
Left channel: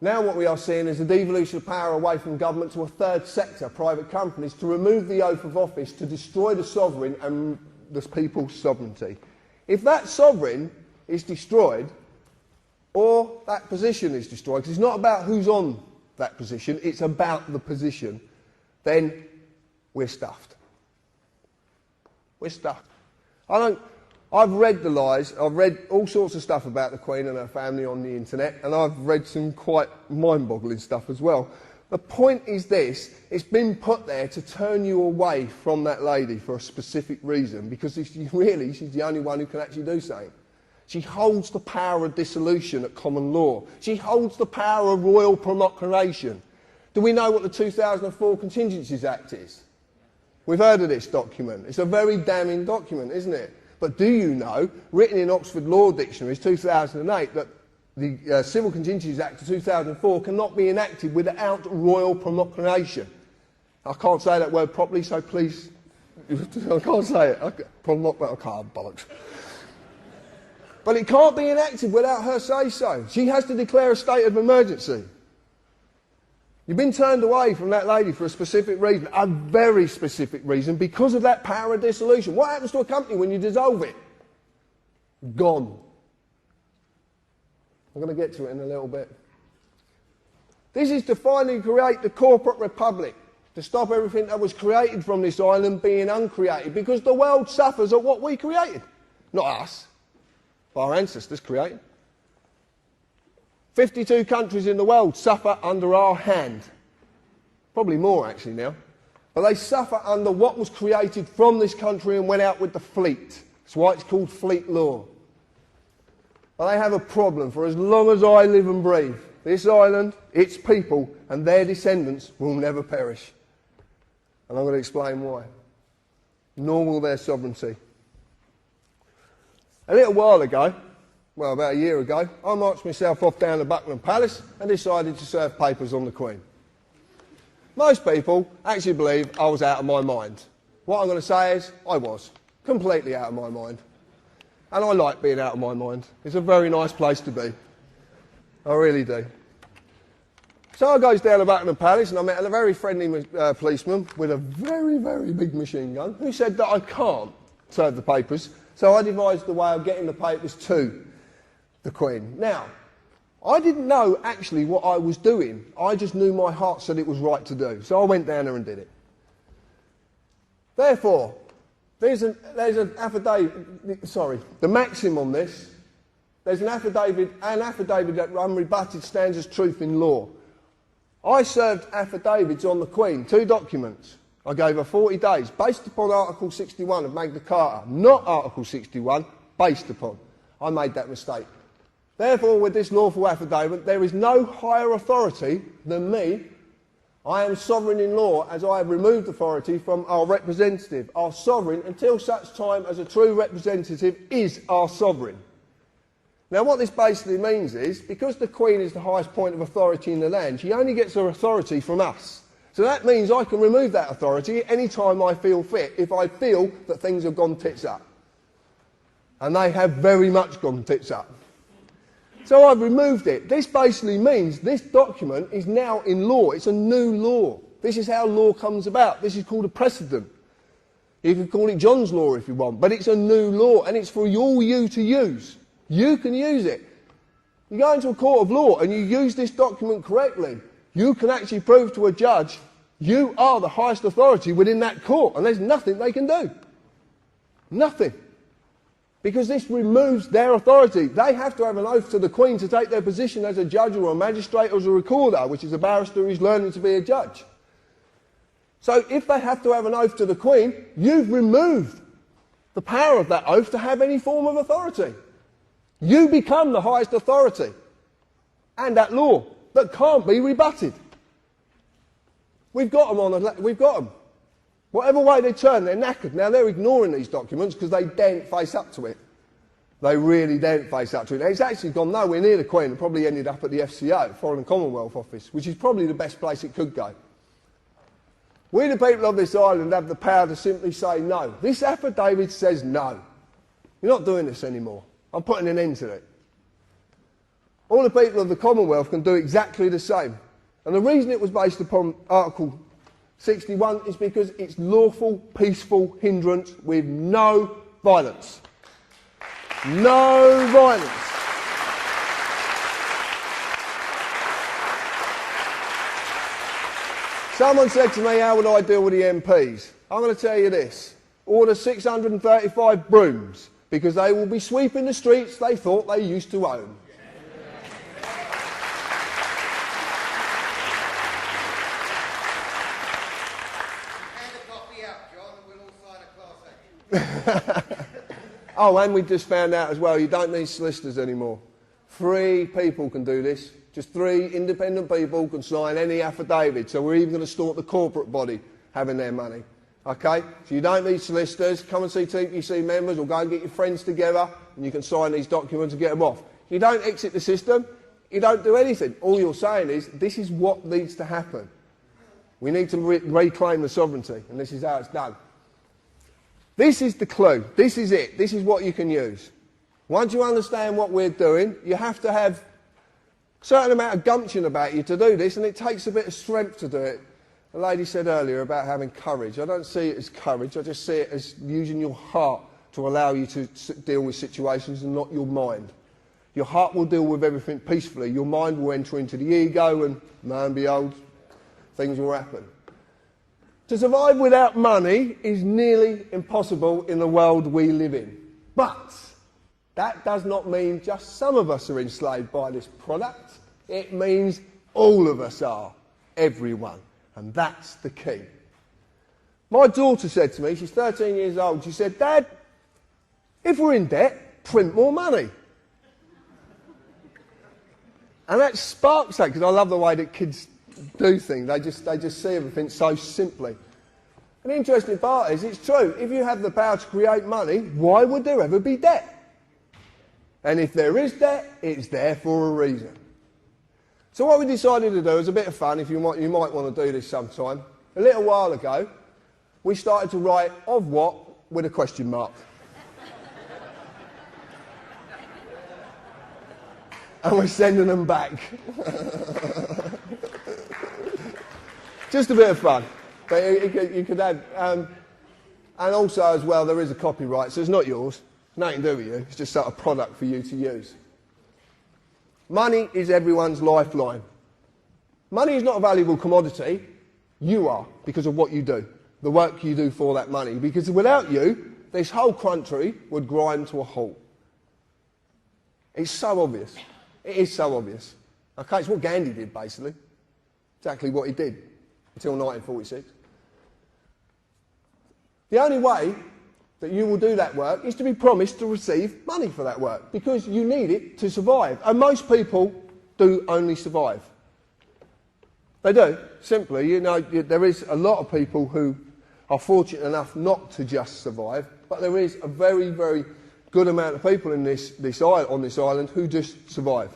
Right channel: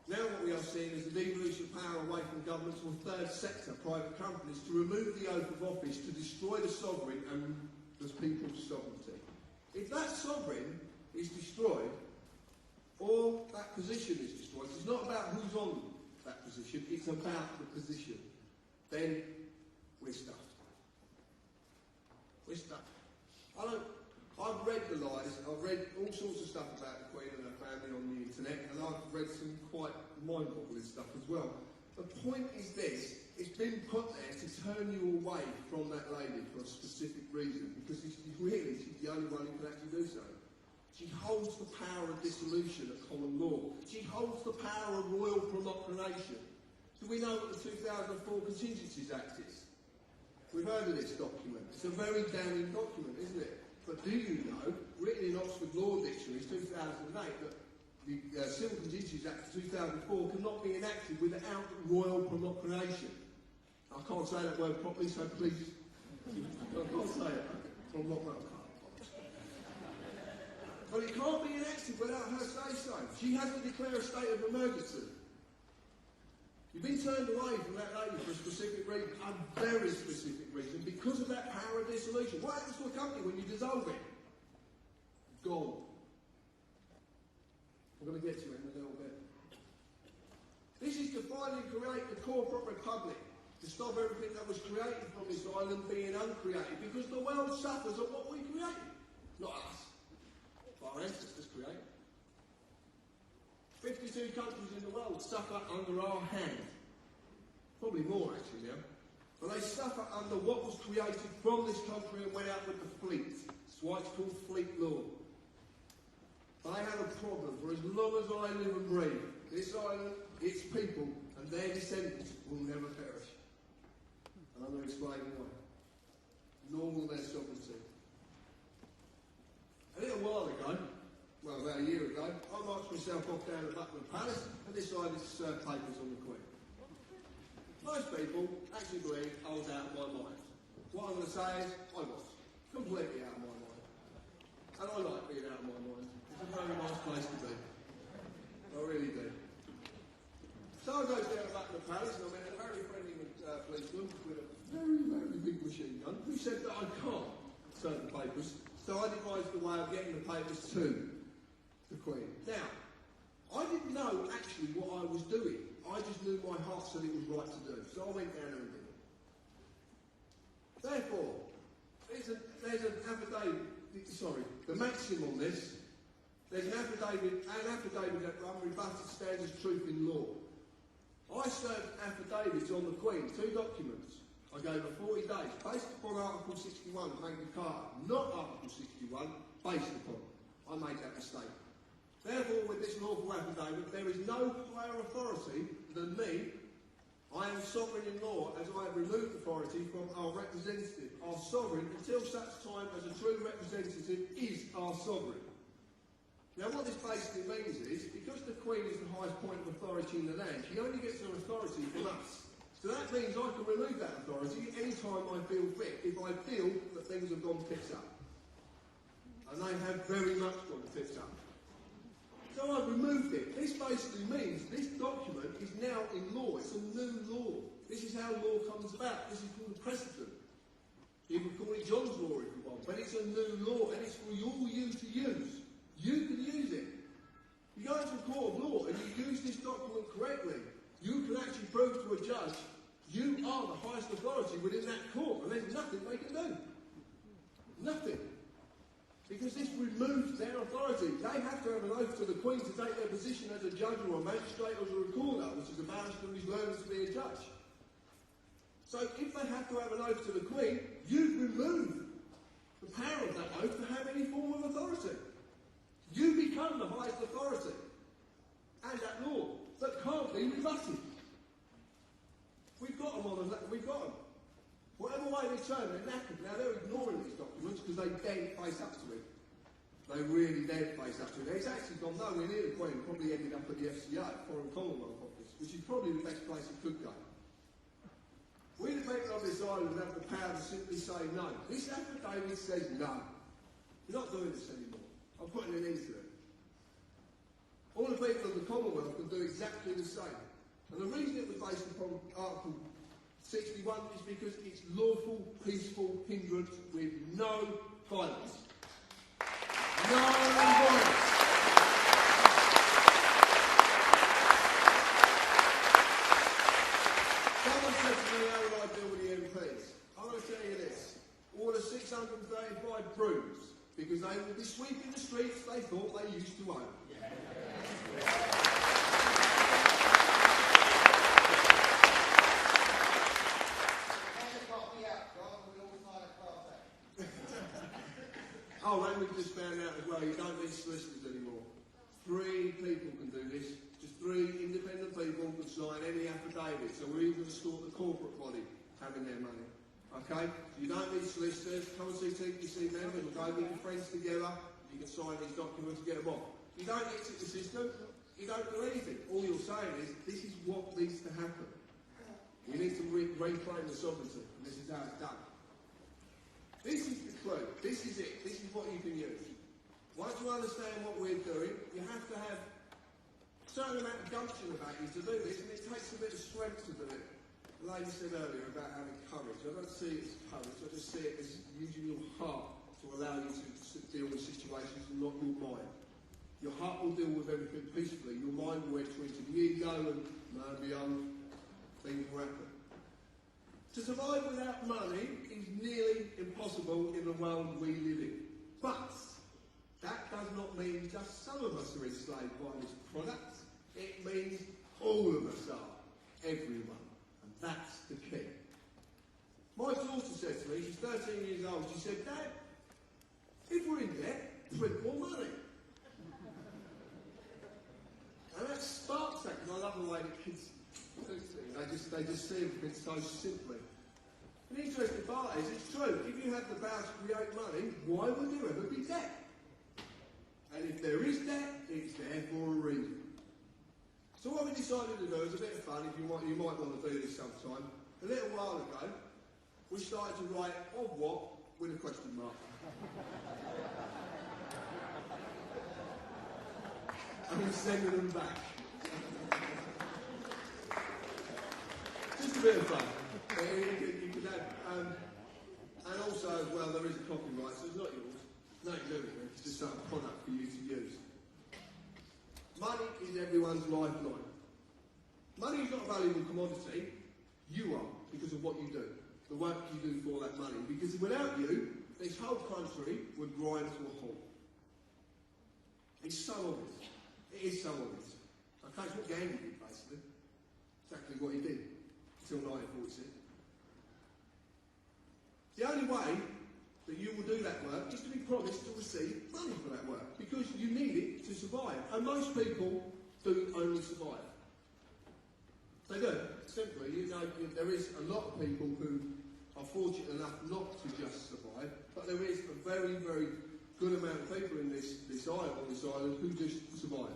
Now what we are seeing is a devolution of power away from government to a third sector, private companies, to remove the oath of office, to destroy the sovereign and the people's sovereignty. If that sovereign is destroyed, or that position is destroyed, because it's not about who's on that position, it's about the position, then we're stuffed. We're stuffed. I've read the lies, I've read all sorts of stuff about the Queen and her family on the internet, and I've read some quite mind-boggling stuff as well. The point is this, it's been put there to turn you away from that lady for a specific reason, because she's the only one who can actually do something. She holds the power of dissolution at common law. She holds the power of royal proclamation. Do we know what the 2004 Contingencies Act is? We've heard of this document. It's a very damning document, isn't it? But do you know, written in Oxford Law Dictionaries 2008, that the Civil Contingencies Act of 2004 cannot be enacted without royal proclamation? I can't say that word properly, so please, I can't say it. I can't, bollocks. But it can't be enacted without her say-so. She has to declare a state of emergency. You've been turned away from that lady for a specific reason, a very specific reason, because of that power of dissolution. What happens to a company when you dissolve it? Gone. I'm going to get to it in a little bit. This is to finally create the corporate republic, to stop everything that was created from this island being uncreated, because the world suffers at what we created, not us. Our ancestors created. 52 countries in the world suffer under our hand. Probably more actually now. But they suffer under what was created from this country and went out with the fleet. That's why it's called fleet law. But they have a problem for as long as I live and breathe. This island, its people and their descendants will never perish. And I'm going to explain why. Nor will their sovereignty. A little while ago, well about a year ago, I marched myself off down to Buckingham Palace and decided to serve papers on the Queen. Most people actually believe I was out of my mind. What I'm going to say is, I was. Completely out of my mind. And I like being out of my mind. It's a very nice place to be. I really do. So I goes down to Buckingham Palace and I met a very friendly policeman with a very, very big machine gun who said that I can't serve the papers. So I devised a way of getting the papers to the Queen. Now, I didn't know actually what I was doing. I just knew my heart said it was right to do. So I went down there and did it. Therefore, there's an affidavit, the maxim on this, there's an affidavit that unrebutted stands as truth in law. I served affidavits on the Queen, 2 documents. I gave her 40 days, based upon Article 61 of Magna Carta, not Article 61, based upon. I made that mistake. Therefore, with this lawful affidavit, there is no higher authority than me. I am sovereign in law, as I have removed authority from our representative. Our sovereign, until such time as a true representative is our sovereign. Now, what this basically means is, because the Queen is the highest point of authority in the land, she only gets her authority from us. So that means I can remove that authority any time I feel fit, if I feel that things have gone tits up. And they have very much gone tits up. So I've removed it. This basically means this document is now in law. It's a new law. This is how law comes about. This is called a precedent. You can call it John's Law if you want, but it's a new law and it's for all you to use. You can use it. You go into a court of law and you use this document correctly, you can actually prove to a judge you are the highest authority within that court and there's nothing they can do. Nothing. Because this removes their authority. They have to have an oath to the Queen to take their position as a judge or a magistrate or as a recorder, which is a barrister who's learning to be a judge. So if they have to have an oath to the Queen, you've removed the power of that oath to have any form of authority. You become the highest authority and that law that can't be rebutted. We've got them we've got them. Whatever way they turn, they're knackered. Now, they're ignoring these documents because they daren't face up to it. They really daren't face up to it. It's actually gone nowhere near the Queen. It probably ended up at the FCO, Foreign and Commonwealth Office, which is probably the best place it could go. We, the people of this island, have the power to simply say no. This affidavit says no. You're not doing this anymore. I'm putting an end to it. All the people of the Commonwealth can do exactly the same. And the reason it was based upon Article 61 is because it's lawful, peaceful hindrance with no violence. No violence. Someone said to me, how would I deal with the MPs? I'm going to tell you this. Order 635 brooms, because they will be sweeping the streets they thought they used to own. Oh, and we just found out as well, you don't need solicitors anymore. 3 people can do this. Just 3 independent people can sign any affidavit. So we're even going to stop the corporate body having their money. Okay? So you don't need solicitors. Come and see TPC members or go and get your friends together and you can sign these documents and get them off. You don't exit the system. You don't do anything. All you're saying is, this is what needs to happen. We need to reclaim the sovereignty, and this is how it's done. This is the clue. This is it. This is what you can use. Once you understand what we're doing, you have to have a certain amount of gumption about you to do this, and it takes a bit of strength to do it. The lady said earlier about having courage. I don't see it as courage. I just see it as using your heart to allow you to deal with situations and not your mind. Your heart will deal with everything peacefully. Your mind will enter into the ego and, lo and behold, things will happen. To survive without money is nearly impossible in the world we live in. But that does not mean just some of us are enslaved by this product. It means all of us are, everyone. And that's the key. My daughter said to me, she's 13 years old, she said, Dad, if we're in debt, print more money. And that sparks that, because I love the way that kids do things. They just see everything so simply. An interesting part is, it's true, if you have the power to create money, why would there ever be debt? And if there is debt, it's there for a reason. So what we decided to do, as a bit of fun, if you might want to do this sometime, a little while ago, we started to write of what with a question mark. And we're sending them back. Just a bit of fun. But you could add, and also as well, there is a copyright, so it's not yours. Nothing to do with you. It's just sort of product for you to use. Money is everyone's lifeline. Money is not a valuable commodity. You are, because of what you do, the work you do for that money. Because without you, this whole country would grind to a halt. It's so obvious. It is so obvious. Okay, it's what Gandhi did, basically. Exactly what he did until 1946. The only way that you will do that work is to be promised to receive money for that work, because you need it to survive. And most people do only survive. They do, simply. You know, there is a lot of people who are fortunate enough not to just survive, but there is a very, very good amount of people in on this island who just survive.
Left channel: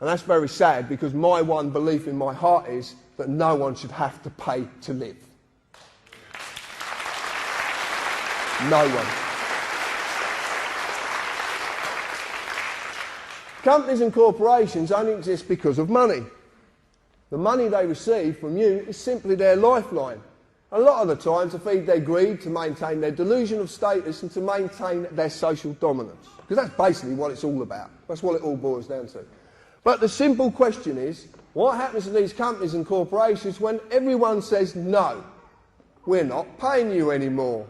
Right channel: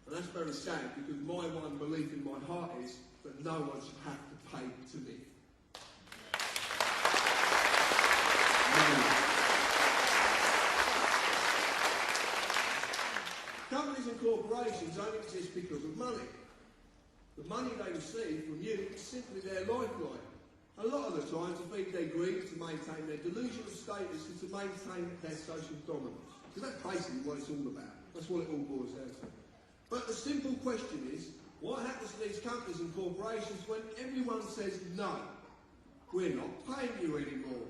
And that's very sad, because my one belief in my heart is that no one should have to pay to live. No one. Companies and corporations only exist because of money. The money they receive from you is simply their lifeline. A lot of the time to feed their greed, to maintain their delusion of status and to maintain their social dominance. Because that's basically what it's all about. That's what it all boils down to. But the simple question is, what happens to these companies and corporations when everyone says, no, we're not paying you anymore?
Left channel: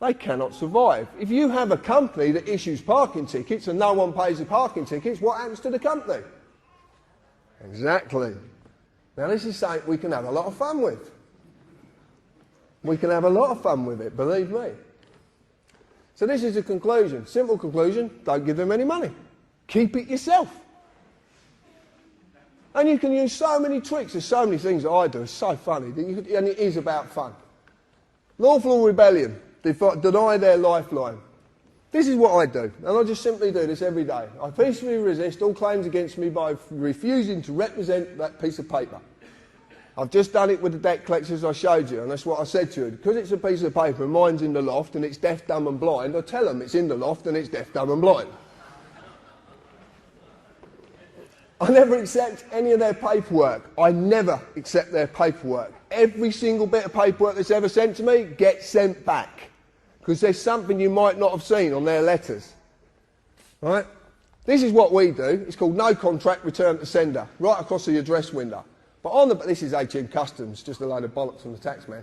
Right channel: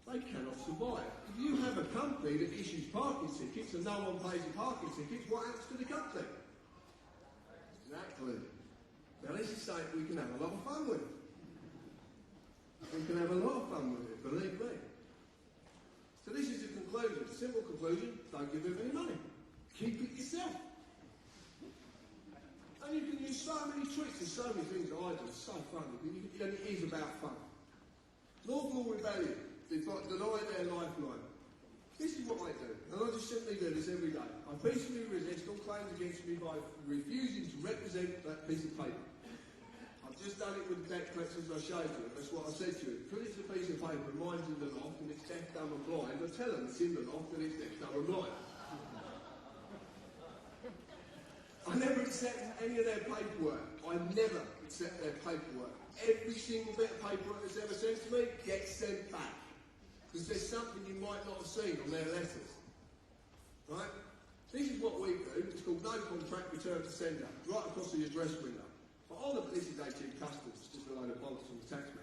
They cannot survive. If you have a company that issues parking tickets and no one pays the parking tickets, what happens to the company? Exactly. Now this is something we can have a lot of fun with. We can have a lot of fun with it, believe me. So this is the conclusion. Simple conclusion, don't give them any money. Keep it yourself. And you can use so many tricks. There's so many things that I do. It's so funny. And it is about fun. Lawful rebellion. Deny their lifeline. This is what I do. And I just simply do this every day. I peacefully resist all claims against me by refusing to represent that piece of paper. I've just done it with the debt collectors I showed you, and that's what I said to you. Because it's a piece of paper and mine's in the loft and it's deaf, dumb and blind, I tell them it's in the loft and it's deaf, dumb and blind. I never accept any of their paperwork. I never accept their paperwork. Every single bit of paperwork that's ever sent to me gets sent back. Because there's something you might not have seen on their letters. Right? This is what we do. It's called no contract, return to sender. Right across the address window. But this is HM Customs, just a load of bollocks from the tax man.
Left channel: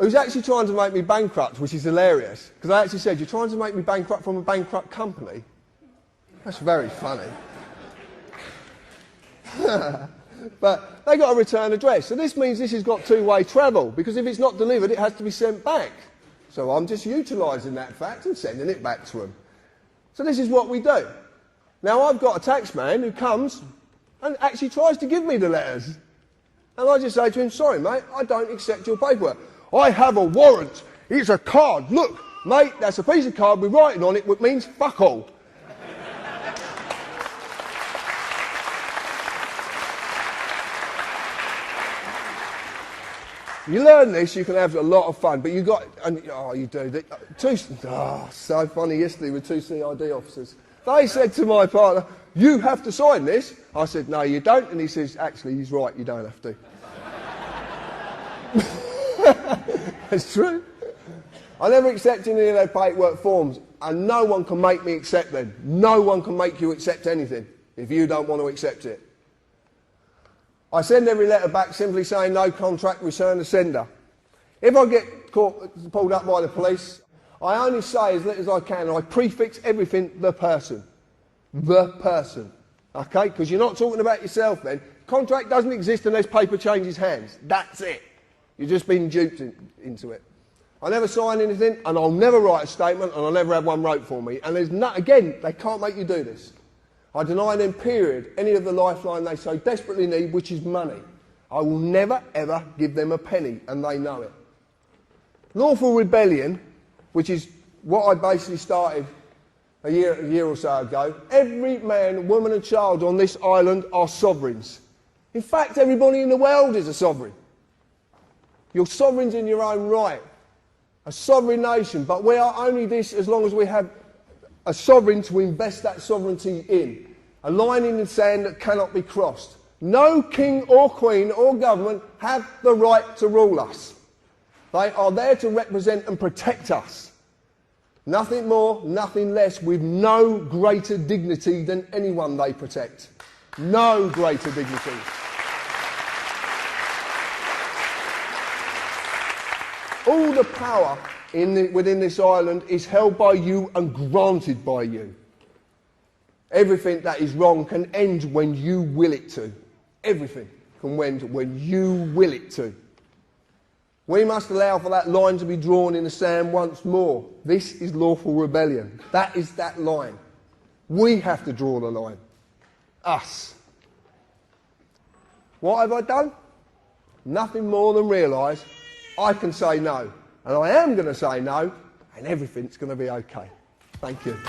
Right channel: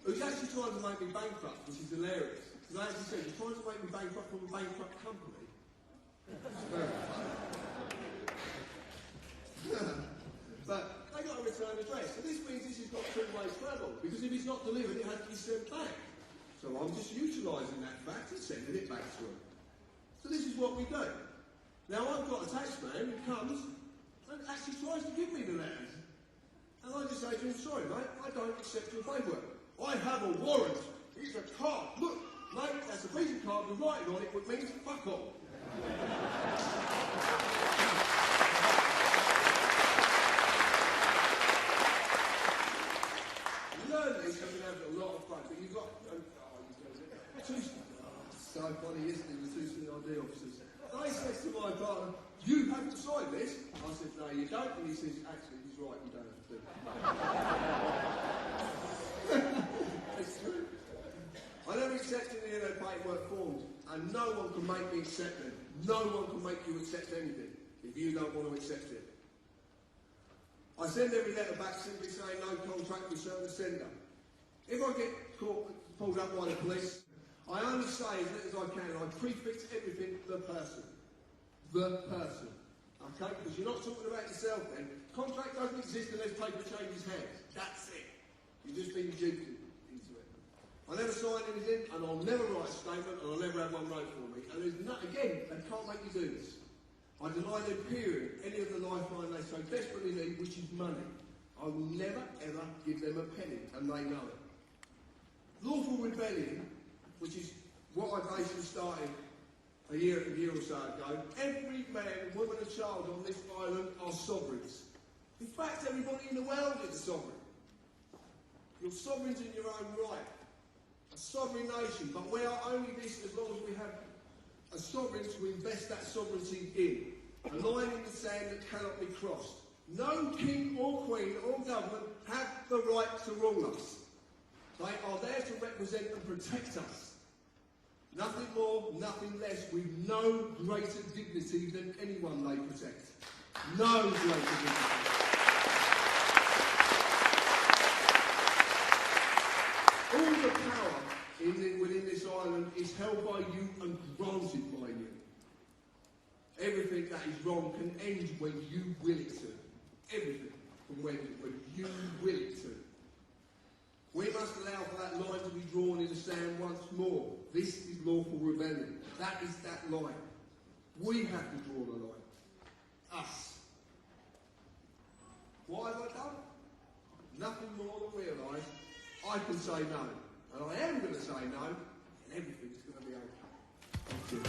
Who's actually trying to make me bankrupt, which is hilarious. Because I actually said, you're trying to make me bankrupt from a bankrupt company? That's very funny. But they got a return address. So this means this has got two-way travel, because if it's not delivered, it has to be sent back. So I'm just utilising that fact and sending it back to them. So this is what we do. Now I've got a tax man who comes and actually tries to give me the letters. And I just say to him, sorry mate, I don't accept your paperwork. I have a warrant. It's a card. Look, mate, that's a piece of card with writing on it which means fuck all. You learn this, you can have a lot of fun, but you got, and oh, you do. So funny yesterday with two CID officers. They said to my partner, you have to sign this. I said, no, you don't. And he says, actually, he's right, you don't have to. It's true. I never accept any of their paperwork forms, and no one can make me accept them. No one can make you accept anything if you don't want to accept it. I send every letter back simply saying no contract, return to sender. If I get pulled up by the police, I only say as little as I can, and I prefix everything the person. The person. Okay? Because you're not talking about yourself then. Contract doesn't exist unless paper changes hands. That's it. You've just been duped into it. I never sign anything, and I'll never write a statement, and I'll never have one wrote for me. And there's again, they can't make you do this. I deny them, period, any of the lifeline they so desperately need, which is money. I will never, ever give them a penny, and they know it. Lawful rebellion, which is what I basically started a year or so ago. Every man, woman and child on this island are sovereigns. In fact, everybody in the world is a sovereign. You're sovereigns in your own right. A sovereign nation, but we are only this as long as we have a sovereign to invest that sovereignty in. A line in the sand that cannot be crossed. No king or queen or government have the right to rule us. They are there to represent and protect us. Nothing more, nothing less, with no greater dignity than anyone they protect. No greater dignity. All the power within this island is held by you and granted by you. Everything that is wrong can end when you will it to. Everything can end when you will it to. We must allow for that line to be drawn in the sand once more. This is lawful rebellion. That is that line. We have to draw the line. Us. What have I done? Nothing more than realise I can say no. And I am going to say no, and everything's going to be okay. Thank you.